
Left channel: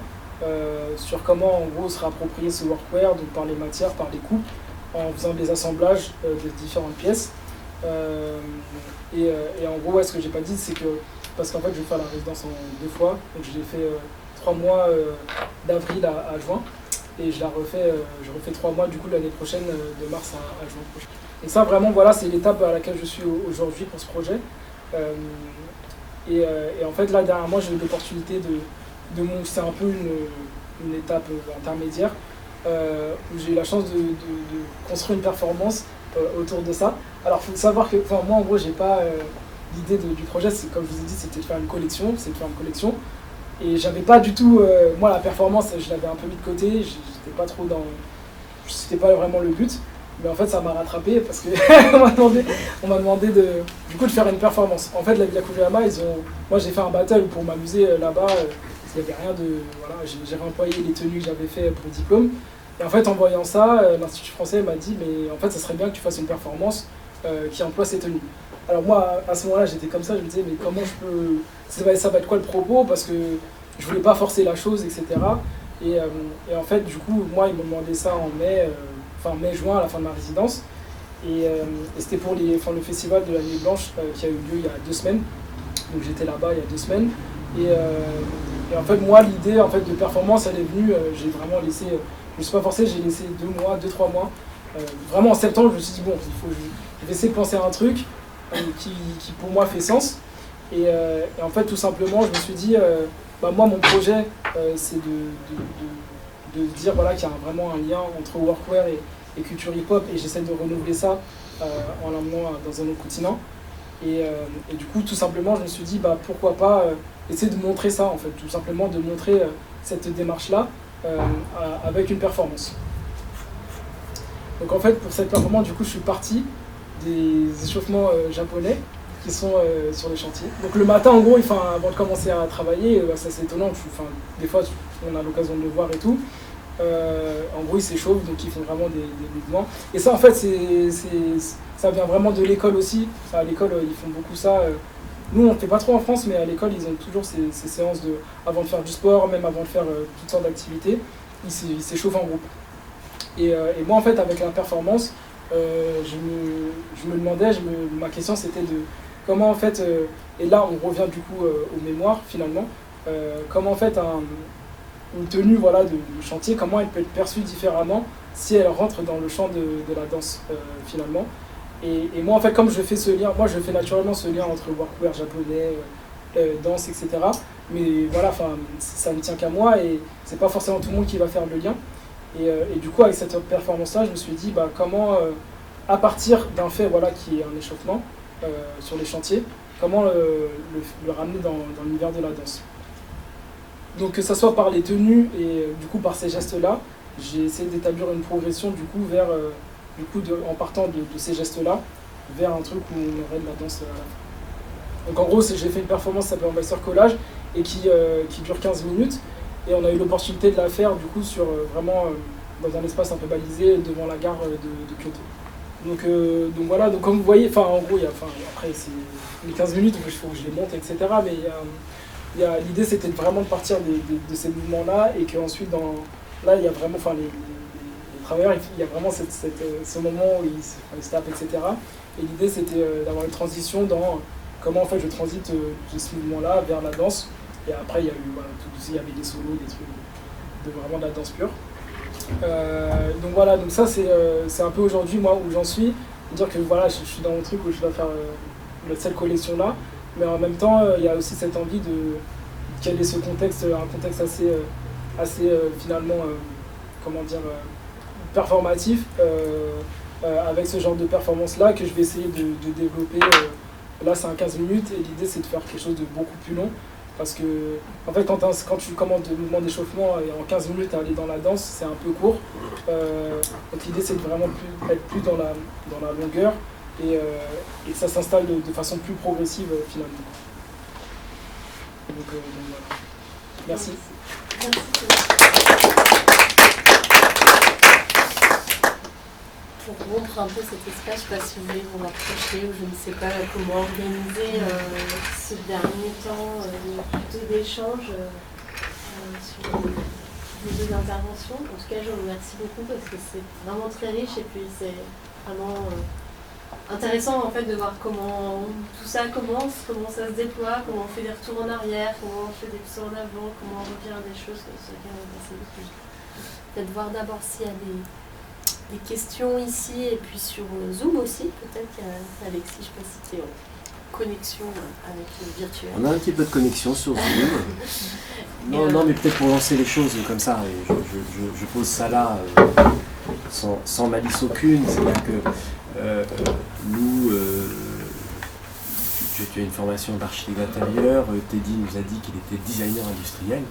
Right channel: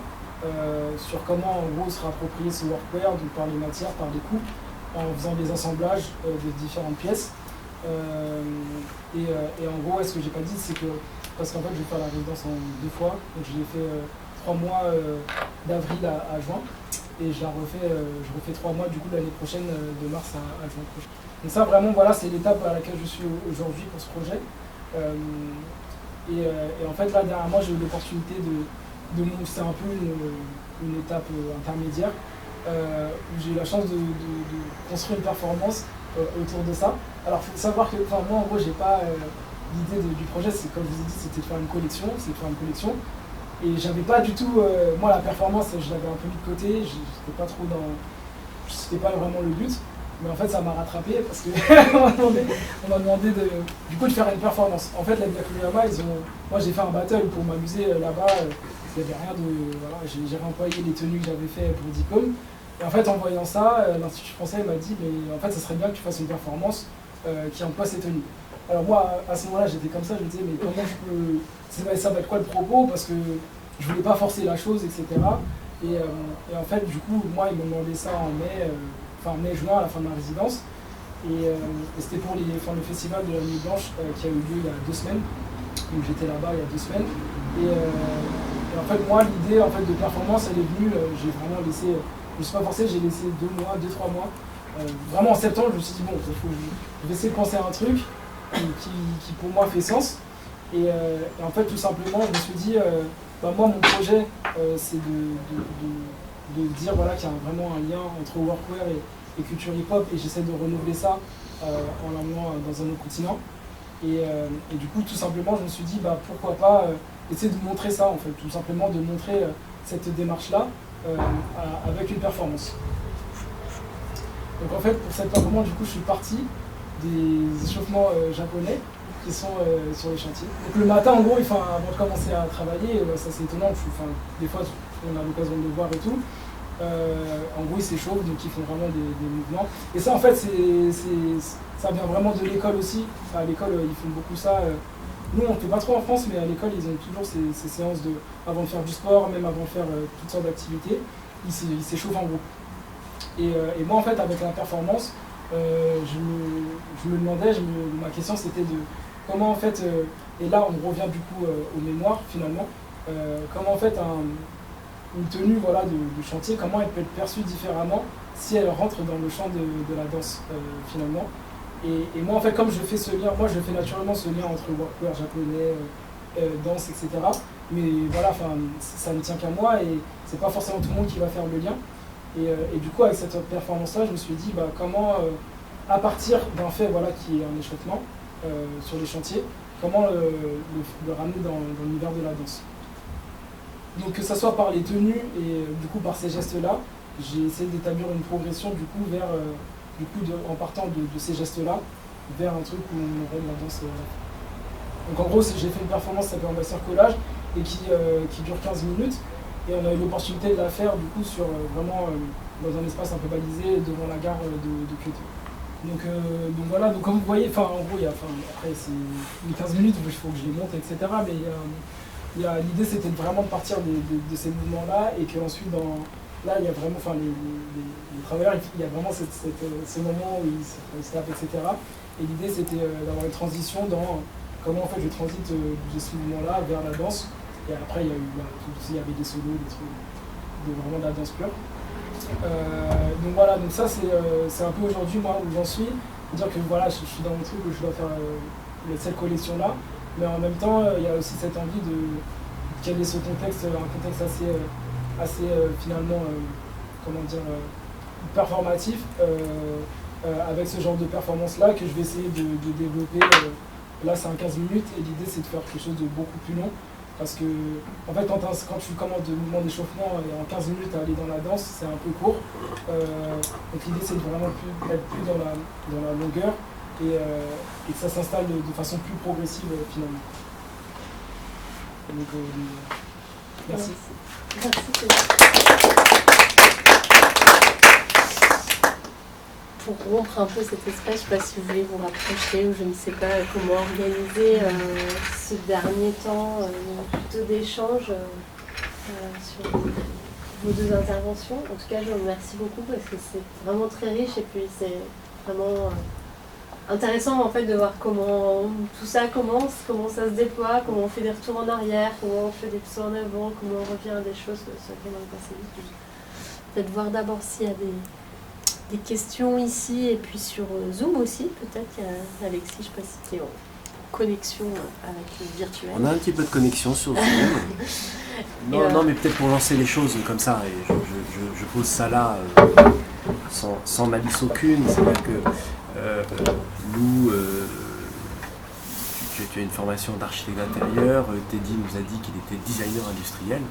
sur comment en gros se réapproprier ce workwear, donc par les matières, par les coupes, en faisant des assemblages de différentes pièces. Et en gros, ce que j'ai pas dit, c'est que parce qu'en fait je vais faire la résidence en 2 fois, donc je l'ai fait 3 mois d'avril à juin, et je refais 3 mois du coup l'année prochaine, de mars à juin prochain. Donc ça vraiment c'est l'étape à laquelle je suis aujourd'hui pour ce projet. Et en fait là derrière moi j'ai eu l'opportunité c'est un peu une étape intermédiaire, où j'ai eu la chance de construire une performance autour de ça. Alors il faut savoir que moi en gros j'ai pas l'idée du projet, c'est comme je vous ai dit, c'était de faire une collection, et j'avais pas du tout, moi la performance je l'avais un peu mis de côté, j'étais pas trop c'était pas vraiment le but, mais en fait ça m'a rattrapé parce que on m'a demandé de faire une performance. En fait la Villa Kujama, moi j'ai fait un battle pour m'amuser là-bas, il n'y avait rien j'ai réemployé les tenues que j'avais fait pour le diplôme, et en fait en voyant ça, l'Institut français m'a dit mais en fait ça serait bien que tu fasses une performance qui emploie ces tenues. Alors moi, à ce moment-là, j'étais comme ça, je me disais, mais comment je peux... Ça va être quoi le propos? Parce que je voulais pas forcer la chose, etc. Et en fait, du coup, moi, ils m'ont demandé ça en mai-juin, à la fin de ma résidence. Et c'était pour le festival de la Nuit Blanche qui a eu lieu il y a 2 semaines. Donc j'étais là-bas il y a 2 semaines. Et en fait, moi, l'idée de performance, elle est venue, j'ai vraiment laissé... Je ne suis pas forcé, j'ai laissé 2-3 mois. Vraiment en septembre, je me suis dit, bon, je vais essayer de penser à un truc qui pour moi fait sens, et en fait tout simplement je me suis dit moi mon projet c'est de dire qu'il y a vraiment un lien entre workwear et culture hip hop, et j'essaie de renouveler ça en l'emmenant dans un autre continent, et du coup tout simplement je me suis dit pourquoi pas essayer de montrer ça, en fait tout simplement de montrer cette démarche là avec une performance. Donc en fait pour cette performance, du coup je suis parti des échauffements japonais qui sont sur les chantiers. Donc le matin en gros, avant de commencer à travailler, ça c'est étonnant, des fois on a l'occasion de le voir et tout, En gros, ils s'échauffent, donc ils font vraiment des mouvements. Et ça, en fait, ça vient vraiment de l'école aussi. Enfin, à l'école, ils font beaucoup ça. Nous, on ne fait pas trop en France, mais à l'école, ils ont toujours ces séances avant de faire du sport, même avant de faire toutes sortes d'activités, ils s'échauffent en groupe. Et moi, en fait, avec la performance, je me demandais, ma question, c'était de comment, en fait, et là, on revient du coup aux mémoires, finalement, comment, en fait, une tenue voilà, de chantier, comment elle peut être perçue différemment si elle rentre dans le champ de la danse, finalement. Et moi, en fait, comme je fais ce lien, moi, je fais naturellement ce lien entre workwear japonais, danse, etc. Mais voilà, ça ne tient qu'à moi et c'est pas forcément tout le monde qui va faire le lien. Et du coup, avec cette performance-là, je me suis dit, comment, à partir d'un fait voilà, qui est un échauffement sur les chantiers, comment le ramener dans l'univers de la danse. Donc, que ce soit par les tenues et du coup par ces gestes-là, j'ai essayé d'établir une progression du coup vers... en partant de ces gestes-là, vers un truc où on aurait de la danse à la fin. Donc en gros, j'ai fait une performance qui s'appelle Ambassadeur Collage et qui dure 15 minutes. Et on a eu l'opportunité de la faire du coup sur vraiment dans un espace un peu balisé devant la gare de Kyoto. Donc voilà, donc comme vous voyez, en gros, après les 15 minutes, il faut que je les monte, etc. Mais l'idée c'était vraiment de partir de ces mouvements-là et qu'ensuite là, il y a vraiment, les travailleurs, il y a vraiment ce moment où ils se tapent, etc. Et l'idée, c'était d'avoir une transition dans comment, en fait, je transite de ce mouvement-là vers la danse. Et après, il y a eu, il y avait des solos, des trucs vraiment de la danse pure. Donc voilà, donc ça, c'est un peu aujourd'hui, moi, où j'en suis. Dire que voilà, je suis dans mon truc où je dois faire cette collection-là. Mais en même temps, il y a aussi cette envie de quel est ce contexte, un contexte assez finalement, performatif, avec ce genre de performance-là que je vais essayer de développer. Là, c'est un 15 minutes et l'idée, c'est de faire quelque chose de beaucoup plus long. Parce que, en fait, quand tu commences des mouvements d'échauffement et en 15 minutes à aller dans la danse, c'est un peu court. Donc l'idée, c'est de vraiment être plus dans la longueur et que ça s'installe de façon plus progressive, finalement. Donc voilà. Merci. Merci. Pour rompre un peu cet espace, je ne sais pas si vous voulez vous rapprocher ou je ne sais pas comment organiser ce dernier temps plutôt d'échange sur vos deux interventions. En tout cas, je vous remercie beaucoup parce que c'est vraiment très riche et puis c'est vraiment intéressant en fait de voir comment tout ça commence, comment ça se déploie, comment on fait des retours en arrière, comment on fait des sauts en avant, comment on revient à des choses sur lesquelles on est passé vite. Peut-être voir d'abord s'il y a des questions ici et puis sur Zoom aussi, peut-être. Il y a Alexis, je ne sais pas si tu es en connexion avec le virtuel. On a un petit peu de connexion sur Zoom. Non, mais peut-être pour lancer les choses comme ça, je pose ça là sans malice aucune. C'est vrai que nous, j'ai fait une formation d'architecte d'intérieur, Teddy nous a dit qu'il était designer industriel.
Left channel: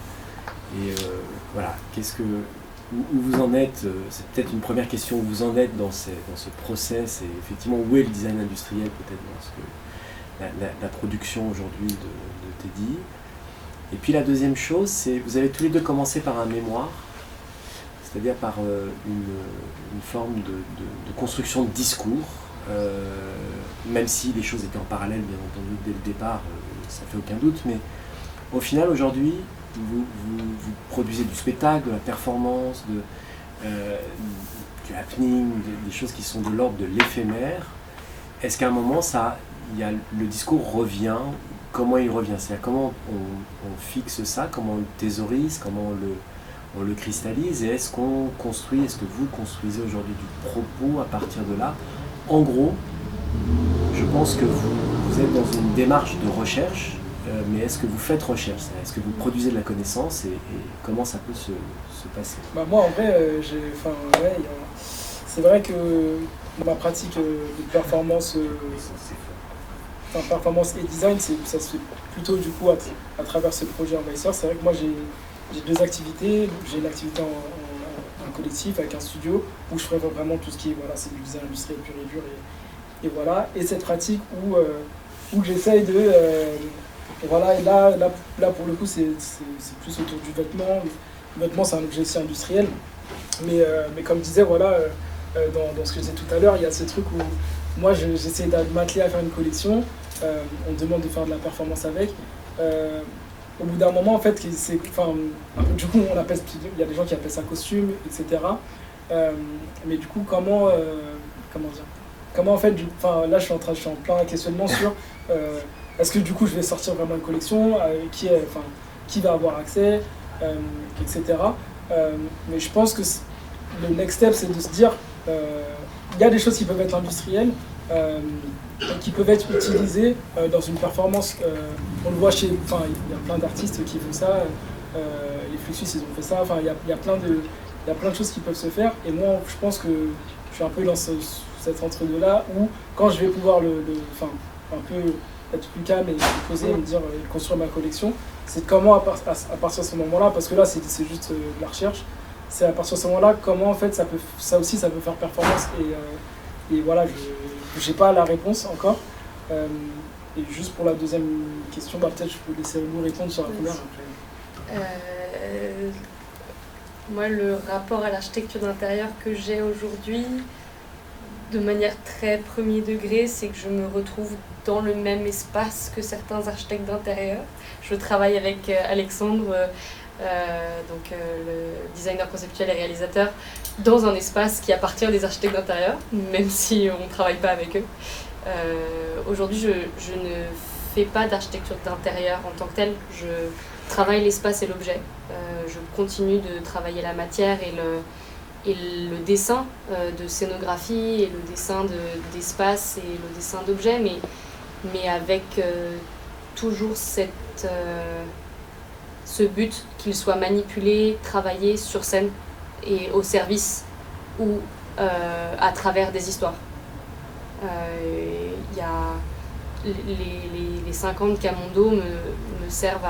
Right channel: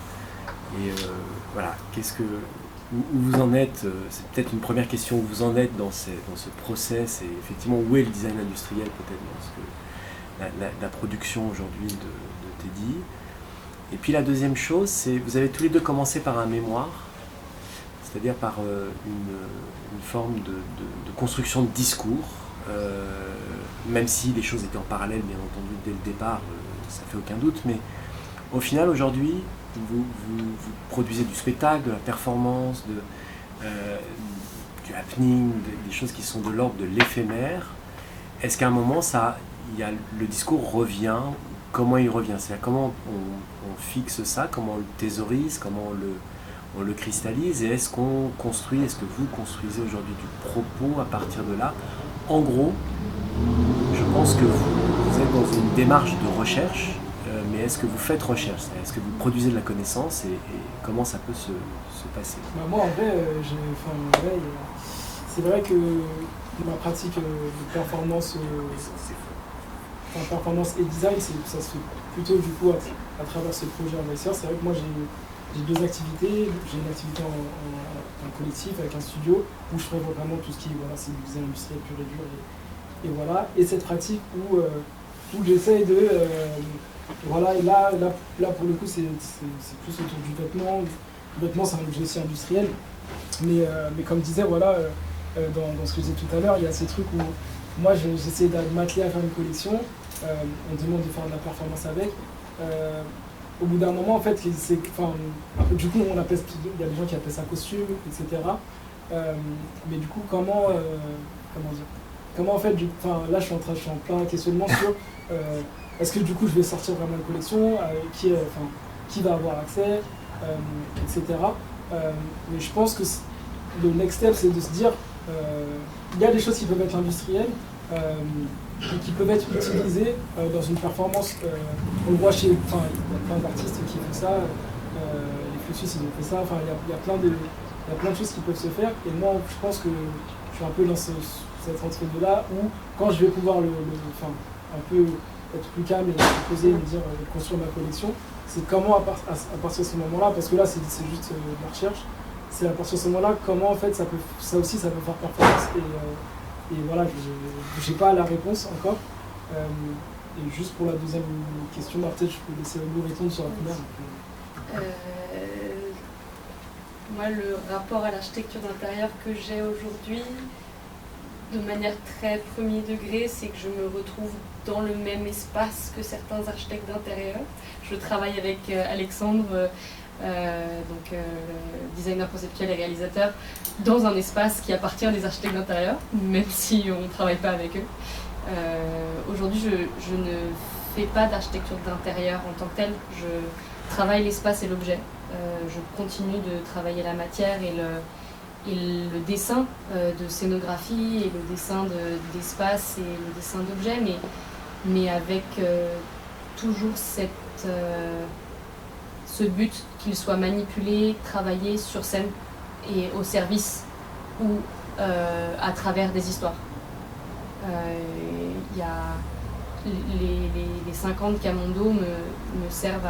Et voilà, où vous en êtes, c'est peut-être une première question, où vous en êtes dans ce process et effectivement où est le design industriel peut-être la production aujourd'hui de Teddy. Et puis la deuxième chose, c'est vous avez tous les deux commencé par un mémoire, c'est-à-dire par une forme de construction de discours, même si les choses étaient en parallèle bien entendu dès le départ, ça fait aucun doute, mais au final aujourd'hui, vous produisez du spectacle, de la performance, du happening, des choses qui sont de l'ordre de l'éphémère. Est-ce qu'à un moment, le discours revient? Comment il revient? C'est-à-dire comment on fixe ça, comment on le thésaurise, comment on le cristallise, et est-ce que vous construisez aujourd'hui du propos à partir de là? En gros, je pense que vous êtes dans une démarche de recherche, mais est-ce que vous faites recherche? Est-ce que vous produisez de la connaissance et comment ça peut se passer? Moi, en vrai, c'est vrai que ma pratique de performance, performance et design, ça se fait plutôt du coup à travers ce projet Envahisseur. C'est vrai que moi, j'ai deux activités. J'ai une activité en collectif avec un studio où je ferai vraiment tout ce qui est, c'est du design industriel pur et dur. Et voilà. Et cette pratique où j'essaye de... là pour le coup, c'est plus autour du vêtement. Le vêtement, c'est un objet aussi industriel. Mais comme je disais, voilà, dans ce que je disais tout à l'heure, il y a ce truc où moi j'essaie de m'atteler à faire une collection, on me demande de faire de la performance avec. Au bout d'un moment, en fait, du coup, il y a des gens qui appellent ça costume, etc. Mais du coup, comment dire, comment en fait, là je suis en plein questionnement sur est-ce que du coup je vais sortir vraiment une collection, qui va avoir accès, etc. Mais je pense que le next step, c'est de se dire il y a des choses qui peuvent être industrielles, qui peuvent être utilisées dans une performance. On le voit il y a plein d'artistes qui font ça, les Fluxus ils ont fait ça, il y a plein de choses qui peuvent se faire, et moi je pense que je suis un peu dans cet entre-deux-là où quand je vais pouvoir un peu être plus calme et poser et me dire et construire ma collection, c'est comment à partir de ce moment-là, parce que là c'est juste la recherche, c'est à partir de ce moment-là comment en fait ça peut faire performance, et voilà, je n'ai pas la réponse encore. Et juste pour la deuxième question, peut-être je peux laisser vous répondre sur la première après. Moi, le rapport à l'architecture d'intérieur que j'ai aujourd'hui, de manière très premier degré, c'est que je me retrouve dans le même espace que certains architectes d'intérieur. Je travaille avec Alexandre, le designer conceptuel et réalisateur, dans un espace qui appartient à des architectes d'intérieur, même si on ne travaille pas avec eux. Aujourd'hui, je ne fais pas d'architecture d'intérieur en tant que telle. Je travaille l'espace et l'objet. Je continue de travailler la matière et le dessin de scénographie et le dessin d'espace et le dessin d'objets, mais avec toujours ce but qu'il soit manipulé, travaillé sur scène et au service ou à travers des histoires. Y a les 50 Camondo me servent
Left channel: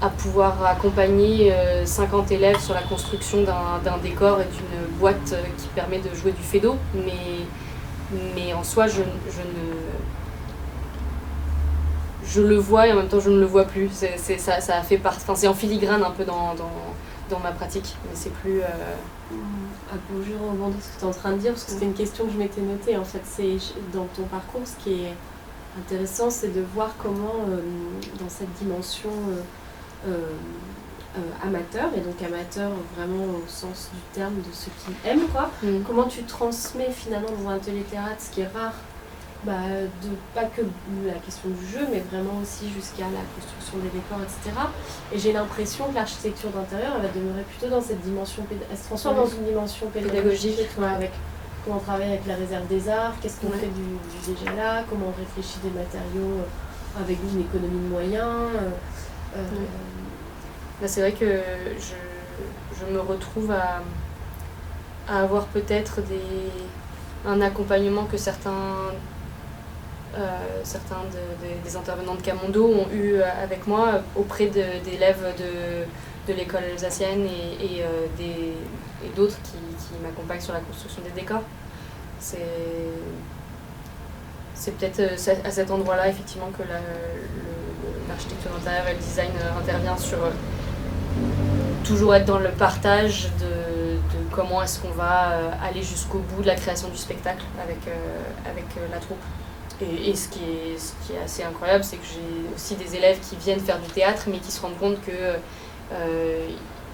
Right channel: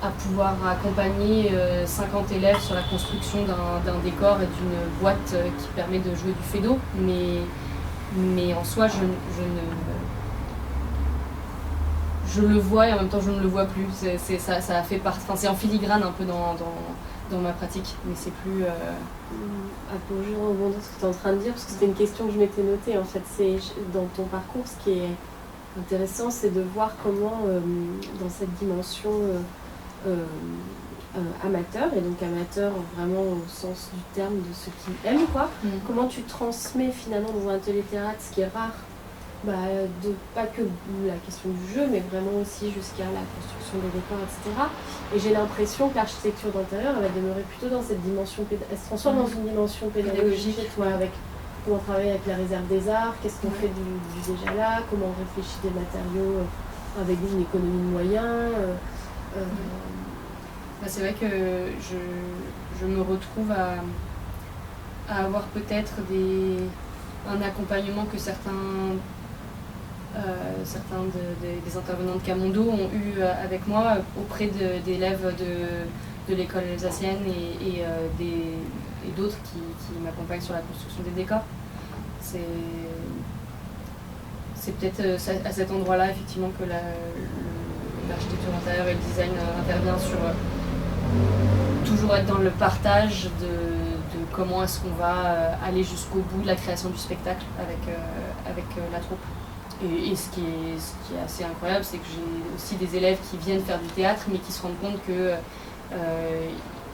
à pouvoir accompagner 50 élèves sur la construction d'un décor et d'une boîte qui permet de jouer du fée d'eau, mais en soi je le vois et en même temps je ne le vois plus. Ça a fait c'est en filigrane un peu dans ma pratique, mais c'est plus... Pour juste rebondir sur ce que tu es en train de dire, parce que c'était une question que je m'étais notée, en fait, c'est dans ton parcours, ce qui est intéressant, c'est de voir comment, dans cette dimension amateur, et donc amateur vraiment au sens du terme de ceux qui aiment, quoi, comment tu transmets finalement dans un atelier théâtre, ce qui est rare, pas que la question du jeu, mais vraiment aussi jusqu'à la construction des décors, etc. Et j'ai l'impression que l'architecture d'intérieur, elle va demeurer plutôt dans cette dimension, elle se transforme dans une dimension pédagogique, avec comment on travaille avec la réserve des arts, qu'est-ce qu'on fait du déjà là, comment on réfléchit des matériaux avec une économie de moyens. C'est vrai que je me retrouve à avoir peut-être un accompagnement que certains des intervenants de Camondo ont eu avec moi auprès d'élèves de l'école alsacienne et d'autres qui m'accompagnent sur la construction des décors. C'est peut-être à cet endroit-là effectivement que l'architecture d'intérieur et le design intervient sur toujours être dans le partage de comment est-ce qu'on va aller jusqu'au bout de la création du spectacle avec la troupe. Et ce qui est assez incroyable, c'est que j'ai aussi des élèves qui viennent faire du théâtre, mais qui se rendent compte que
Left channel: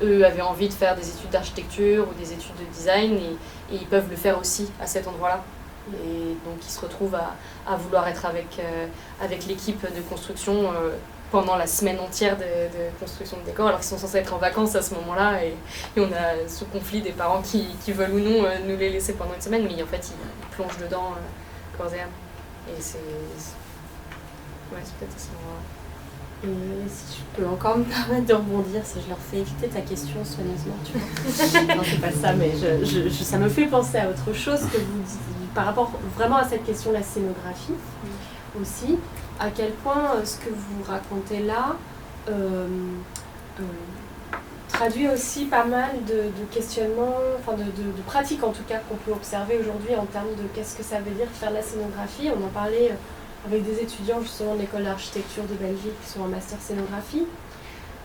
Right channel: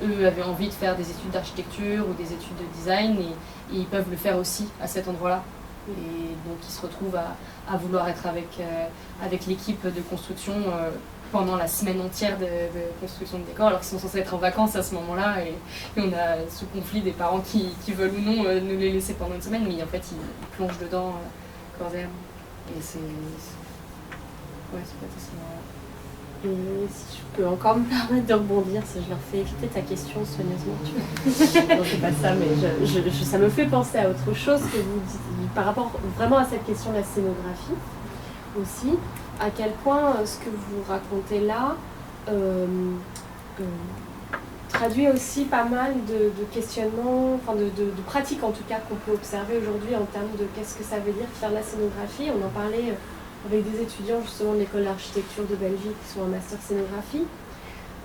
eux avaient envie de faire des études d'architecture ou des études de design, et ils peuvent le faire aussi à cet endroit-là. Et donc ils se retrouvent à vouloir être avec l'équipe de construction pendant la semaine entière de construction de décor, alors qu'ils sont censés être en vacances à ce moment-là, et on a ce conflit des parents qui veulent ou non nous les laisser pendant une semaine, mais en fait ils plongent dedans corps et âme. Et c'est peut-être à ce moment-là. Et si je peux encore me permettre de rebondir, si je leur fais éviter ta question soigneusement, tu vois. Non, c'est pas ça, mais ça me fait penser à autre chose que vous dites, par rapport vraiment à cette question de la scénographie aussi, à quel point ce que vous racontez là traduit aussi pas mal de questionnements, enfin de pratiques en tout cas qu'on peut observer aujourd'hui en termes de qu'est-ce que ça veut dire faire de la scénographie. On en parlait avec des étudiants justement de l'école d'architecture de Belgique qui sont en master scénographie.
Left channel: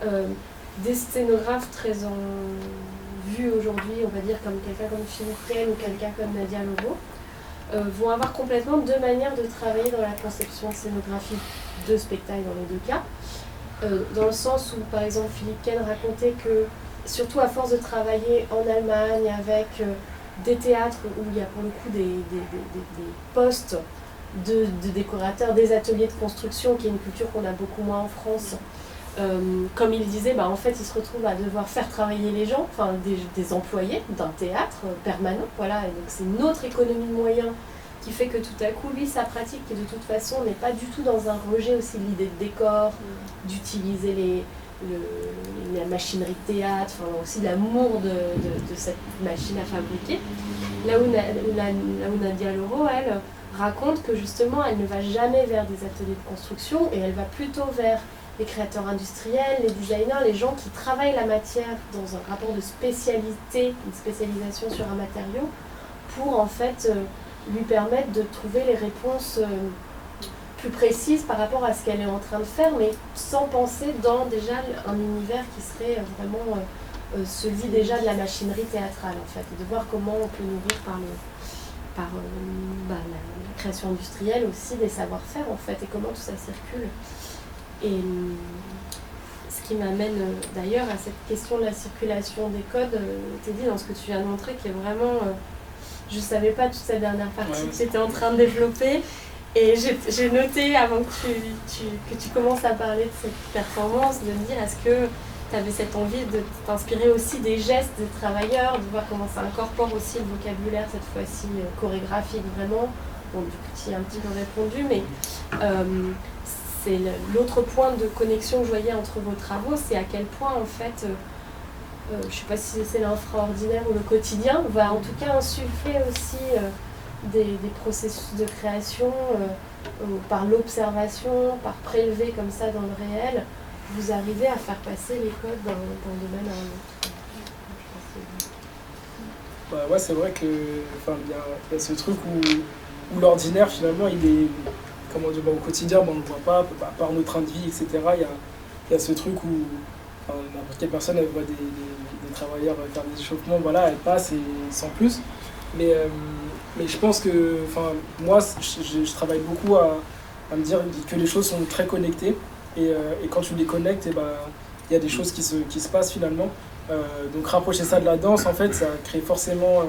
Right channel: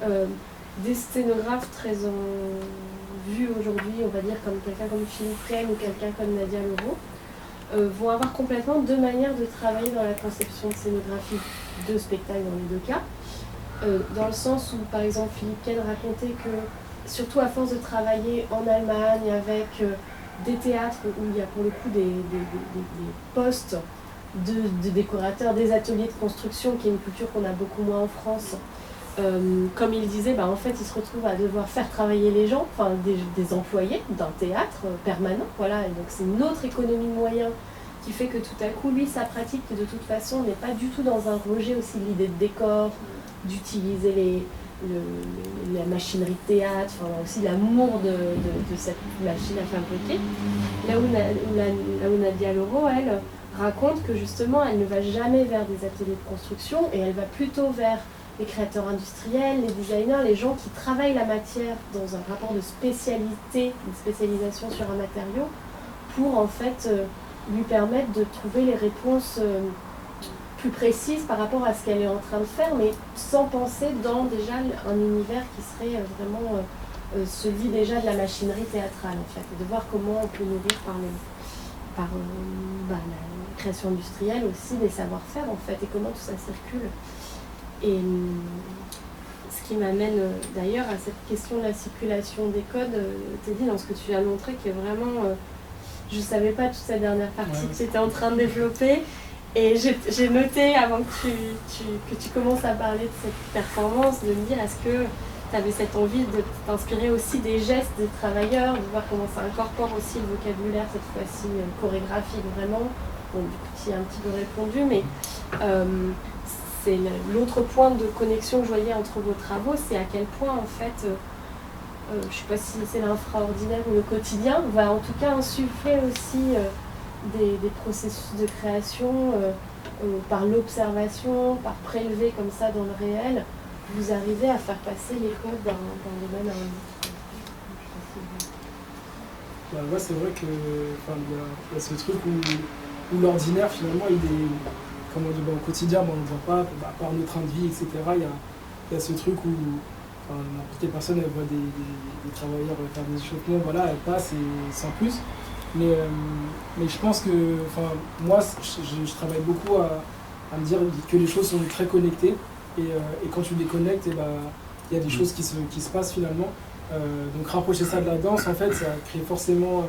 Il des scénographes très en vue aujourd'hui, on va dire comme quelqu'un comme Philippe Ken ou quelqu'un comme Nadia Loro, vont avoir complètement deux manières de travailler dans la conception de scénographie de spectacle dans les deux cas. Dans le sens où, par exemple, Philippe Ken racontait que, surtout à force de travailler en Allemagne avec des théâtres où il y a pour le coup des postes de décorateurs, des ateliers de construction, qui est une culture qu'on a beaucoup moins en France. Comme il disait, en fait, il se retrouve à devoir faire travailler les gens, enfin des employés d'un théâtre permanent, voilà. Et donc c'est une autre économie de moyens qui fait que tout à coup, lui, sa pratique, qui de toute façon n'est pas du tout dans un rejet aussi de l'idée de décor, d'utiliser la machinerie de théâtre, enfin aussi l'amour de cette machine à fabriquer. Là où Nadia Loro, elle, raconte que justement, elle ne va jamais vers des ateliers de construction et elle va plutôt vers les créateurs industriels, les designers, les gens qui travaillent la matière dans un rapport de spécialité, une spécialisation sur un matériau, pour en fait lui permettre de trouver les réponses plus précises par rapport à ce qu'elle est en train de faire, mais sans penser dans déjà un univers qui serait vraiment celui déjà de la machinerie théâtrale en fait, et de voir comment on peut nourrir par la création industrielle aussi des savoir-faire en fait, et comment tout ça circule. Et ce qui m'amène d'ailleurs à cette question de la circulation des codes, Teddy, dans ce que tu viens de montrer, qui est vraiment... je ne savais pas toute cette dernière partie que tu étais en train de développer. Et j'ai noté, avant que tu commences à parler de cette performance, de me dire, est-ce que tu avais cette envie de t'inspirer aussi des gestes des travailleurs, de voir comment ça incorpore aussi le vocabulaire, cette fois-ci chorégraphique vraiment. Bon, du coup, tu y as un petit peu répondu, mais c'est l'autre point de connexion que je voyais entre vos travaux, c'est à quel point, en fait, je ne sais pas si c'est l'infraordinaire ou le quotidien, va en tout cas insuffler aussi des processus de création par l'observation, par prélever comme ça dans le réel. Vous arrivez à faire passer les codes d'un domaine à un autre. Ouais, c'est vrai que y a ce truc où l'ordinaire, finalement, il est, comment dire, au quotidien, on ne le voit pas, par nos trains de vie, etc. Il y a ce truc où n'importe quelle personne, elle voit des travailleurs faire des échauffements, voilà, elle passe et sans plus. Mais je pense que, moi, je travaille beaucoup à me dire que les choses sont très connectées. Et quand tu les connectes, il y a des choses qui se passent finalement. Donc rapprocher ça de la danse, en fait, ça crée forcément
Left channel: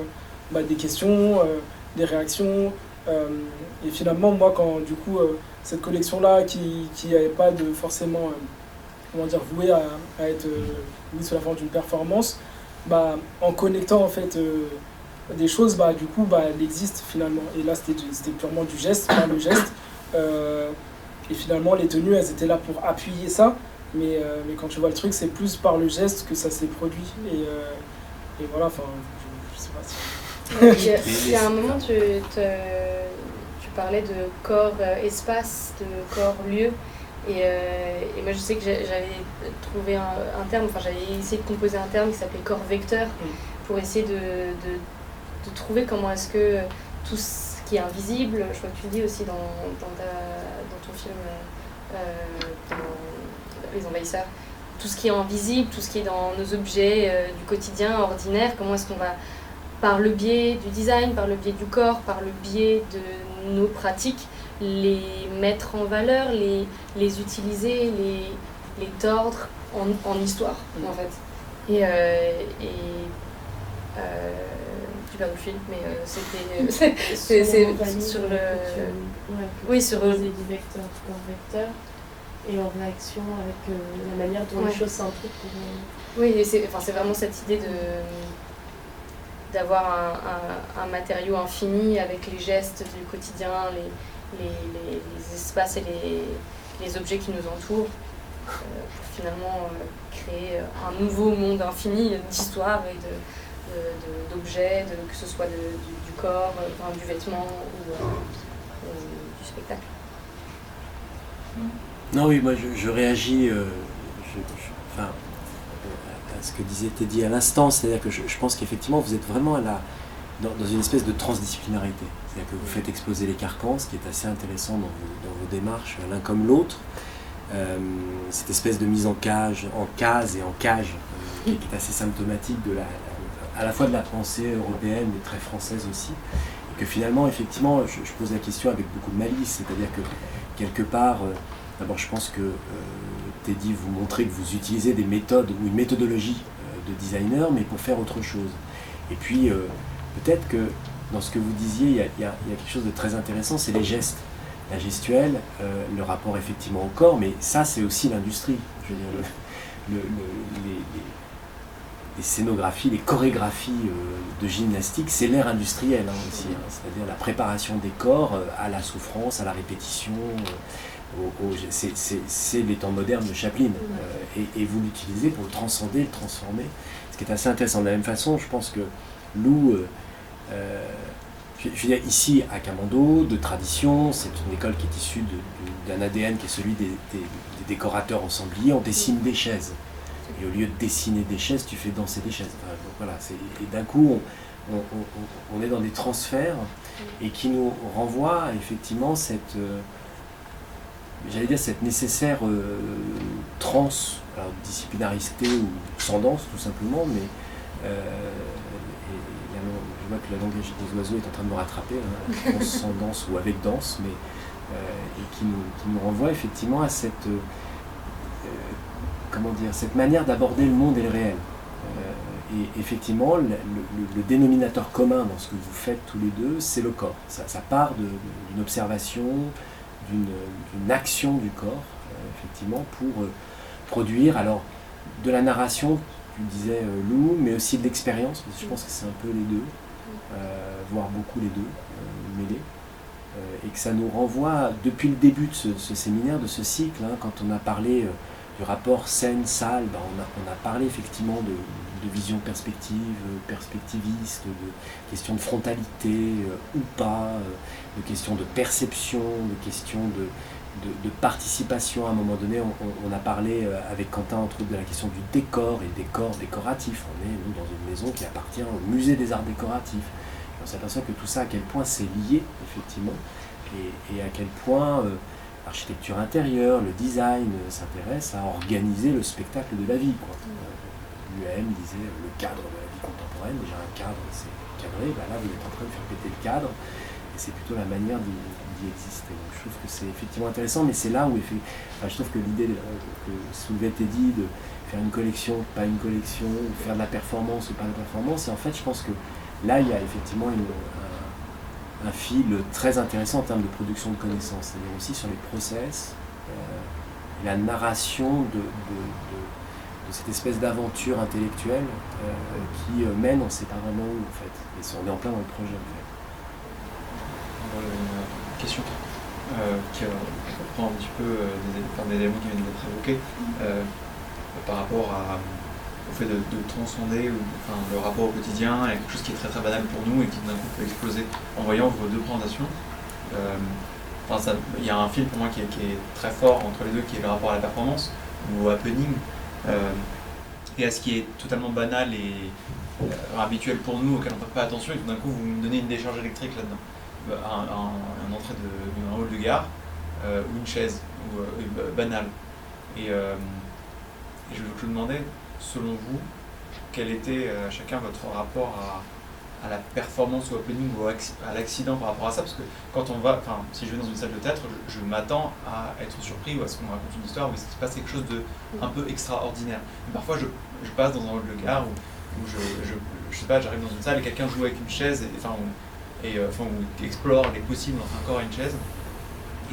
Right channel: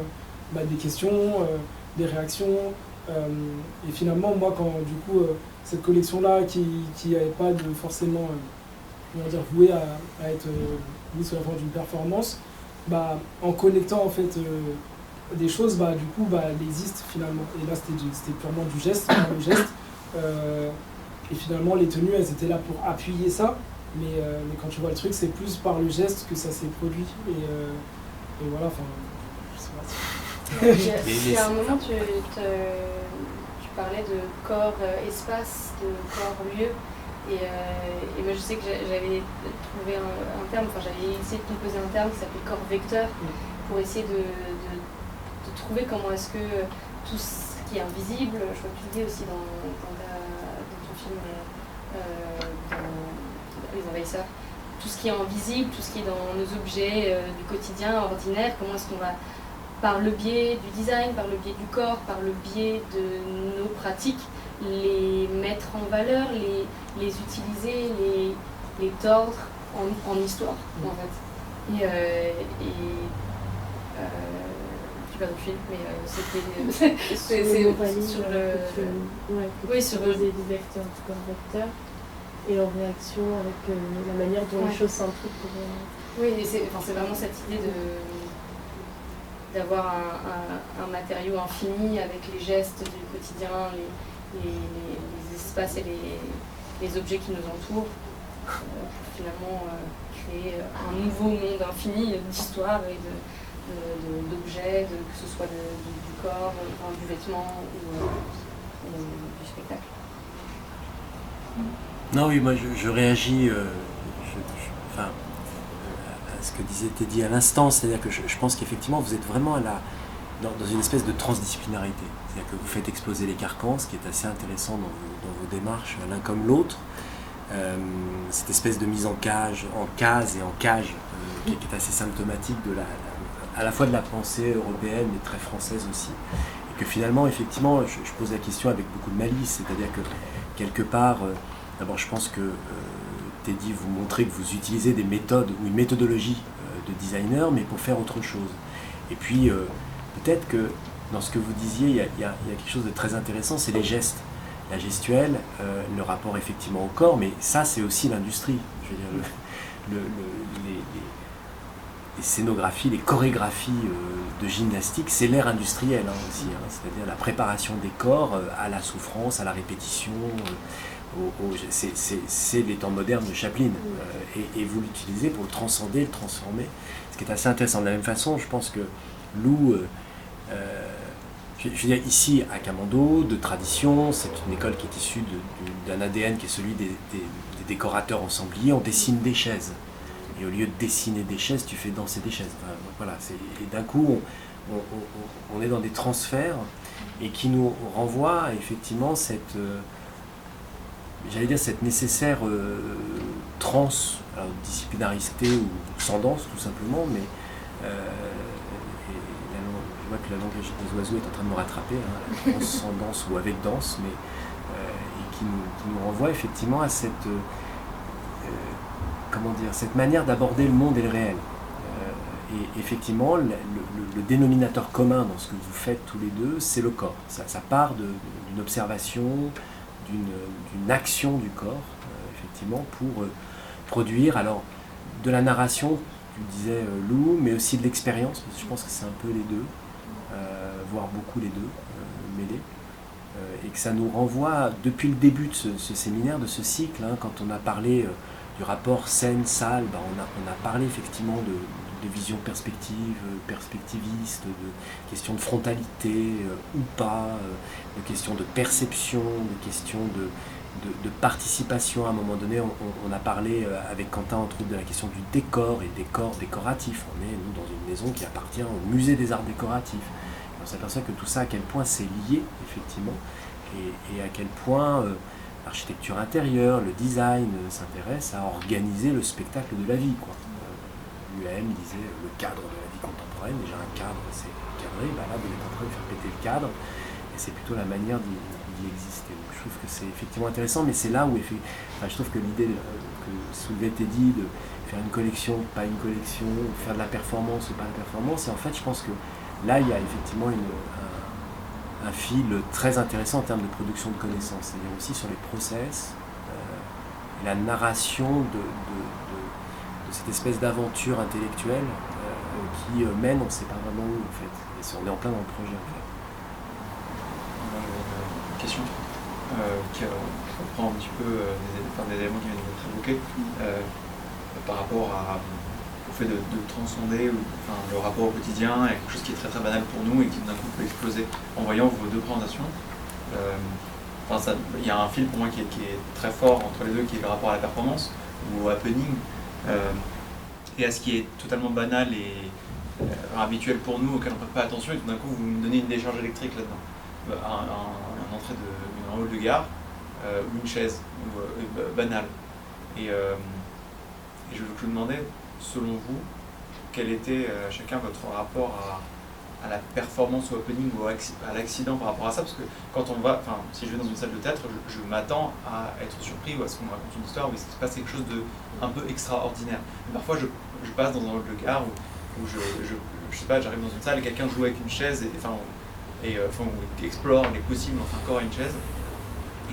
des questions, des réactions. Et finalement, moi, quand du coup, cette collection-là, qui n'avait pas de forcément, vouée à être mise sous la forme d'une performance, en connectant en fait des choses, du coup, elle existe finalement. Et là, c'était purement du geste, par le geste. Et finalement, les tenues, elles étaient là pour appuyer ça. Mais quand tu vois le truc, c'est plus par le geste que ça s'est produit. Et voilà, je sais pas si... Il y a un moment, tu parlais de corps-espace, de corps-lieu. Et moi, je sais que j'avais trouvé un terme, j'avais essayé de composer un terme qui s'appelait corps-vecteur, pour essayer de trouver comment est-ce que tout ce qui est invisible, je crois que tu le dis aussi dans ton film, dans Les Envahisseurs, tout ce qui est invisible, tout ce qui est dans nos objets du quotidien, ordinaire, comment est-ce qu'on va, par le biais du design, par le biais du corps, par le biais de nos pratiques, les mettre en valeur, les utiliser, les tordre en histoire, en fait. Tu parles de film, mais c'est sur le... Oui, sur le du vecteur, du corps vecteur, et en réaction avec la manière dont les choses s'impliquent pour... Oui, c'est vraiment cette idée d'avoir un matériau infini avec les gestes du quotidien, les espaces et les objets qui nous entourent, pour finalement créer un nouveau monde infini d'histoire et d'objets, que ce soit du corps, du vêtement ou du spectacle. Non, oui, moi je réagis à ce que disait Teddy à l'instant, c'est-à-dire que je pense qu'effectivement vous êtes vraiment dans une espèce de transdisciplinarité. C'est-à-dire que vous faites exposer les carcans, ce qui est assez intéressant dans vos démarches, l'un comme l'autre. cette espèce de mise en case et en cage qui est assez symptomatique à la fois de la pensée européenne mais très française aussi. Et que finalement, effectivement, je pose la question avec beaucoup de malice, c'est-à-dire que quelque part, d'abord je pense que Teddy, vous montrez que vous utilisez des méthodes ou une méthodologie de designer, mais pour faire autre chose. Et puis, peut-être que dans ce que vous disiez, il y a quelque chose de très intéressant, c'est les gestes. La gestuelle, le rapport effectivement au corps, mais ça c'est aussi l'industrie. Les scénographies, les chorégraphies de gymnastique, c'est l'ère industrielle aussi, c'est-à-dire la préparation des corps à la souffrance, à la répétition. C'est les temps modernes de Chaplin. Et vous l'utilisez pour le transcender, le transformer. Ce qui est assez intéressant. De la même façon, je pense que Lou, je viens ici à Camondo, de tradition, c'est une école qui est issue d'un ADN qui est celui des décorateurs ensembliers. On dessine des chaises. Et au lieu de dessiner des chaises, tu fais danser des chaises. Voilà, et d'un coup, on est dans des transferts et qui nous renvoient effectivement cette nécessaire transdisciplinarité ou transcendance tout simplement. Mais, je vois que le langage des oiseaux est en train de me rattraper, sans danse ou avec danse, mais qui nous renvoie effectivement à cette manière d'aborder le monde et le réel. Et effectivement, le dénominateur commun dans ce que vous faites tous les deux, c'est le corps. Ça part d'une observation, d'une action du corps, effectivement, pour produire alors de la narration, je disais Lou, mais aussi de l'expérience, parce que je pense que c'est un peu les deux, voire beaucoup les deux, mêlés. Et que ça nous renvoie, depuis le début de ce séminaire, de ce cycle, quand on a parlé du rapport scène-salle, on a parlé effectivement de vision perspectiviste, de questions de frontalité ou pas, de questions de perception, de questions de participation. À un moment donné, on a parlé avec Quentin entre autres de la question du décor et décor décoratif. On est nous, dans une maison qui appartient au musée des arts décoratifs. On s'aperçoit que tout ça, à quel point c'est lié, effectivement, et à quel point l'architecture intérieure, le design s'intéresse à organiser le spectacle de la vie. Lui-même disait le cadre de la vie contemporaine, déjà un cadre, c'est cadré, voilà, le cadre, et c'est plutôt la manière d'y exister. Je trouve que c'est effectivement intéressant, mais c'est là où je trouve que l'idée, ce qui a été dit, de faire une collection, pas une collection, de faire de la performance ou pas de la performance, en fait, je pense que là, il y a effectivement un fil très intéressant en termes de production de connaissances, mais aussi sur le process, la narration de cette espèce d'aventure intellectuelle qui mène, on ne sait pas vraiment où, en fait, et si on est en plein dans le projet. Une question qui reprend un petit peu un élément qu'on a évoqué par rapport au fait de transcender le rapport au quotidien avec quelque chose qui est très, très banal pour nous et qui nous a fait exploser en voyant vos deux transitions. Il y a un film pour moi qui est très fort entre les deux, qui est le rapport à la performance ou à Penning, et à ce qui est totalement banal et habituel pour nous, auquel on ne fait pas attention, et tout d'un coup vous nous donnez une décharge électrique, un rôle de gare ou une chaise banale. Et je vous demandais, selon vous, quel était chacun votre rapport à la performance ou au planning ou à l'accident par rapport à ça, parce que quand on va, si je vais dans une salle de théâtre, je m'attends à être surpris ou à ce qu'on raconte une histoire, mais c'est pas quelque chose de un peu extraordinaire. Parfois je passe dans un regard où je sais pas, j'arrive dans une salle et quelqu'un joue avec une chaise et on explore les possibles en rapport à une chaise.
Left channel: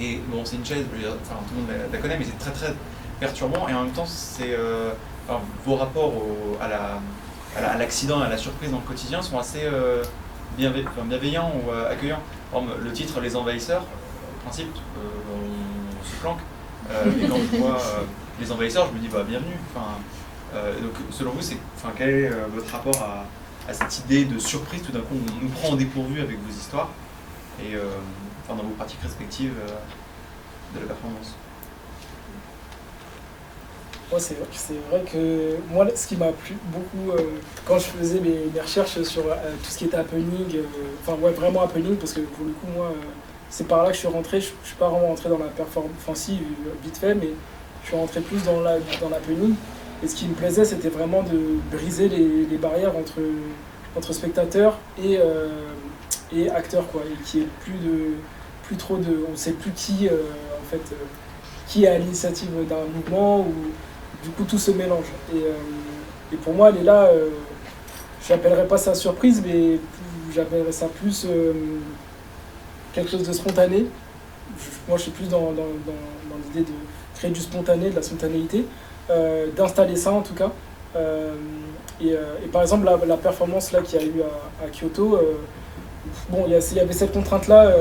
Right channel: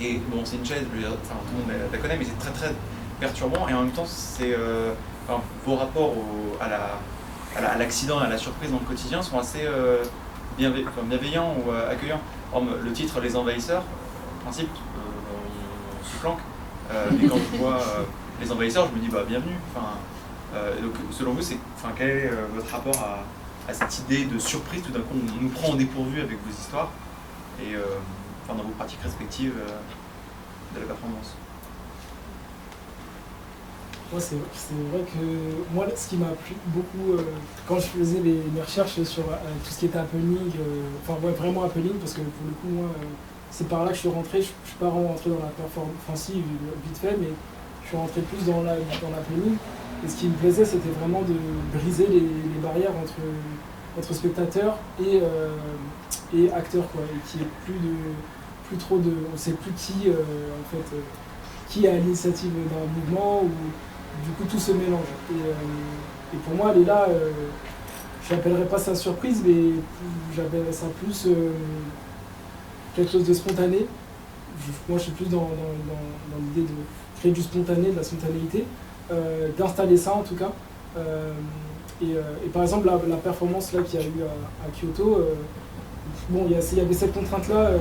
Et bon, c'est une chaise, on la connaît, mais c'est très très perturbant, et en même temps c'est vos rapports à l'accident, à la surprise dans le quotidien sont assez bienveillants ou accueillants. Le titre Les Envahisseurs, en principe, on se flanque. Les Envahisseurs, je me dis bienvenue. Donc selon vous, quel est votre rapport à cette idée de surprise? Tout d'un coup, on nous prend dépourvu avec des histoires et dans vos perspectives de la performance. Moi, c'est vrai que moi, ce qui m'a plu beaucoup quand je faisais mes recherches sur tout ce qui était happening, vraiment happening, parce que pour le coup, moi, c'est par là que je suis rentré. Je suis pas vraiment rentré dans la performance, enfin si, vite fait, mais je suis rentré plus dans l'happening. Et ce qui me plaisait, c'était vraiment de briser les barrières entre spectateurs et acteurs, quoi. Et qu'il n'y ait plus trop de... On ne sait plus qui, qui est à l'initiative d'un mouvement, ou du coup tout se mélange. Et pour moi, elle est là, je n'appellerais pas ça surprise, mais j'appellerais ça plus quelque chose de spontané. Moi, je suis plus dans l'idée de créer du spontané, de la spontanéité, d'installer ça en tout cas. Et par exemple, la performance là qu'il y a eu à Kyoto, bon, il y avait cette contrainte-là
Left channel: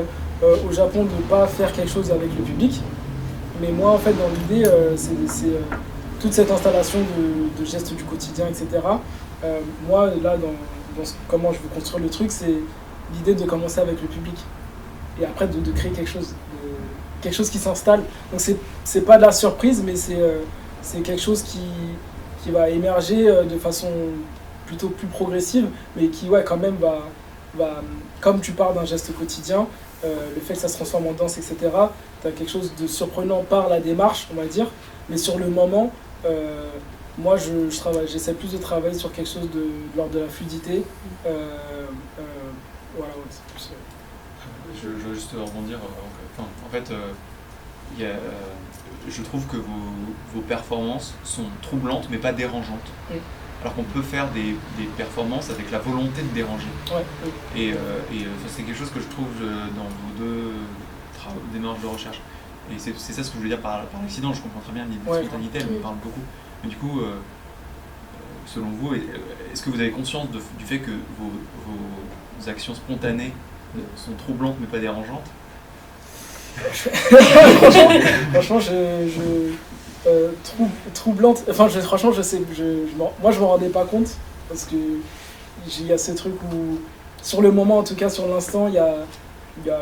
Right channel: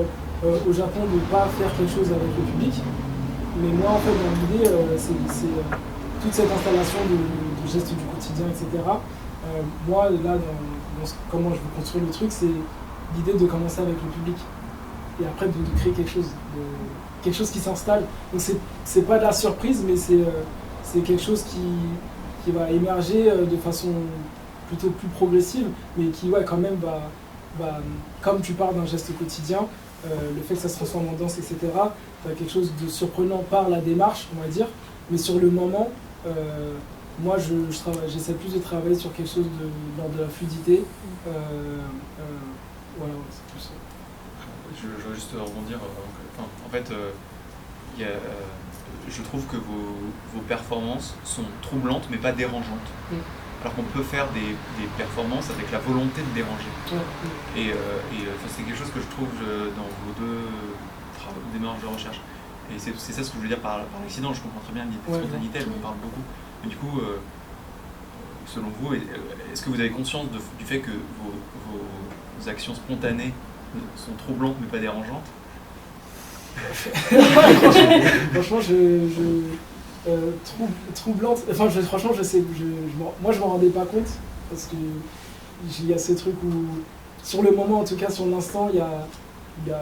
au Japon de ne pas faire quelque chose avec le public. Mais moi, en fait, dans l'idée, c'est toute cette installation de gestes du quotidien, etc. Moi, là, dans comment je veux construire le truc, c'est l'idée de commencer avec le public. Et après, de créer quelque chose qui s'installe. Donc, c'est pas de la surprise, mais c'est quelque chose qui va émerger de façon plutôt plus progressive, mais qui, ouais, quand même, va comme tu parles d'un geste quotidien, le fait que ça se transforme en danse, etc., tu as quelque chose de surprenant par la démarche, on va dire, mais sur le moment, moi, j'essaie plus de travailler sur quelque chose de l'ordre de la fluidité. Voilà, ouais, c'est plus... Je veux juste rebondir. En fait, je trouve que vos performances sont troublantes, mais pas dérangeantes. Par contre, on peut faire des performances avec la volonté de déranger. Ouais. Et c'est quelque chose que je trouve dans vos deux marges de recherche. Et c'est ça ce que je voulais dire par là. Sinon, je comprends très bien l'idée. Et du coup, selon vous, est-ce que vous avez conscience du fait que vos actions spontanées sont troublantes mais pas dérangeantes? Franchement, troublante. Enfin, franchement, je sais, moi, je m'en rendais pas compte parce que il y a ce truc où, sur le moment, en tout cas, sur l'instant, il y a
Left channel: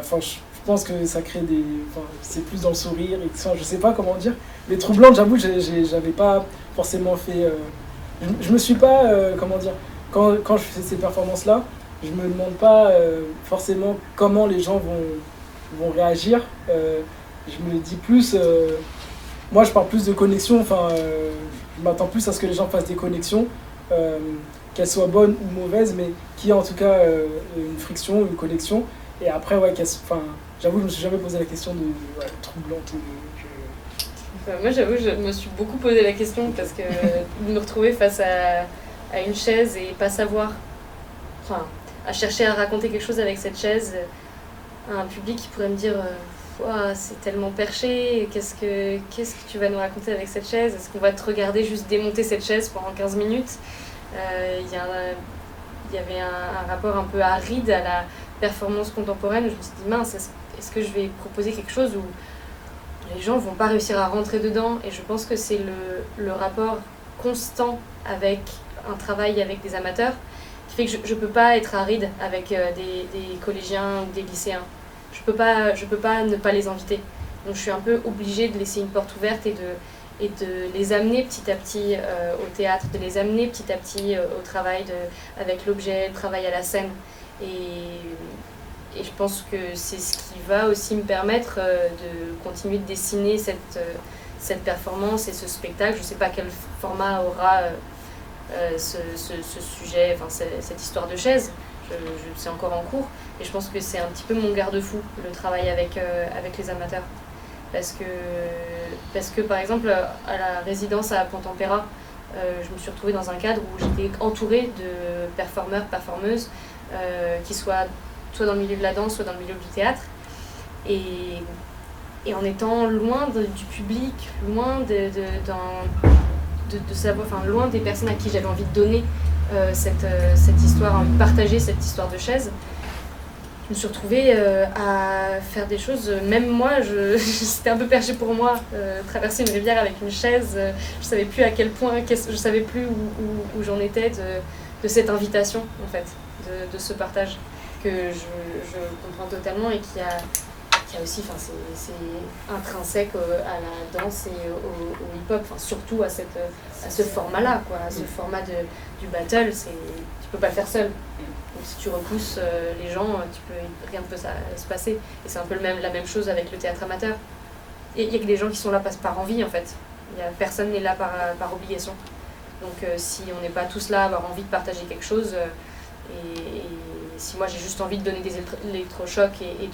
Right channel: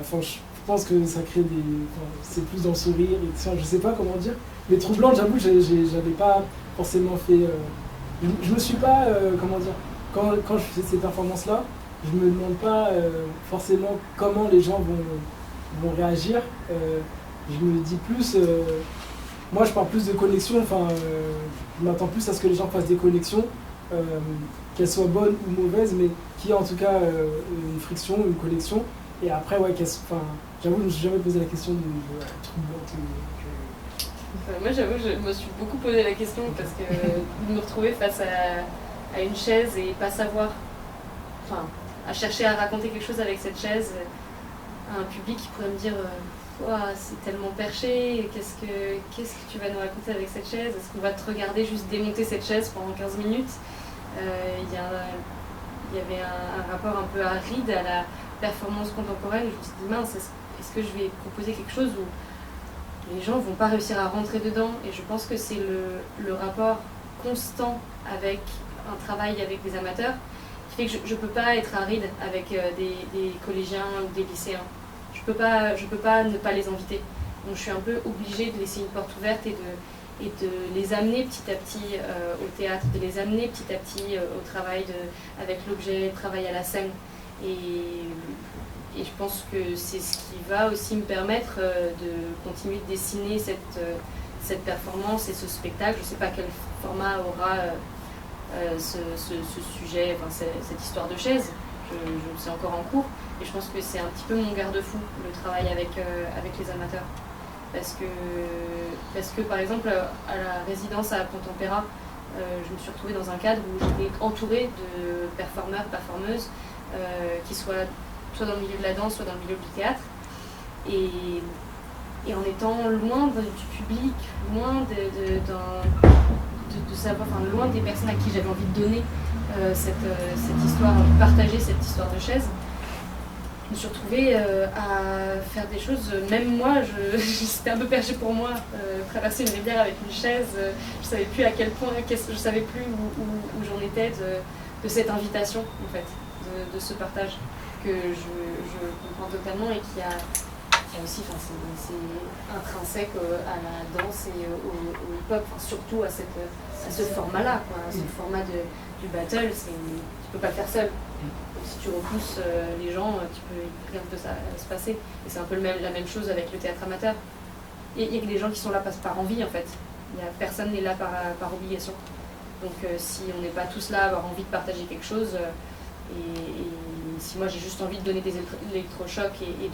enfin, je pense que ça crée des, enfin, c'est plus dans le sourire. Et, enfin, je sais pas comment dire, mais troublante, j'avoue, j'avais pas forcément fait. Je me suis pas, comment dire, quand je fais ces performances-là, je me demande pas forcément comment les gens vont réagir. Je me dis plus, moi je parle plus de connexion, enfin je m'attends plus à ce que les gens fassent des connexions, qu'elles soient bonnes ou mauvaises, mais qu'il y ait en tout cas une friction, une connexion. Et après, ouais, j'avoue, je me suis jamais posé la question de troublante. Moi j'avoue, je me suis beaucoup posé la question parce que de me retrouver face à une chaise et pas savoir, enfin, à chercher à raconter quelque chose avec cette chaise, à un public qui pourrait me dire c'est tellement perché, qu'est-ce que tu vas nous raconter avec cette chaise? Est-ce qu'on va te regarder juste démonter cette chaise pendant 15 minutes? Il y avait un rapport un peu aride à la performance contemporaine. Je me suis dit, mince, est-ce que je vais proposer quelque chose où les gens vont pas réussir à rentrer dedans? Et je pense que c'est le rapport constant avec un travail avec des amateurs qui fait que je peux pas être aride avec des collégiens ou des lycéens. Je peux pas ne pas les inviter. Donc je suis un peu obligée de laisser une porte ouverte et de les amener petit à petit au théâtre, de les amener petit à petit au travail avec l'objet, le travail à la scène. Et je pense que c'est ce qui va aussi me permettre de continuer de dessiner cette performance et ce spectacle. Je ne sais pas quel format aura ce sujet, enfin cette histoire de chaise. C'est encore en cours. Et je pense que c'est un petit peu mon garde-fou, le travail avec les amateurs. Parce que par exemple, à la résidence à Pont-Tempéra, je me suis retrouvée dans un cadre où j'étais entourée de performeurs, performeuses, qui soient soit dans le milieu de la danse, soit dans le milieu du théâtre. Et en étant loin du public, loin de savoir, enfin loin des personnes à qui j'avais envie de donner cette histoire, envie de partager cette histoire de chaise, je me suis retrouvée à faire des choses, même moi, c'était un peu perché pour moi, traverser une rivière avec une chaise, je savais plus à quel point, je savais plus où j'en étais de cette invitation, en fait, de ce partage que je comprends totalement et qui a aussi, enfin, c'est intrinsèque à la danse et au hip-hop, enfin, surtout à ce format-là, quoi, à ce format du battle, tu peux pas le faire seul. Donc, si tu repousses les gens, rien ne peut se passer. Et c'est un peu la même chose avec le théâtre amateur. Il y a que des gens qui sont là par envie, en fait. Personne n'est là par obligation. Donc si on n'est pas tous là à avoir envie de partager quelque chose, et si moi j'ai juste envie de donner des électrochocs et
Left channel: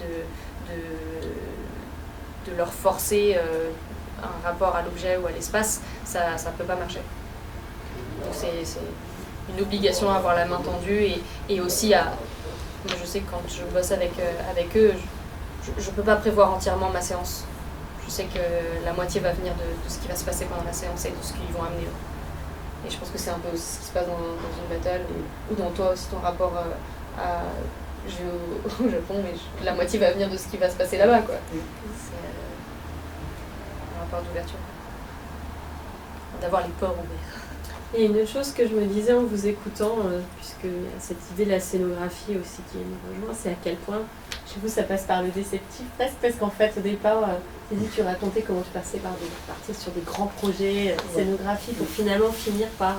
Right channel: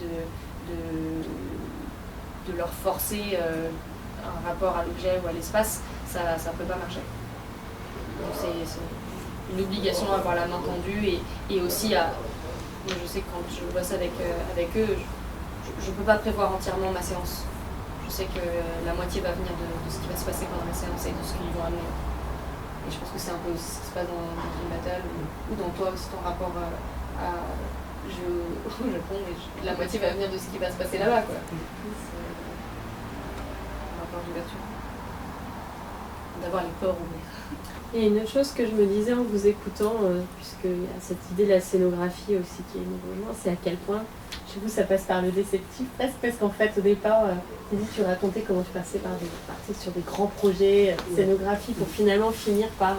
de leur forcer un rapport à l'objet ou à l'espace, ça peut pas marcher. Donc c'est une obligation à avoir la main tendue et aussi à... Moi je sais que quand je bosse avec eux, je peux pas prévoir entièrement ma séance. Je sais que la moitié va venir de ce qui va se passer pendant la séance et de ce qu'ils vont amener eux. Et je pense que c'est un peu aussi ce qui se passe dans une battle ou dans toi aussi ton rapport au Japon, mais la moitié va venir de ce qui va se passer là-bas, quoi. C'est un rapport d'ouverture. D'avoir les ports ouverts. Et une autre chose que je me disais en vous écoutant, puisqu'il y a cette idée de la scénographie aussi qui nous rejoint, c'est à quel point, chez vous, ça passe par le déceptif presque, parce qu'en fait, au départ, tu racontais comment tu passais partais sur des grands projets de scénographie pour finalement finir par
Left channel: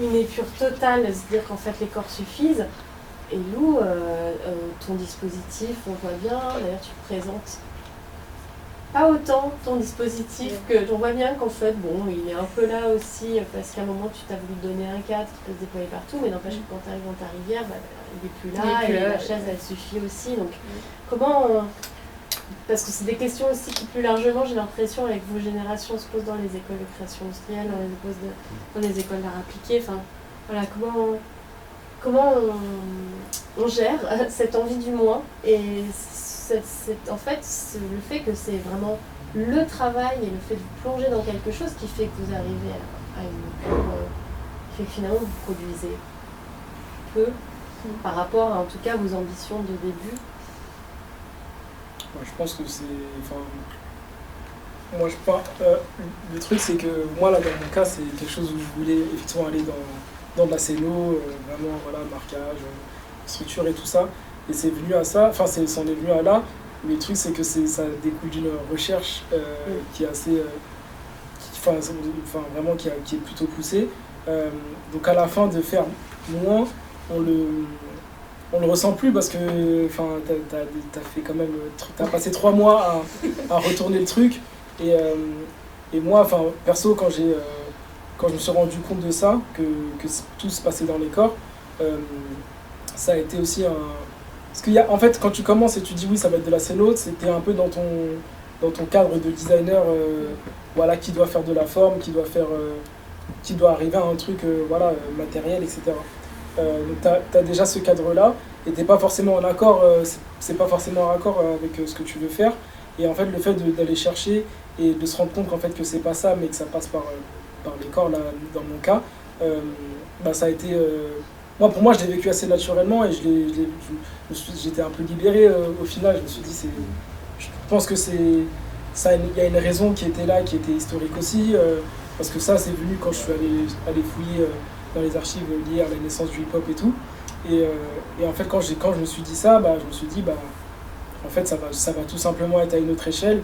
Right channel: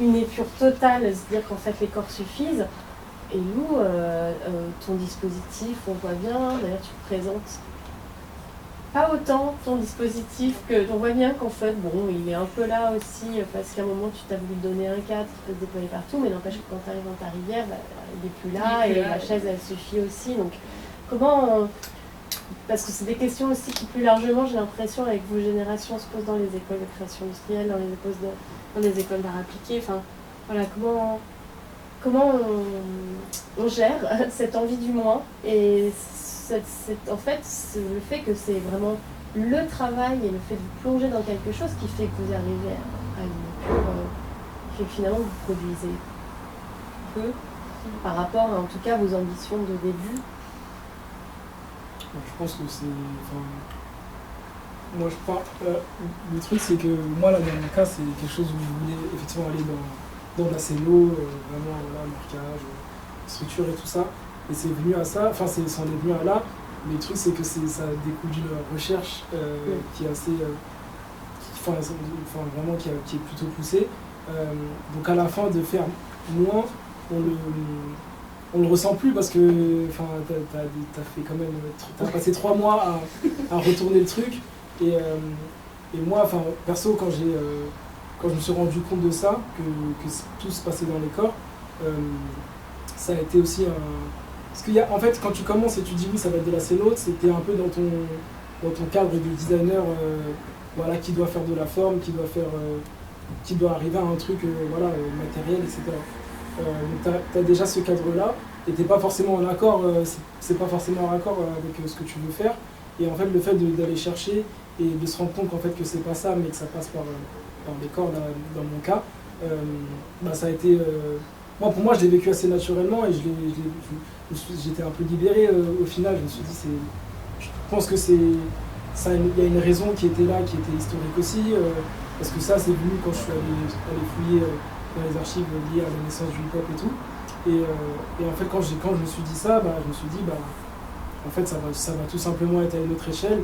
une épure totale, se dire qu'en fait les corps suffisent. Et Lou, ton dispositif, on voit bien, d'ailleurs tu présentes pas autant ton dispositif que on voit bien qu'en fait, bon, il est un peu là aussi, parce qu'à un moment tu t'as voulu te donner un cadre qui peut se déployer partout, mais n'empêche que quand tu arrives dans ta rivière, il est plus là, et la chaise elle suffit aussi. Donc comment parce que c'est des questions aussi qui plus largement, j'ai l'impression, avec vos générations, se posent dans les écoles de création industrielle, dans les écoles d'art appliqué. Enfin, voilà, comment on gère cette envie du moins et en fait, le fait que c'est vraiment le travail et le fait de vous plonger dans quelque chose qui fait que vous arrivez à une épure qui fait que finalement vous produisez peu par rapport à, en tout cas, vos ambitions de début. Moi, je pense que c'est... Moi, le truc, c'est que moi, là, dans mon cas, c'est quelque chose où je voulais effectivement aller dans de la scéno, vraiment, voilà, marquage, structure et tout ça. Et c'est venu à ça, enfin, c'en est venu à là. Mais le truc, c'est que ça découle d'une recherche qui est assez... vraiment, qui est plutôt poussée. Donc, à la fin, de faire moins, on le ressent plus parce que t'as fait quand même, t'as passé 3 mois à retourner le truc et moi, perso, quand je me suis rendu compte de ça, que tout se passait dans les corps, ça a été aussi parce qu'il y a, en fait, quand tu commences et tu dis oui, ça va être de la scéno, c'était un peu dans ton cadre de designer, voilà, qui doit faire de la forme, qui doit arriver à un truc, matériel, etc. Donc t'as déjà ce cadre-là, et t'es pas forcément en accord, c'est pas forcément en accord avec ce que tu veux faire. Et en fait, le fait d'aller chercher et de se rendre compte qu'en fait que c'est pas ça, mais que ça passe par les corps, là, dans mon cas, ça a été... pour moi, je l'ai vécu assez naturellement et j'étais un peu libéré au final. Je me suis dit, je pense que il y a une raison qui était là, qui était historique aussi, parce que ça, c'est venu quand je suis allé fouiller dans les archives liées à la naissance du hip-hop et tout. Et en fait, quand je me suis dit ça, je me suis dit, en fait, ça va tout simplement être à une autre échelle.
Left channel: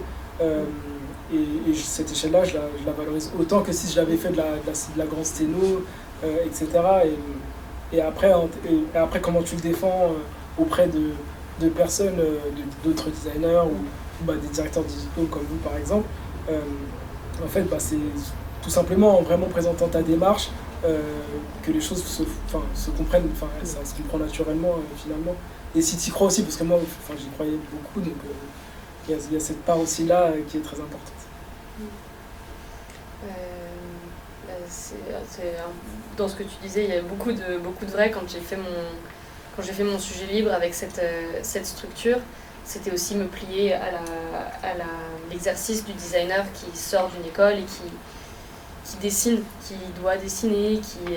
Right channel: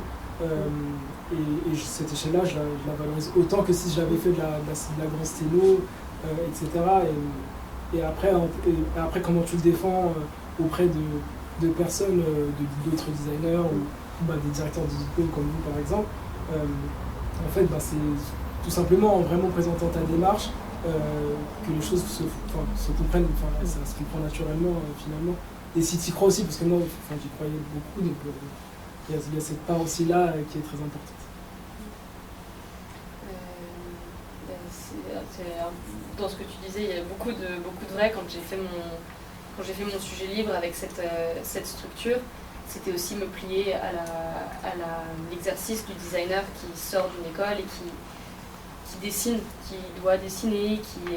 Et cette échelle-là, je la valorise autant que si je l'avais fait de la grande sténo, etc. Et après, comment tu le défends auprès de personnes, d'autres designers ou des directeurs digitaux comme vous, par exemple. En fait, c'est tout simplement en vraiment présentant ta démarche que les choses se comprennent, ça se comprend naturellement finalement. Et si tu y crois aussi, parce que moi, j'y croyais beaucoup, donc il y a cette part aussi là qui est très importante. Dans ce que tu disais, il y a beaucoup de vrai. Quand j'ai fait mon sujet libre avec cette structure, c'était aussi me plier à l'exercice du designer qui sort d'une école et qui dessine, qui doit dessiner, qui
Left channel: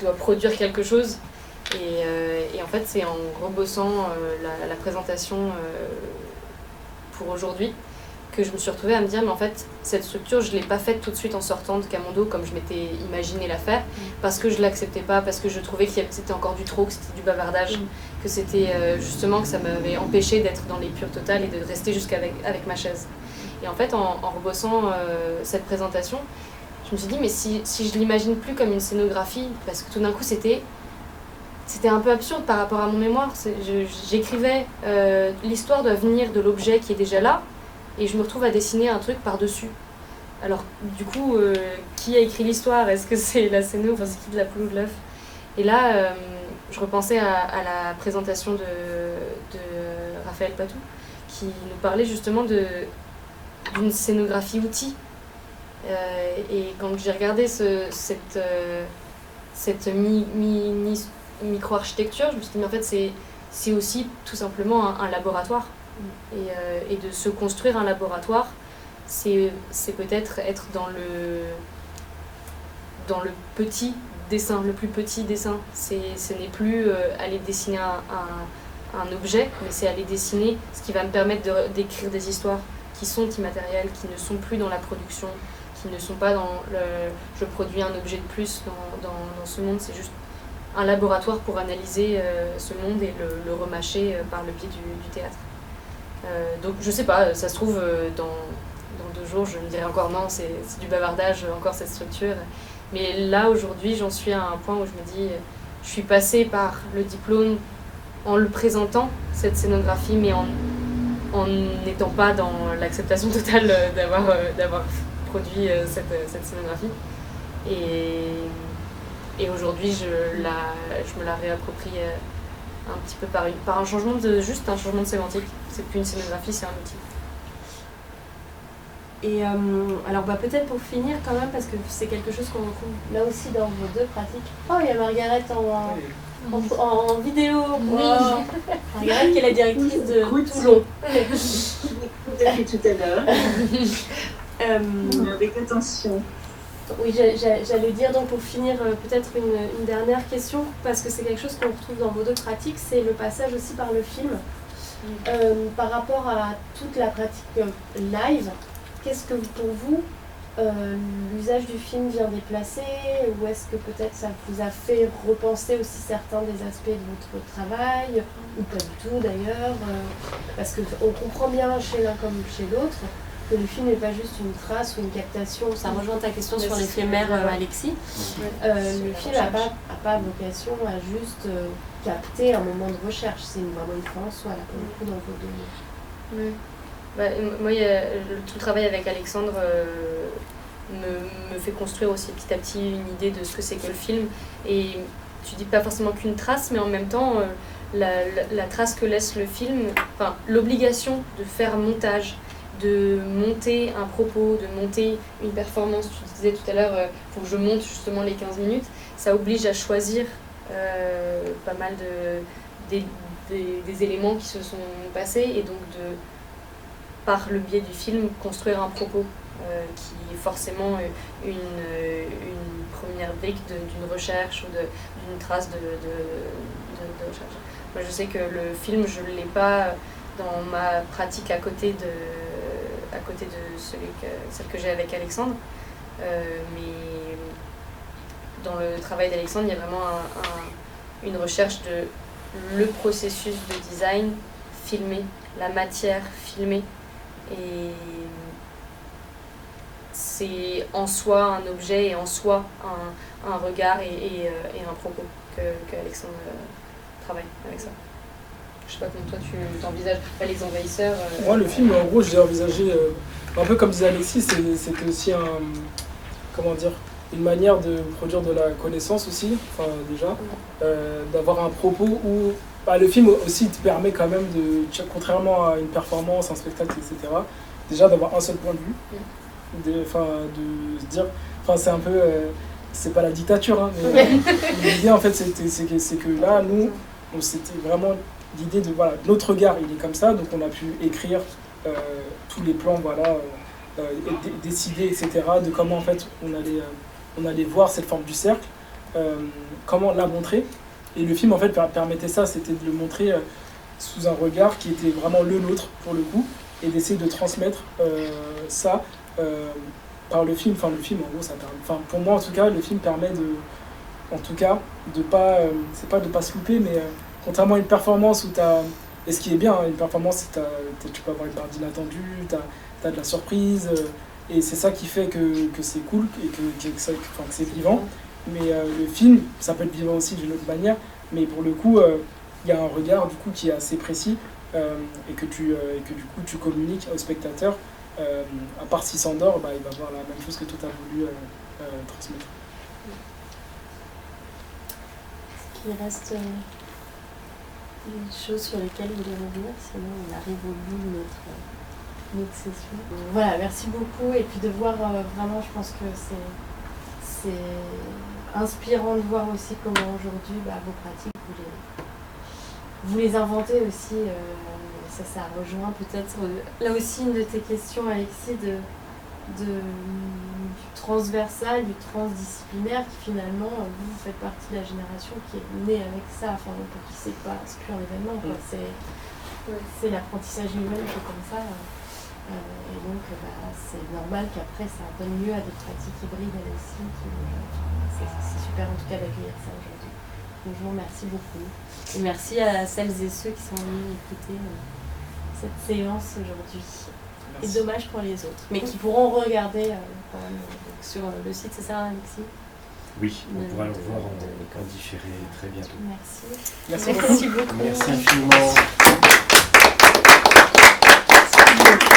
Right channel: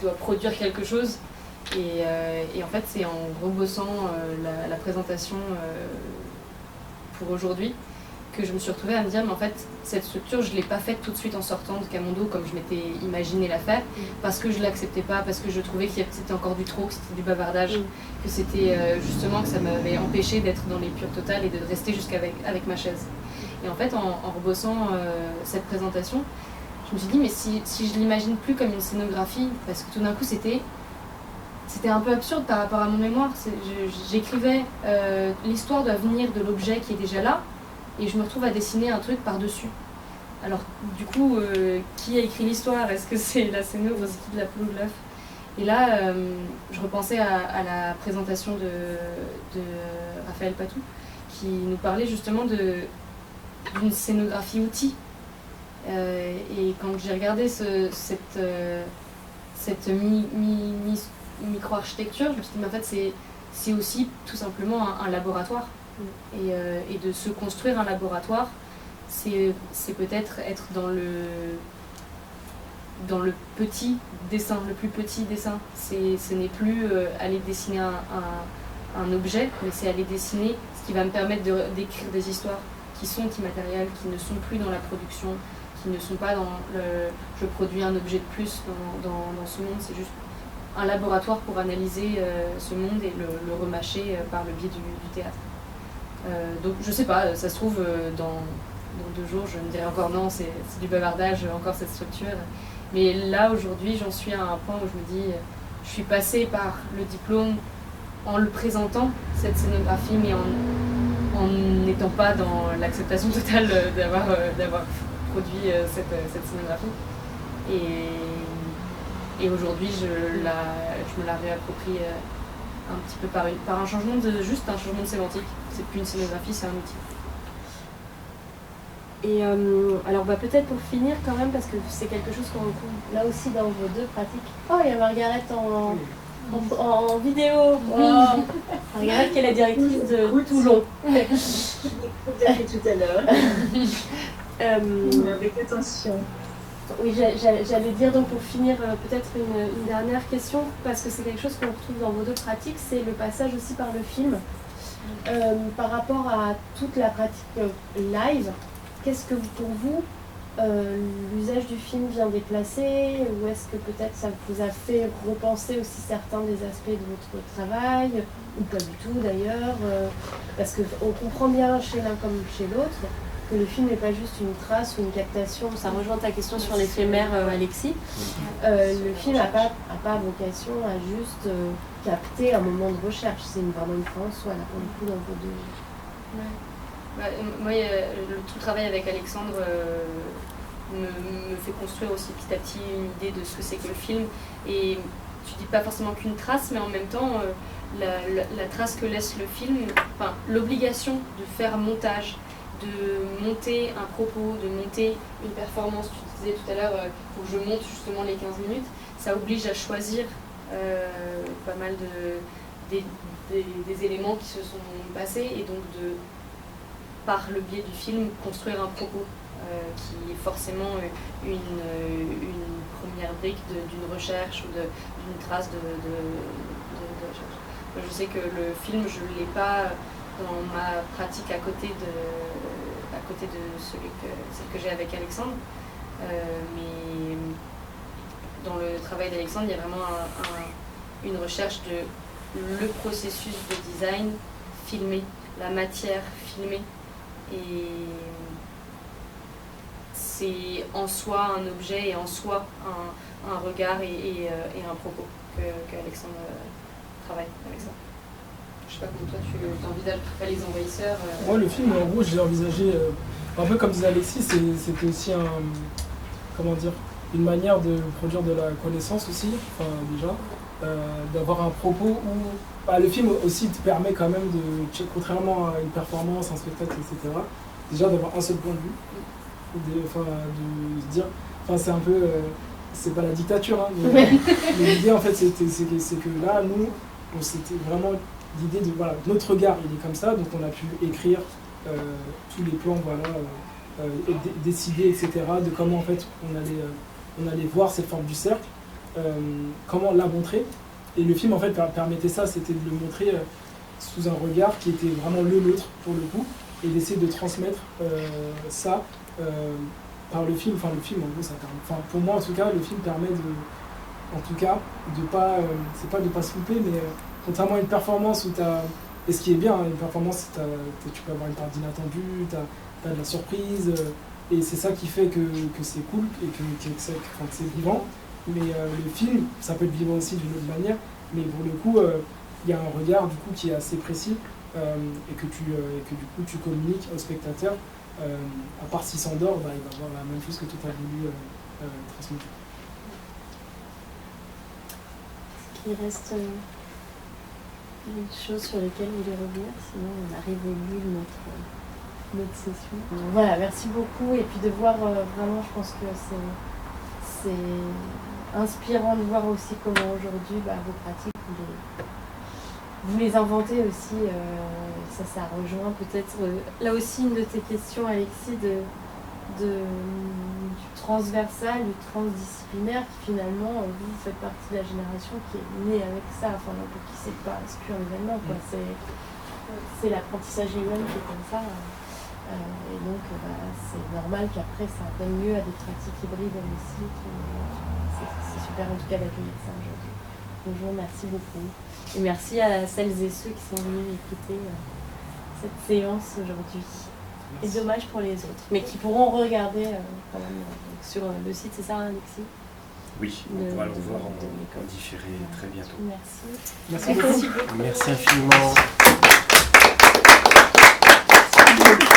doit produire quelque chose. Et en fait, c'est en rebossant la présentation pour aujourd'hui que je me suis retrouvée à me dire, mais en fait, cette structure, je ne l'ai pas faite tout de suite en sortant de Camondo comme je m'étais imaginé la faire, parce que je ne l'acceptais pas, parce que je trouvais que c'était encore du trop, que c'était du bavardage, que c'était justement que ça m'avait empêché d'être dans l'épure totale et de rester jusqu'avec ma chaise. Et en fait, en rebossant cette présentation, je me suis dit, mais si je l'imagine plus comme une scénographie, parce que tout d'un coup, c'était un peu absurde par rapport à mon mémoire. J'écrivais, l'histoire doit venir de l'objet qui est déjà là, et je me retrouve à dessiner un truc par-dessus. Alors du coup, qui a écrit l'histoire? Est-ce que c'est la scéno, enfin c'est qui de la poule ou de l'œuf? Et là, je repensais à la présentation de Raphaël Patou, qui nous parlait justement d'une scénographie outil. Et quand j'ai regardé cette micro-architecture, je me suis dit, mais en fait, c'est aussi tout simplement un laboratoire. Et de se construire un laboratoire, c'est peut-être être dans le petit dessin, le plus petit dessin. Ce n'est plus aller dessiner un objet, mais c'est aller dessiner ce qui va me permettre d'écrire des histoires qui sont immatérielles, qui ne sont plus dans la production, qui ne sont pas dans je produis un objet de plus dans ce monde. C'est juste un laboratoire pour analyser ce monde et le remâcher par le biais du théâtre. Donc je sais pas, ça se trouve dans 2 jours je me dirai encore non, c'est du bavardage, encore cette structure. Mais là aujourd'hui j'en suis à un point où je me dis, je suis passée par le diplôme en le présentant, cette scénographie, mais en n'étant pas dans l'acceptation totale d'avoir produit cette scénographie. Et aujourd'hui je me la réapproprie un petit peu par un changement juste un changement de sémantique. C'est plus une scénographie, c'est un outil. Et alors peut-être pour finir quand même, parce que c'est quelque chose qu'on retrouve là aussi dans vos 2 pratiques. Oh, il y a Margaret en vidéo. Oui. Wow. Margaret qui est la directrice de Toulon. Depuis tout à l'heure. Avec attention. Oui, j'allais dire donc pour finir peut-être une dernière question, parce que c'est quelque chose qu'on retrouve dans vos 2 pratiques, c'est le passage aussi par le film. Par rapport à toute la pratique live, qu'est-ce que pour vous, l'usage du film vient déplacer, ou est-ce que peut-être ça vous a fait repenser aussi certains des aspects de votre travail, ou pas du tout d'ailleurs, parce qu'on comprend bien chez l'un comme chez l'autre que le film n'est pas juste une trace ou une captation. Ça rejoint ta question sur l'éphémère, Alexis. Le film n'a pas vocation à juste capter un moment de recherche. C'est vraiment une fin en soi, là, pour le coup, dans vos 2. Oui. Moi, tout le travail avec Alexandre me fait construire aussi petit à petit une idée de ce que c'est que le film. Et tu dis pas forcément qu'une trace, mais en même temps, la trace que laisse le film, enfin, l'obligation de faire un montage, de monter un propos, de monter une performance. Tu disais tout à l'heure, il faut que je monte justement les 15 minutes. Ça oblige à choisir pas mal des éléments qui se sont passés, et donc par le biais du film, construire un propos qui est forcément une première brique d'une recherche ou d'une trace de recherche. Moi, je sais que le film, je ne l'ai pas dans ma pratique à côté de celle que j'ai avec Alexandre. Mais dans le travail d'Alexandre, il y a vraiment une recherche de le processus de design filmé, la matière filmée. Et c'est en soi un objet et en soi un regard et un propos que Alexandre travaille avec ça. Je sais pas comment toi tu t'envisages, les envahisseurs. Moi, le film, en gros, je l'ai envisagé un peu comme disait Alexis, c'était aussi une manière de produire de la connaissance aussi, enfin déjà, d'avoir un propos où le film aussi te permet quand même contrairement à une performance, un spectacle, etc., déjà d'avoir un seul point de vue, de se dire, c'est un peu, c'est pas la dictature, hein, mais l'idée en fait c'est que là, nous, c'était vraiment l'idée de, notre regard il est comme ça, donc on a pu écrire tous les plans, décider, etc., de comment en fait on allait voir cette forme du cercle, comment la montrer. Et le film en fait permettait ça, c'était de le montrer sous un regard qui était vraiment le nôtre pour le coup, et d'essayer de transmettre ça par le film. Enfin, le film en gros ça permet, pour moi en tout cas, le film permet de pas, c'est pas de pas se louper, mais contrairement à une performance où et ce qui est bien, une performance, tu peux avoir une part d'inattendu, t'as de la surprise, et c'est ça qui fait que c'est cool et que c'est vivant. Mais le film, ça peut être vivant aussi d'une autre manière, mais pour le coup, il y a un regard du coup qui est assez précis, et que du coup tu communiques au spectateur, à part s'il s'endort, il va voir la même chose que toi tu as voulu transmettre. Est-ce qu'il reste des choses sur lesquelles vous voulez revenir? Sinon on arrive au bout de notre session. Voilà, merci beaucoup. Et puis de voir vraiment, je pense que c'est inspirant de voir aussi comment aujourd'hui vos pratiques, vous les inventez aussi. Ça rejoint peut-être là aussi une de tes questions, Alexis, du transversal, du transdisciplinaire, qui finalement, vous faites partie de la génération qui est née avec ça. Enfin, pour qui c'est plus un événement, quoi. C'est l'apprentissage lui-même qui est comme ça. Et donc, c'est normal qu'après, ça donne lieu à des pratiques hybrides, elles aussi. C'est super, en tout cas, d'accueillir ça aujourd'hui. Donc, je vous remercie beaucoup. Et merci à celles et ceux qui sont venus écouter cette séance aujourd'hui. Et dommage pour les autres, mais qui pourront regarder quand même donc sur le site, c'est ça, Alexis? Oui, de l'école. Voilà. Merci. Merci beaucoup. Merci beaucoup. Merci infiniment.